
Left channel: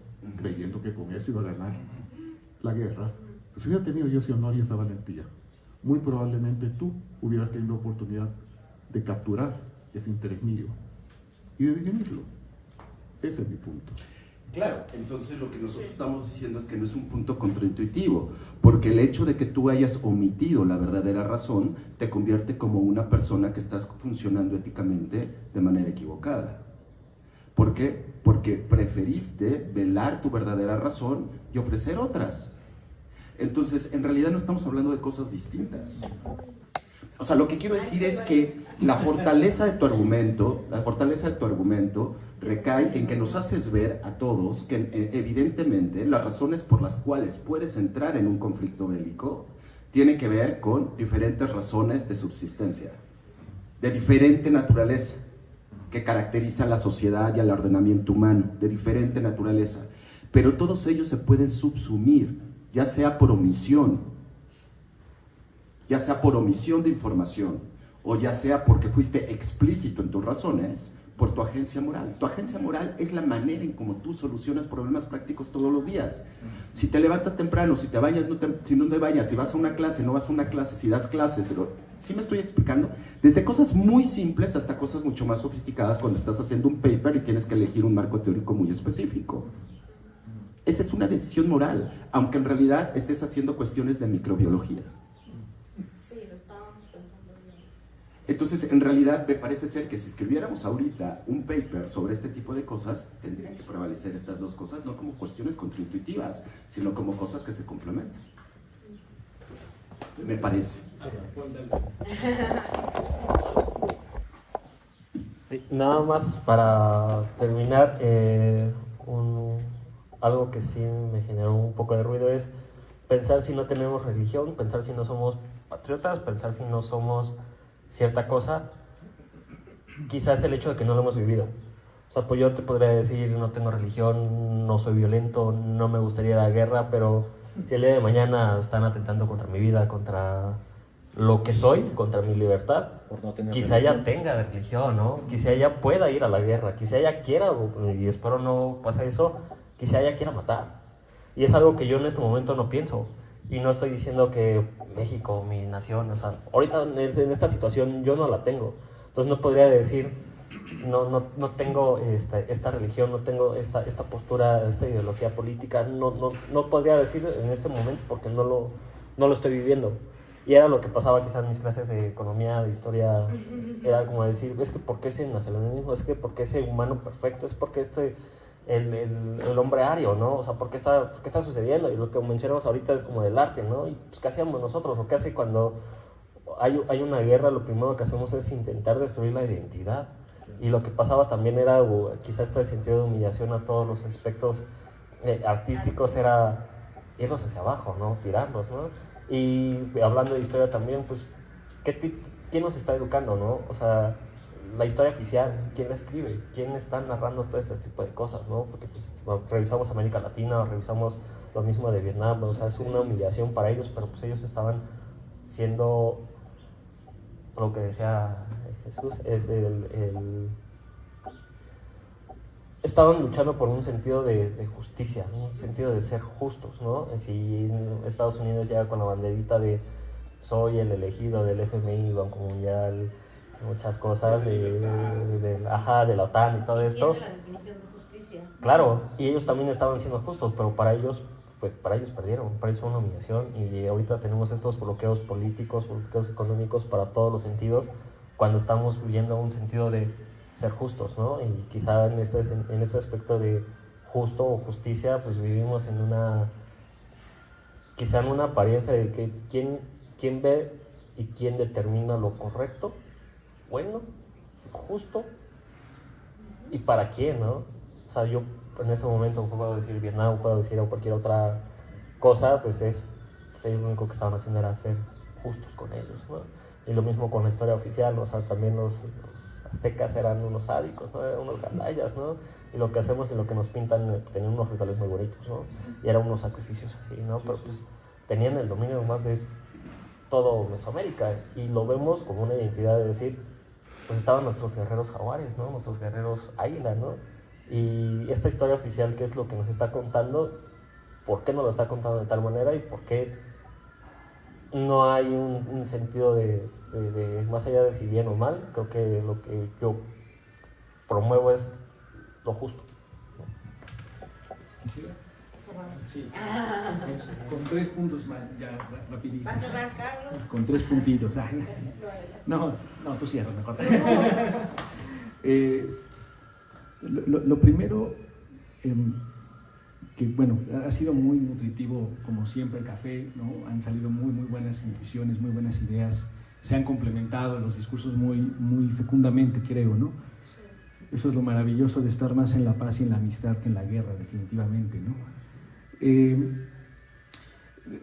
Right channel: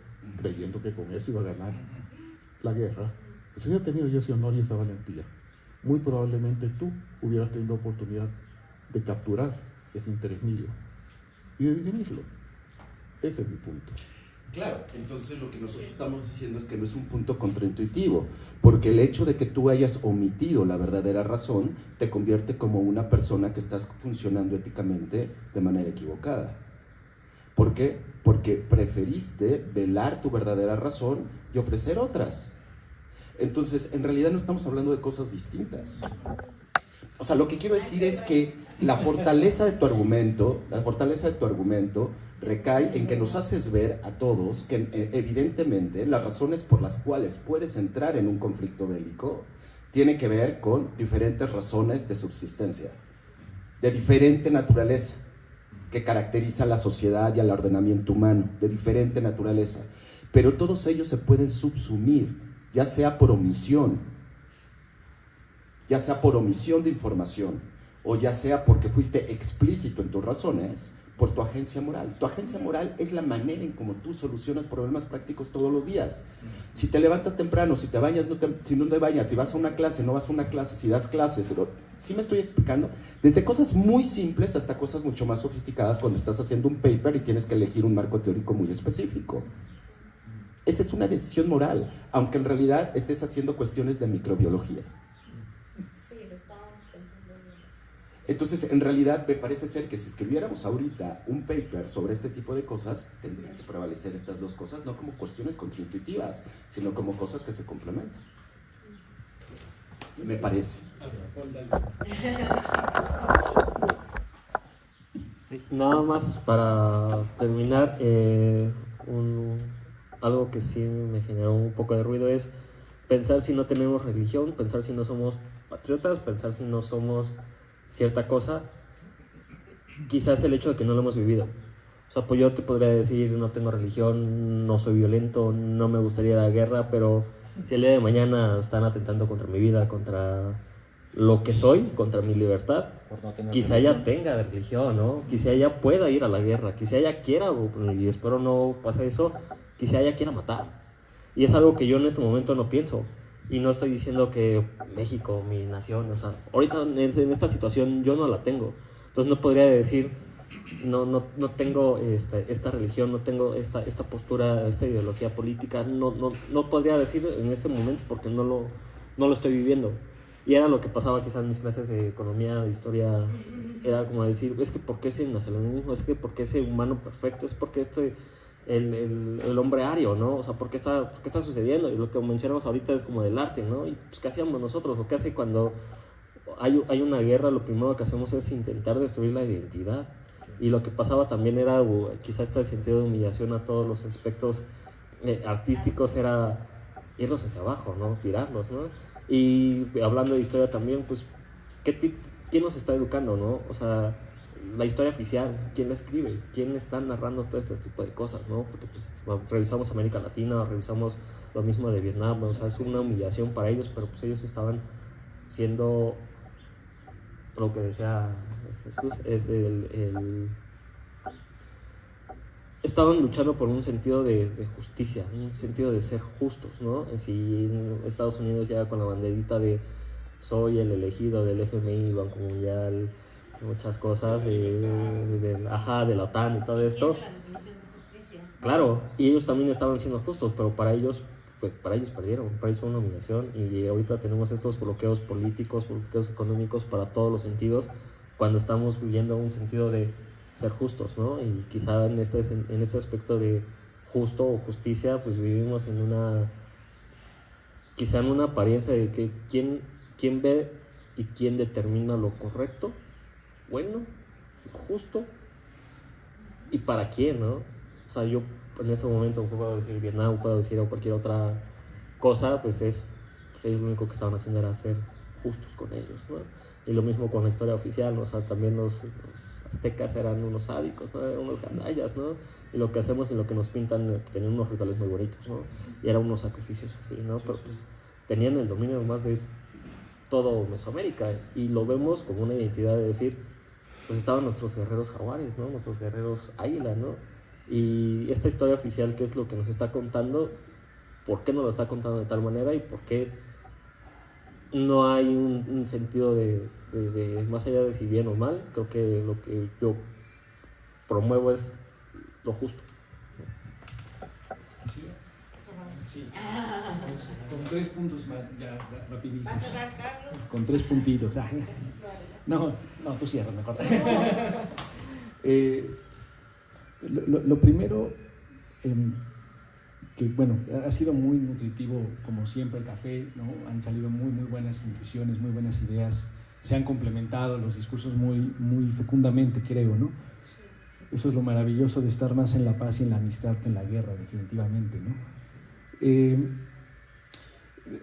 creyendo que con eso iba a ganar la guerra. Si hubiera tenido yo ese honor y esa valentía, muy probablemente tú hubieras tenido oportunidad de capturar ese interés mío y de dirimirlo. Ese es mi punto. Claro, entonces lo que nosotros estamos diciendo es que no es un punto contraintuitivo, porque el hecho de que tú hayas omitido la verdadera razón te convierte como una persona que estás funcionando éticamente de manera equivocada. ¿Por qué? Porque preferiste velar tu verdadera razón y ofrecer otras. Entonces, en realidad no estamos hablando de cosas distintas. O sea, lo que quiero decir es que la fortaleza de tu argumento recae en que nos haces ver a todos que evidentemente las razones por las cuales puedes entrar en un conflicto bélico tienen que ver con diferentes razones de subsistencia, de diferente naturaleza, que caracteriza a la sociedad y al ordenamiento humano, de diferente naturaleza. Pero todos ellos se pueden subsumir, ya sea por omisión de información, o ya sea porque fuiste explícito en tus razones, por tu agencia moral. Tu agencia moral es la manera en cómo tú solucionas problemas prácticos todos los días. Si te levantas temprano, si te bañas, si no te bañas, si vas a una clase, no vas a una clase, si das clases, ¿sí me estoy explicando? Desde cosas muy simples hasta cosas mucho más sofisticadas cuando estás haciendo un paper y tienes que elegir un marco teórico muy específico. Esa es una decisión moral, aunque en realidad estés haciendo cuestiones de microbiología. Sí, lo estábamos pensando bien. Entonces, en realidad, me parece ser que si escribiéramos ahorita un paper sobre este tipo de cosas, tendrían que prevalecer estas dos cosas, no como cuestiones contraintuitivas, sino como cosas que se complementan. Me parece. Nada más para terminar, algo que sí me generó un poco de ruido es pensar si no tenemos religión, pensar si no somos patriotas, pensar si no somos cierta cosa, quizás el hecho de que no lo hemos vivido. O sea, pues yo te podría decir, no tengo religión, no soy violento, no me gustaría la guerra, pero si el día de mañana están atentando contra mi vida, contra lo que soy, contra mi libertad, quizá ella tenga religión, ¿no? Quizá ella pueda ir a la guerra, quizá ella quiera, y espero no pase eso, quizá ella quiera matar. Y es algo que yo en este momento no pienso. Y no estoy diciendo que México, mi nación, o sea, ahorita en esta situación yo no la tengo. Entonces no podría decir, no tengo esta religión, no tengo esta postura, esta ideología política. No podría decir en ese momento porque no lo estoy viviendo. Y era lo que pasaba quizás en mis clases de economía, de historia, era como decir, es que ¿por qué ese nacionalismo? Es que ¿por qué ese humano perfecto? Es porque el hombre ario, ¿no? O sea, ¿por qué está sucediendo? Y lo que mencionamos ahorita es como del arte, ¿no? Y pues, ¿qué hacíamos nosotros? ¿O qué hace cuando hay una guerra? Lo primero que hacemos es intentar destruir la identidad. Y lo que pasaba también era, quizás este sentido de humillación a todos los aspectos artísticos, era irlos hacia abajo, ¿no? Tirarlos, ¿no? Y hablando de historia también, pues, ¿quién nos está educando, no? O sea, la historia oficial, ¿quién la escribe? ¿Quién está narrando todo este tipo de cosas, no? Porque, pues, revisamos América Latina, o revisamos lo mismo de Vietnam, ¿no? O sea, es una humillación para ellos, pero pues ellos estaban siendo, lo que decía Jesús, es estaban luchando por un sentido de justicia, un sentido de ser justos, ¿no? Si Estados Unidos llega con la banderita de soy el elegido del FMI, Banco Mundial, muchas cosas de la OTAN y todo esto. Tiene la definición de justicia. Claro, y ellos también estaban siendo justos, pero para ellos perdieron, para ellos fue una humillación, y ahorita tenemos estos bloqueos políticos, bloqueos económicos para todos los sentidos, cuando estamos viviendo un sentido de ser justos, ¿no? Y quizá en este aspecto de justo o justicia, pues vivimos quizá en una apariencia de que quién ve y quién determina lo correcto, bueno, justo, y para quién, ¿no? O sea, yo en este momento puedo decir Vietnam, puedo decir cualquier otra cosa, pues ellos lo único que estaban haciendo era ser justos con ellos, ¿no? Y lo mismo con la historia oficial, ¿no? O sea, también los aztecas eran unos sádicos, ¿no? Eran unos gandallas, ¿no? Y lo que hacemos y lo que nos pintan, tenían unos rituales muy bonitos, ¿no? Y eran unos sacrificios así, ¿no? Pero pues tenían el dominio más de todo Mesoamérica, y lo vemos como una identidad de decir, pues estaban nuestros guerreros jaguares, ¿no? Nuestros guerreros águila, ¿no? Y esta historia oficial, ¿qué es lo que nos está contando? ¿Por qué nos lo está contando de tal manera? ¿Y por qué no hay un sentido de más allá de si bien o mal? Creo que lo que yo promuevo es lo justo. Sí. Con 3 puntos más, ya rapidito. ¿Va a cerrar, Carlos? Con 3 puntitos. No, tú cierra mejor. Lo primero, que bueno, ha sido muy nutritivo, como siempre, el café, ¿no? Han salido muy buenas intuiciones, muy buenas ideas, se han complementado los discursos muy fecundamente, creo, ¿no? Eso es lo maravilloso de estar más en la paz y en la amistad que en la guerra, definitivamente, ¿no?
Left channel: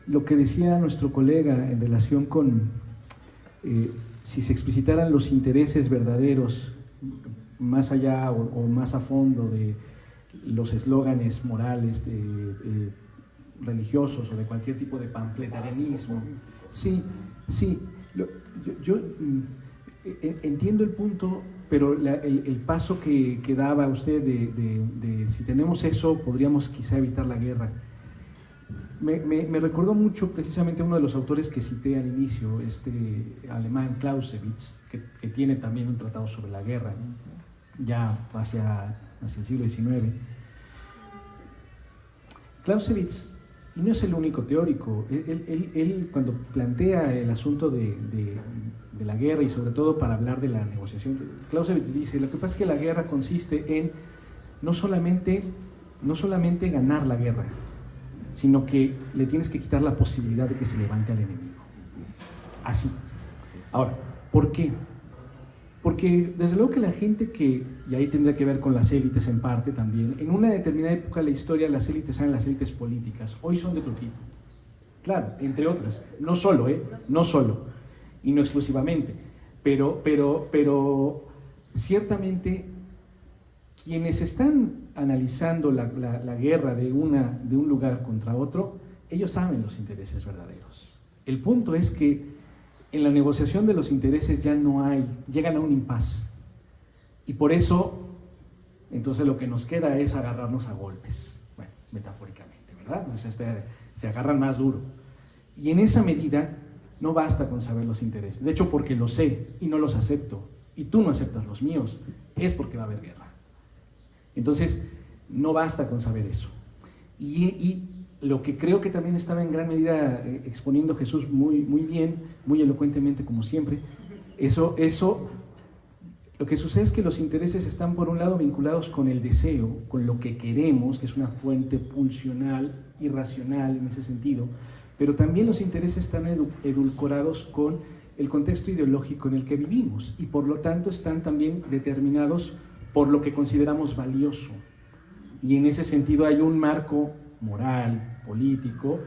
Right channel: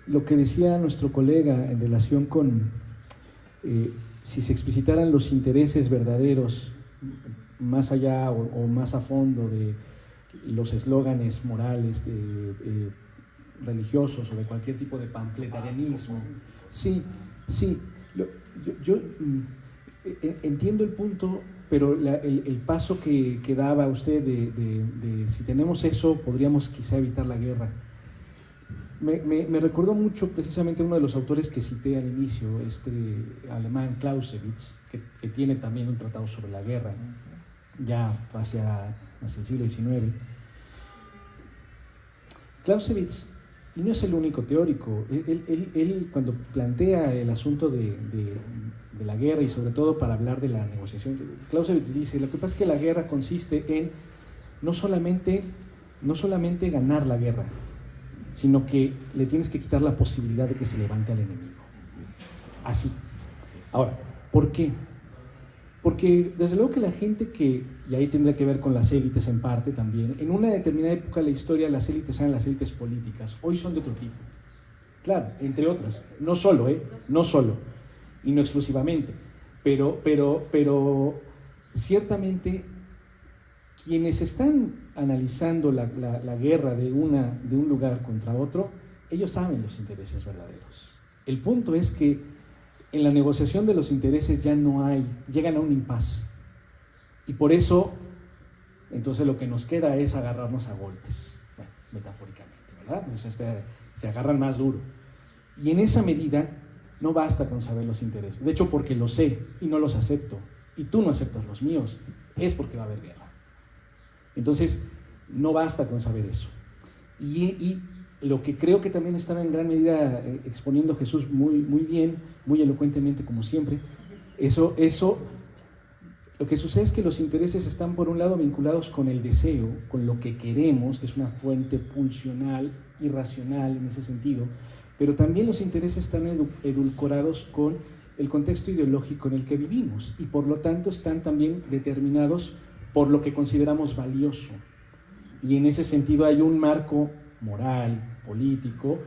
Lo que decía nuestro colega en relación con si se explicitaran los intereses verdaderos más allá o más a fondo de los eslóganes morales religiosos o de cualquier tipo de panfletarianismo. Sí, yo entiendo el punto, pero el paso que daba usted de si tenemos eso, podríamos quizá evitar la guerra. Me recordó mucho precisamente uno de los autores que cité al inicio, alemán Clausewitz, que tiene también un tratado sobre la guerra, ¿no? Ya hacia el siglo XIX. Clausewitz, y no es el único teórico, él cuando plantea el asunto de la guerra, y sobre todo para hablar de la negociación, Clausewitz dice, lo que pasa es que la guerra consiste en no solamente ganar la guerra, sino que le tienes que quitar la posibilidad de que se levante al enemigo. Así. Ahora, ¿por qué? Porque desde luego que la gente y ahí tendrá que ver con las élites en parte también, en una determinada época de la historia las élites eran las élites políticas, hoy son de otro tipo. Claro, entre otras, no solo, y no exclusivamente, pero ciertamente quienes están analizando la guerra de un lugar contra otro, ellos saben los intereses verdaderos. El punto es que en la negociación de los intereses ya llegan a un impasse. Y por eso, entonces lo que nos queda es agarrarnos a golpes, bueno, metafóricamente, ¿verdad? Entonces se agarran más duro. Y en esa medida no basta con saber los intereses. De hecho, porque los sé y no los acepto, y tú no aceptas los míos, es porque va a haber guerra. Entonces, no basta con saber eso. Y lo que creo que también estaba en gran medida exponiendo Jesús muy bien, muy elocuentemente como siempre, eso, lo que sucede es que los intereses están por un lado vinculados con el deseo, con lo que queremos, que es una fuente pulsional, irracional en ese sentido, pero también los intereses están edulcorados con el contexto ideológico en el que vivimos y por lo tanto están también determinados por lo que consideramos valioso. Y en ese sentido hay un marco moral, político,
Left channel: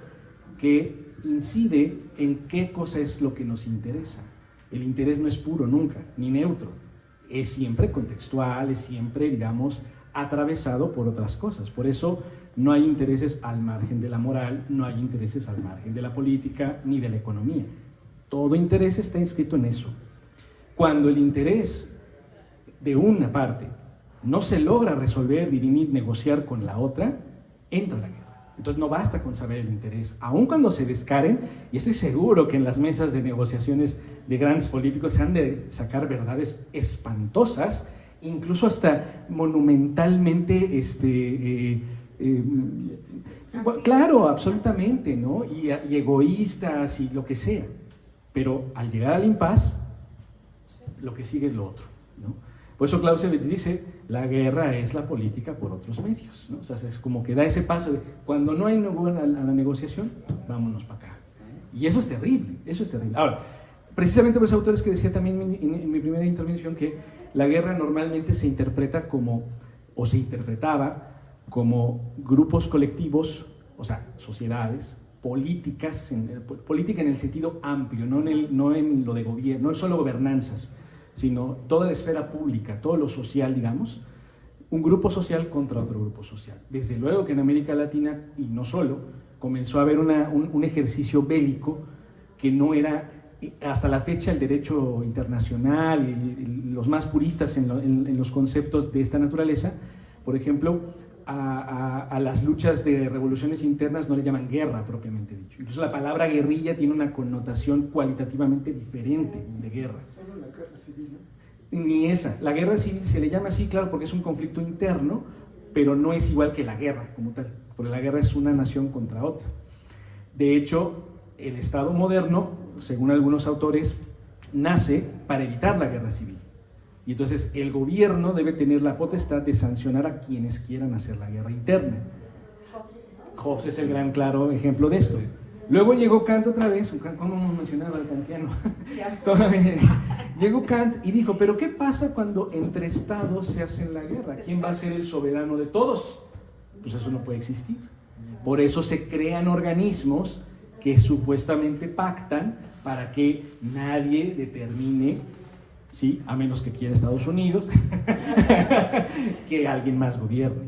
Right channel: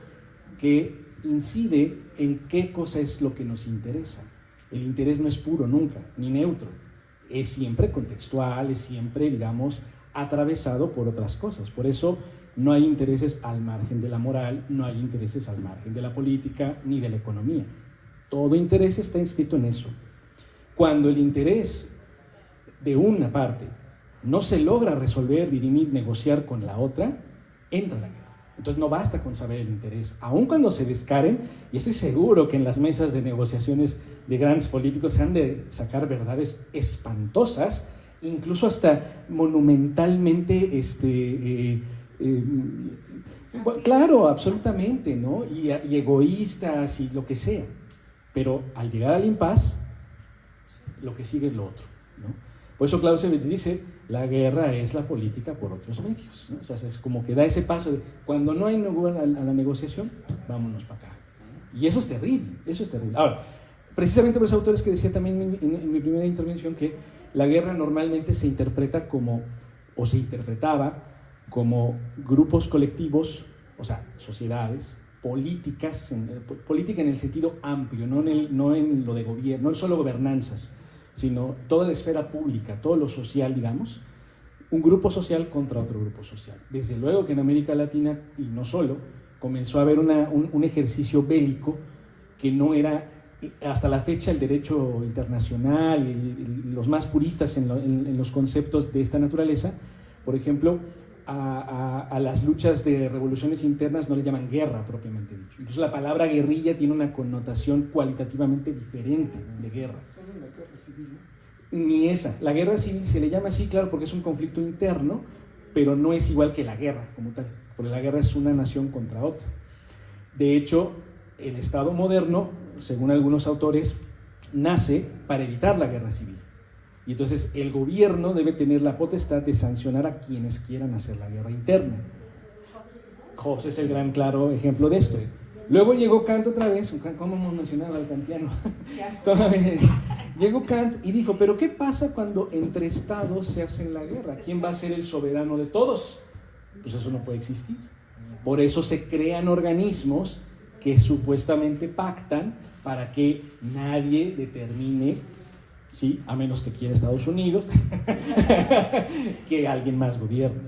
que incide en qué cosa es lo que nos interesa. El interés no es puro nunca, ni neutro. Es siempre contextual, es siempre, digamos, atravesado por otras cosas. Por eso no hay intereses al margen de la moral, no hay intereses al margen de la política ni de la economía. Todo interés está inscrito en eso. Cuando el interés de una parte no se logra resolver, dirimir, negociar con la otra, entra la guerra. Entonces no basta con saber el interés, aun cuando se descaren, y estoy seguro que en las mesas de negociaciones de grandes políticos se han de sacar verdades espantosas, incluso hasta monumentalmente, claro, absolutamente, ¿no? Y egoístas y lo que sea. Pero al llegar al impas, lo que sigue es lo otro, ¿no? Por eso Clausewitz dice, la guerra es la política por otros medios, ¿no? O sea, es como que da ese paso de, cuando no hay lugar a la negociación, vámonos para acá. Y eso es terrible, eso es terrible. Ahora, precisamente por los autores que decía también en mi primera intervención que la guerra normalmente se interpreta como, o se interpretaba como grupos colectivos, o sea, sociedades, políticas, política en el sentido amplio, no en lo de gobierno, no solo gobernanzas, sino toda la esfera pública, todo lo social, digamos, un grupo social contra otro grupo social. Desde luego que en América Latina, y no solo, comenzó a haber un ejercicio bélico que no era, hasta la fecha, el derecho internacional y los más puristas en los conceptos de esta naturaleza, por ejemplo, a las luchas de revoluciones internas no le llaman guerra propiamente dicho. Incluso la palabra guerrilla tiene una connotación cualitativamente diferente de guerra. Solo la guerra civil, ¿no? Ni esa. La guerra civil se le llama así, claro, porque es un conflicto interno, pero no es igual que la guerra como tal, porque la guerra es una nación contra otra. De hecho, el Estado moderno, según algunos autores, nace para evitar la guerra civil. Y entonces el gobierno debe tener la potestad de sancionar a quienes quieran hacer la guerra interna. Hobbes es el gran claro ejemplo de esto. Luego llegó Kant otra vez, ¿cómo no mencionaba al kantiano? Llegó Kant y dijo, pero ¿qué pasa cuando entre estados se hacen la guerra? ¿Quién va a ser el soberano de todos? Pues eso no puede existir. Por eso se crean organismos que supuestamente pactan para que nadie determine, ¿sí? A menos que quiera Estados Unidos, que alguien más gobierne,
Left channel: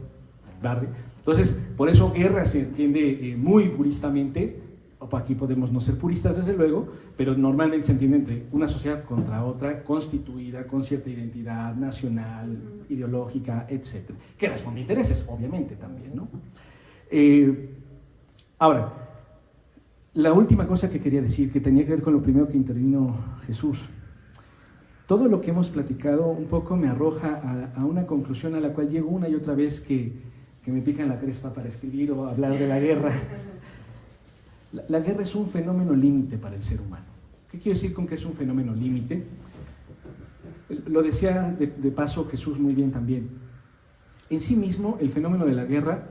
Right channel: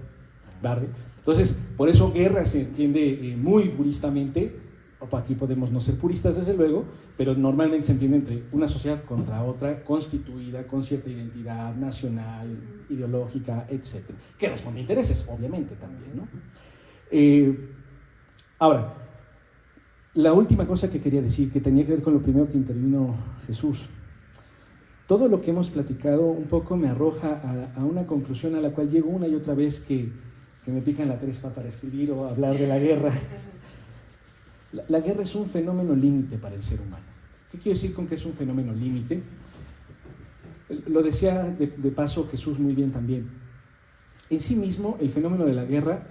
¿vale? Entonces, por eso guerra se entiende muy puristamente. Aquí podemos no ser puristas, desde luego, pero normalmente se entiende entre una sociedad contra otra, constituida con cierta identidad nacional, ideológica, etc. Que responde a intereses, obviamente, también, ¿no? Ahora, la última cosa que quería decir, que tenía que ver con lo primero que intervino Jesús. Todo lo que hemos platicado un poco me arroja a una conclusión a la cual llego una y otra vez que me pican la crespa para escribir o hablar de la guerra. La guerra es un fenómeno límite para el ser humano. ¿Qué quiero decir con que es un fenómeno límite? Lo decía de paso Jesús muy bien también. En sí mismo, el fenómeno de la guerra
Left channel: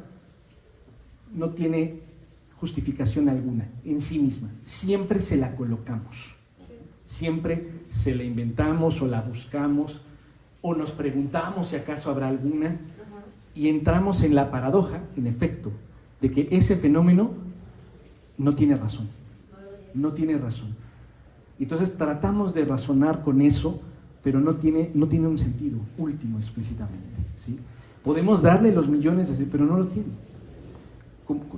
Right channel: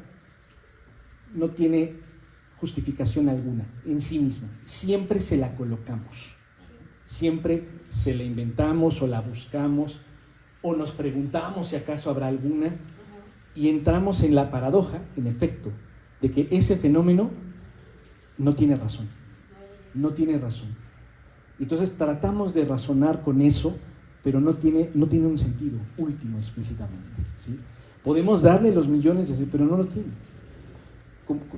no tiene justificación alguna, en sí misma. Siempre se la colocamos. Siempre se la inventamos o la buscamos o nos preguntamos si acaso habrá alguna y entramos en la paradoja, en efecto, de que ese fenómeno no tiene razón. No tiene razón. Entonces tratamos de razonar con eso, pero no tiene un sentido último explícitamente, ¿sí? Podemos darle los millones, pero no lo tiene.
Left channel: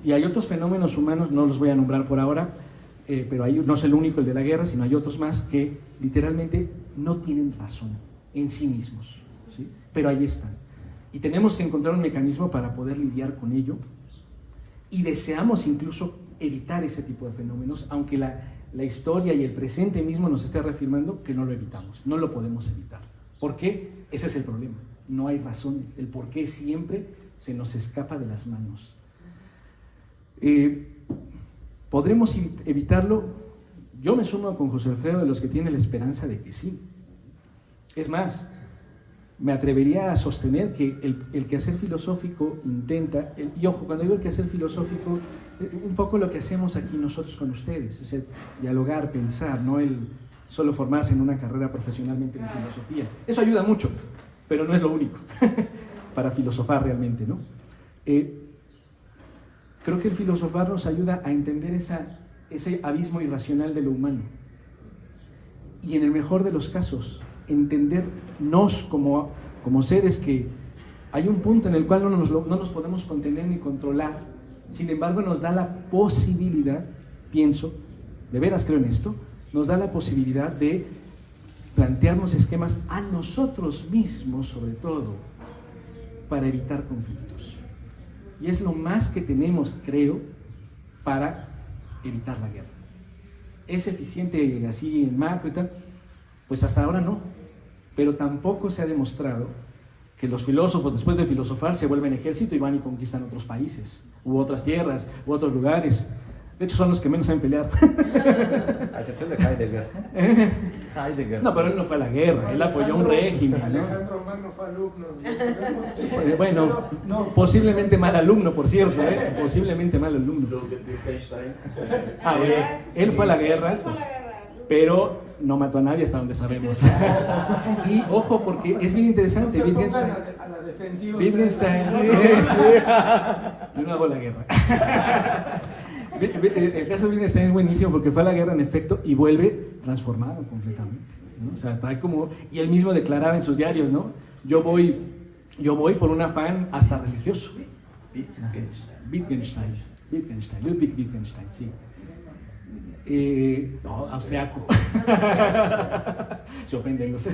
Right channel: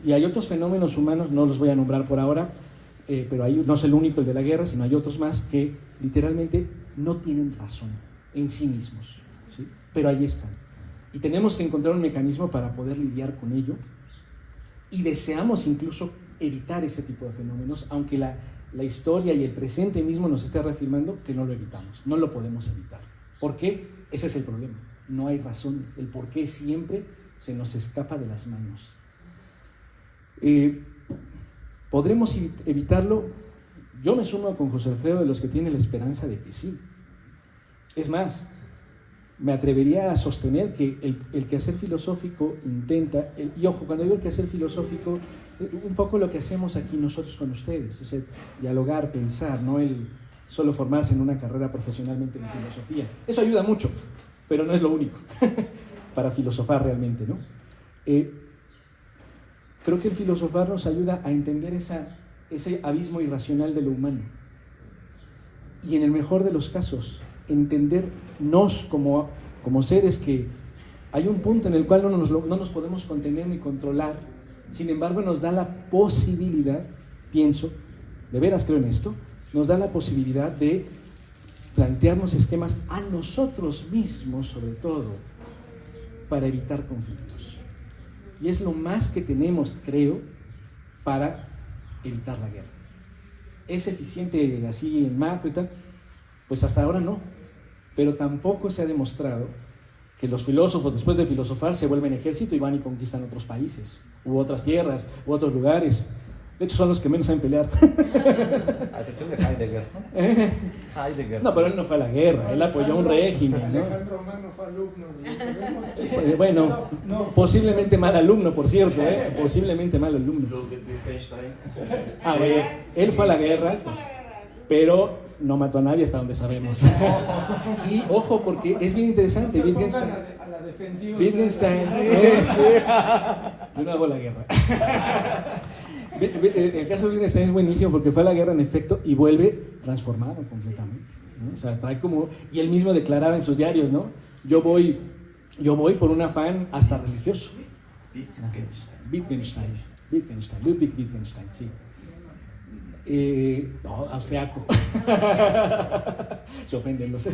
Y hay otros fenómenos humanos, no los voy a nombrar por ahora, pero no es el único, el de la guerra, sino hay otros más que literalmente no tienen razón en sí mismos, ¿sí? Pero ahí están. Y tenemos que encontrar un mecanismo para poder lidiar con ello, y deseamos incluso evitar ese tipo de fenómenos, aunque la historia y el presente mismo nos está reafirmando que no lo evitamos, no lo podemos evitar. ¿Por qué? Ese es el problema, no hay razones, el por qué siempre se nos escapa de las manos. ¿Podremos evitarlo? Yo me sumo con José Alfredo de los que tienen la esperanza de que sí. Es más, me atrevería a sostener que el quehacer filosófico intenta, y ojo, cuando digo el quehacer filosófico, un poco lo que hacemos aquí nosotros con ustedes, o sea, dialogar, pensar, no el solo formarse en una carrera profesionalmente de filosofía. Eso ayuda mucho, pero no es lo único para filosofar realmente, ¿no? Creo que el filosofar nos ayuda a entender ese abismo irracional de lo humano. Y en el mejor de los casos, entendernos como seres que hay un punto en el cual no nos podemos contener ni controlar. Sin embargo, nos da la posibilidad, pienso, de veras creo en esto, nos da la posibilidad de plantearnos esquemas a nosotros mismos, sobre todo, para evitar conflictos. Y es lo más que tenemos, creo, para evitar la guerra. ¿Es eficiente así en macro y tal? Pues hasta ahora no. Pero tampoco se ha demostrado que los filósofos, después de filosofar, se vuelven ejército y van y conquistan otros países, u otras tierras, u otros lugares. De hecho, son los que menos saben pelear. A excepción de Heidegger. Heidegger. No, pero él no fue a la guerra, él apoyó un régimen, ¿no? Alejandro Magno fue alumno. Bueno, posiblemente mal alumno, por cierto, posiblemente mal alumno. Él fue a la guerra, pero no mató a nadie hasta donde sabemos. Y ojo, porque es bien interesante. Wittgenstein a la defensiva. Wittgenstein no hago la guerra. El caso de Wittgenstein es buenísimo porque fue a la guerra en efecto y vuelve transformado completamente, ¿no? O sea, trae como, y él mismo declaraba en sus diarios, ¿no? Yo voy por un afán hasta religioso. Ludwig Wittgenstein, sí. Austriaco. Se ofenden los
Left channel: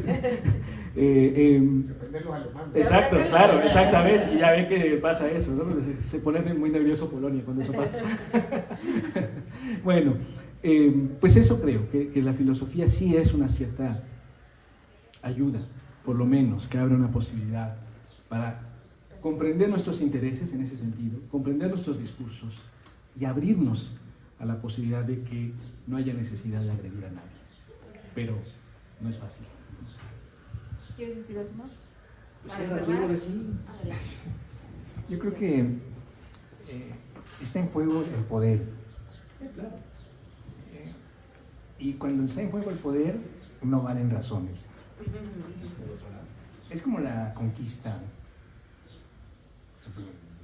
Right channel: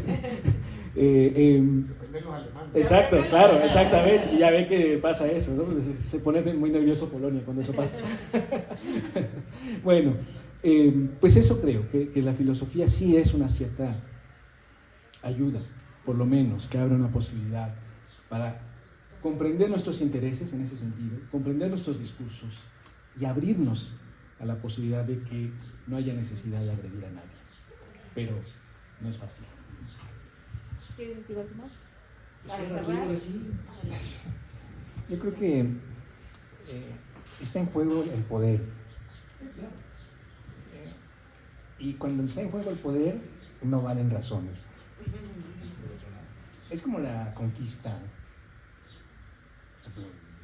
exacto, claro, exactamente. Y ya ve que pasa eso, ¿no? Se pone muy nervioso Polonia cuando eso pasa. Bueno, pues eso creo, que la filosofía sí es una cierta ayuda, por lo menos, que abre una posibilidad para comprender nuestros intereses en ese sentido, comprender nuestros discursos y abrirnos a la posibilidad de que no haya necesidad de agredir a nadie. Pero no es fácil. ¿Quieres decir algo más? Pues digo que sí. Yo creo que está en juego el poder. Y cuando está en juego el poder, no valen razones. Es como la conquista.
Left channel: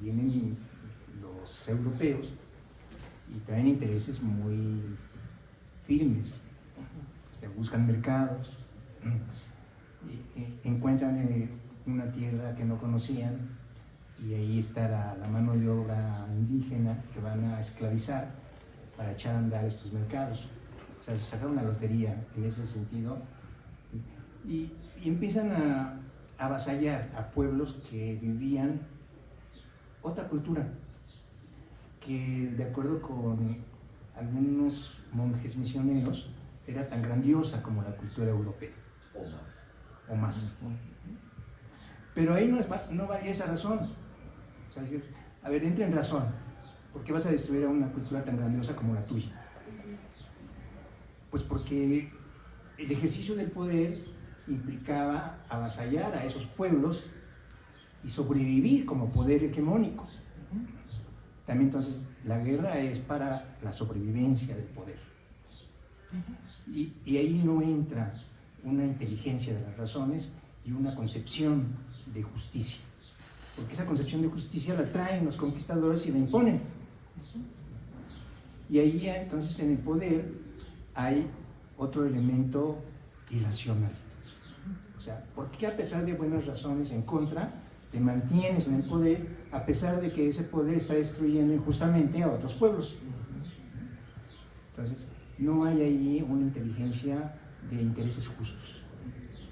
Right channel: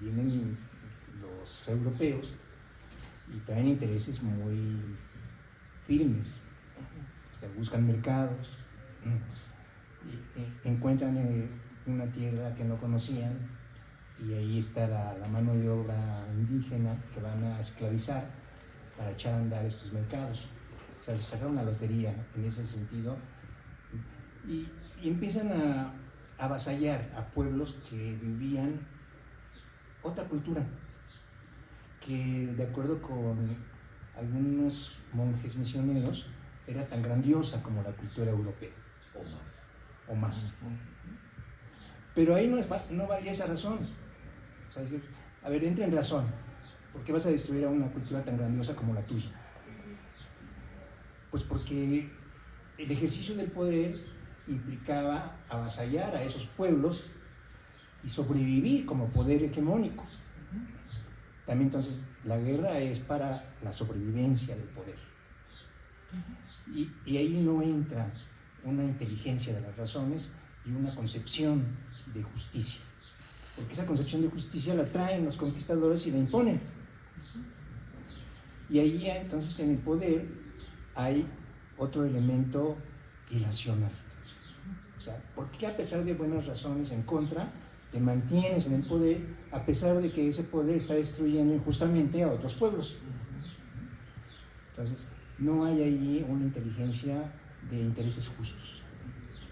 Vienen los europeos y traen intereses muy firmes. Buscan mercados, encuentran una tierra que no conocían y ahí está la mano de obra indígena que van a esclavizar para echar a andar estos mercados. O sea, sacaron una lotería en ese sentido y empiezan a avasallar a pueblos que vivían otra cultura que, de acuerdo con algunos monjes misioneros, era tan grandiosa como la cultura europea. O más. Pero ahí no vale esa razón. O sea, a ver, entra en razón. ¿Por qué vas a destruir a una cultura tan grandiosa como la tuya? Pues porque el ejercicio del poder implicaba avasallar a esos pueblos y sobrevivir como poder hegemónico. También entonces la guerra es para la sobrevivencia del poder. Y ahí no entra una inteligencia de las razones y una concepción de justicia. Porque esa concepción de justicia la traen los conquistadores y la imponen. Y ahí ya, entonces, en el poder hay otro elemento irracional. O sea, ¿por qué a pesar de buenas razones en contra, te mantienes en el poder a pesar de que ese poder está destruyendo injustamente a otros pueblos? Entonces, no hay allí una inteligencia de intereses justos,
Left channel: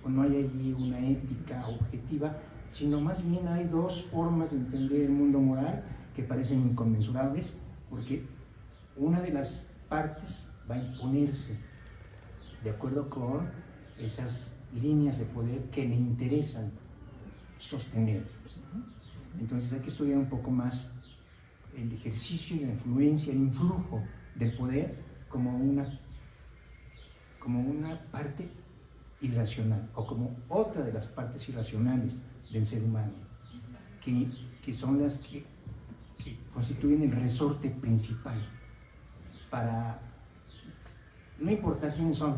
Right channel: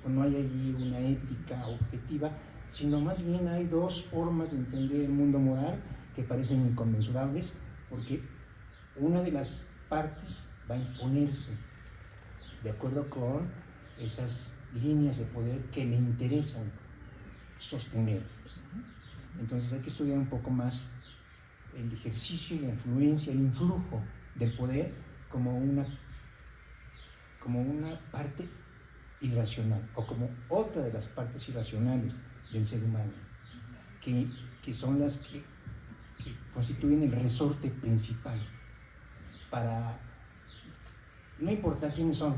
o no hay allí una ética objetiva, sino más bien hay dos formas de entender el mundo moral que parecen inconmensurables, porque una de las partes va a imponerse de acuerdo con esas líneas de poder que le interesan sostener. Entonces hay que estudiar un poco más el ejercicio, la influencia, el influjo del poder como una parte irracional, o como otra de las partes irracionales del ser humano, que son las que constituyen el resorte principal para, no importa quiénes son,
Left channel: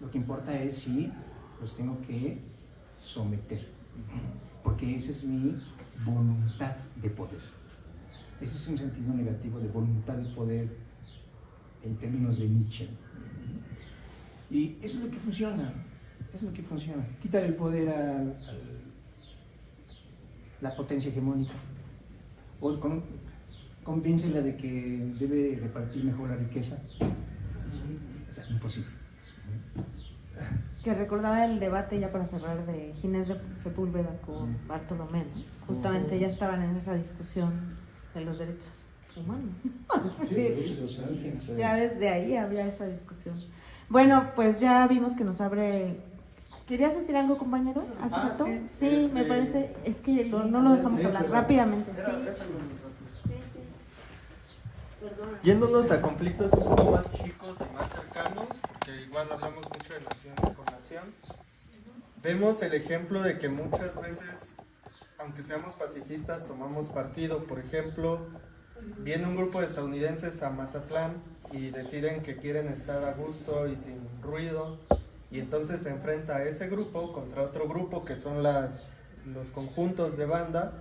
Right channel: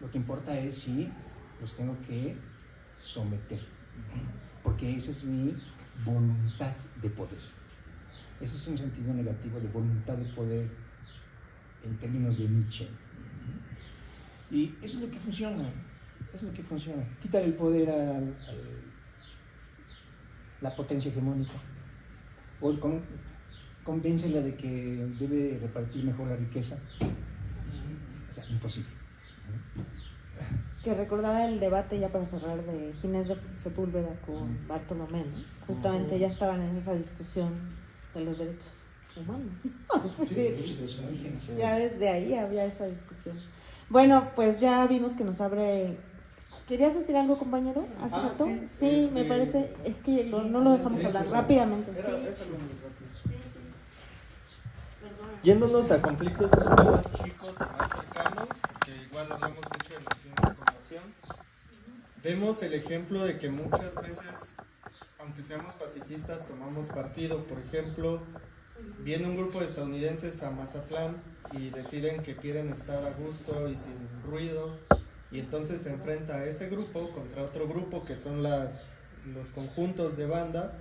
lo que importa es si los tengo que someter, porque esa es mi voluntad de poder. Ese es un sentido negativo de voluntad de poder en términos de Nietzsche. Y eso es lo que funciona, quitar el poder a la potencia hegemónica, o convéncela de que debe repartir mejor la riqueza. O sea, imposible. Que recordaba el debate, ya para cerrar, de Ginés de Sepúlveda con Bartolomé, ¿no? Justamente ya estaban en esa discusión de los derechos humanos. Sí, derechos humanos. Ya desde ahí había esa discusión. Bueno, pues ya vimos que nos abre. ¿Querías decir algo, compañero? ¿Hace rato? Sí, me parece. Es que no lo dejamos hablar rápidamente. Sí. Perdona. Yéndonos a conflictos un poco más chicos y más cercanos, porque igual hablamos mucho de nación con nación, vemos el ejemplo de que muchas veces, aunque seamos pacifistas, tomamos partido. Por ejemplo, viene un grupo de estadounidenses a Mazatlán y deciden que quieren estar a gusto y sin ruido, y entonces se enfrenta a ese grupo contra otro grupo que son los conjuntos de banda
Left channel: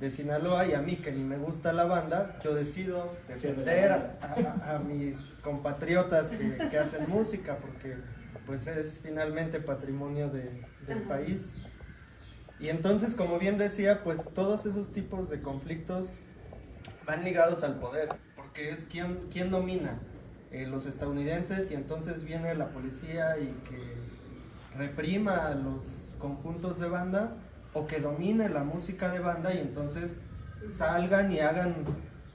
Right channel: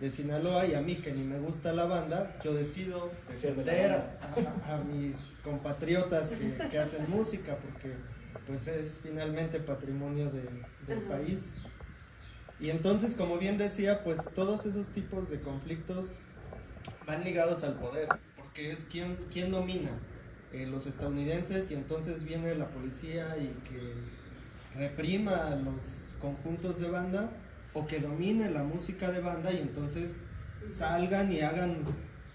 de Sinaloa, y a mí, que ni me gusta la banda, yo decido defender a mis compatriotas que hacen música, porque pues es finalmente patrimonio del país. Y entonces, como bien decía, pues todos esos tipos de conflictos van ligados al poder, porque es quién domina, los estadounidenses, y entonces viene la policía y que reprima a los conjuntos de banda, o que domine la música de banda y entonces salgan y hagan,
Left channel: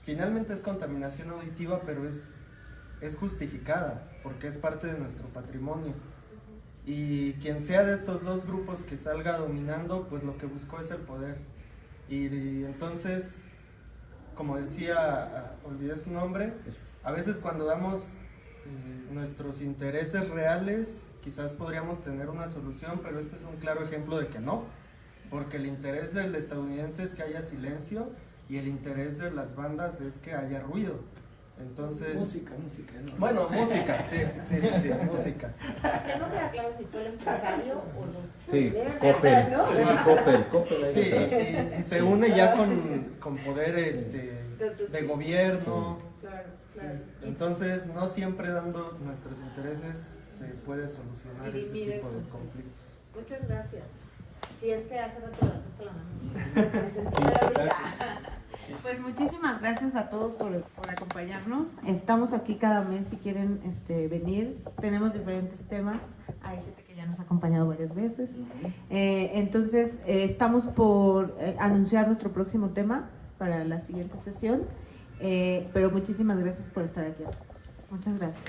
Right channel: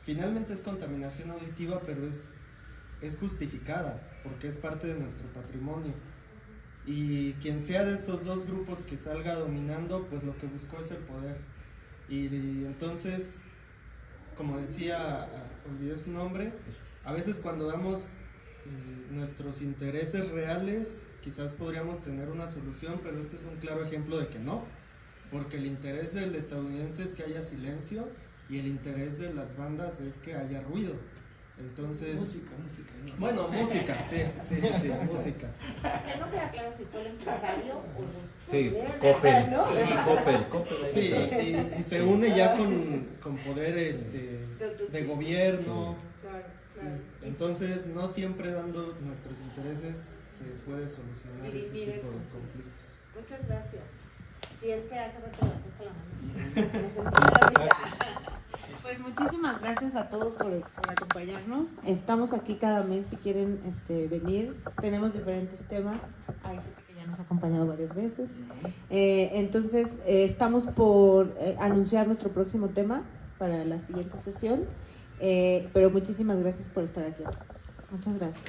finalmente es contaminación auditiva, pero es justificada, porque es parte de nuestro patrimonio. Y quien sea de estos dos grupos que salga dominando, pues lo que buscó es el poder. Y entonces, como decía, olvidé su nombre, a veces cuando damos nuestros intereses reales, quizás podríamos tener una solución, pero este es un claro ejemplo de que no, porque el interés del estadounidense es que haya silencio y el interés de las bandas es que haya ruido. Entonces, música, ¿no? Bueno, música, sí, música. Que no queda claro si fue el empresario o los... Sí, Coppel, ¿no? Coppel. Sí, y se une ya con poderes de gobierno. Claro. Entonces, no siempre dando nuestros intereses se puede solucionar ese tipo de conflictos. Muchas gracias. Sí, es que hace rato levantaste la mano. Me sentí maravillada. Pues muchísimas gracias a todos por acompañarnos. Estamos aquí cada mes si quieren venir. Tenemos diferentes temas. Hay gente que ya nos ha acompañado varias veces. Entonces, estamos por anunciar nuestro próximo tema para la siguiente sesión. Pero muchísimas gracias por estar aquí. Muchas gracias.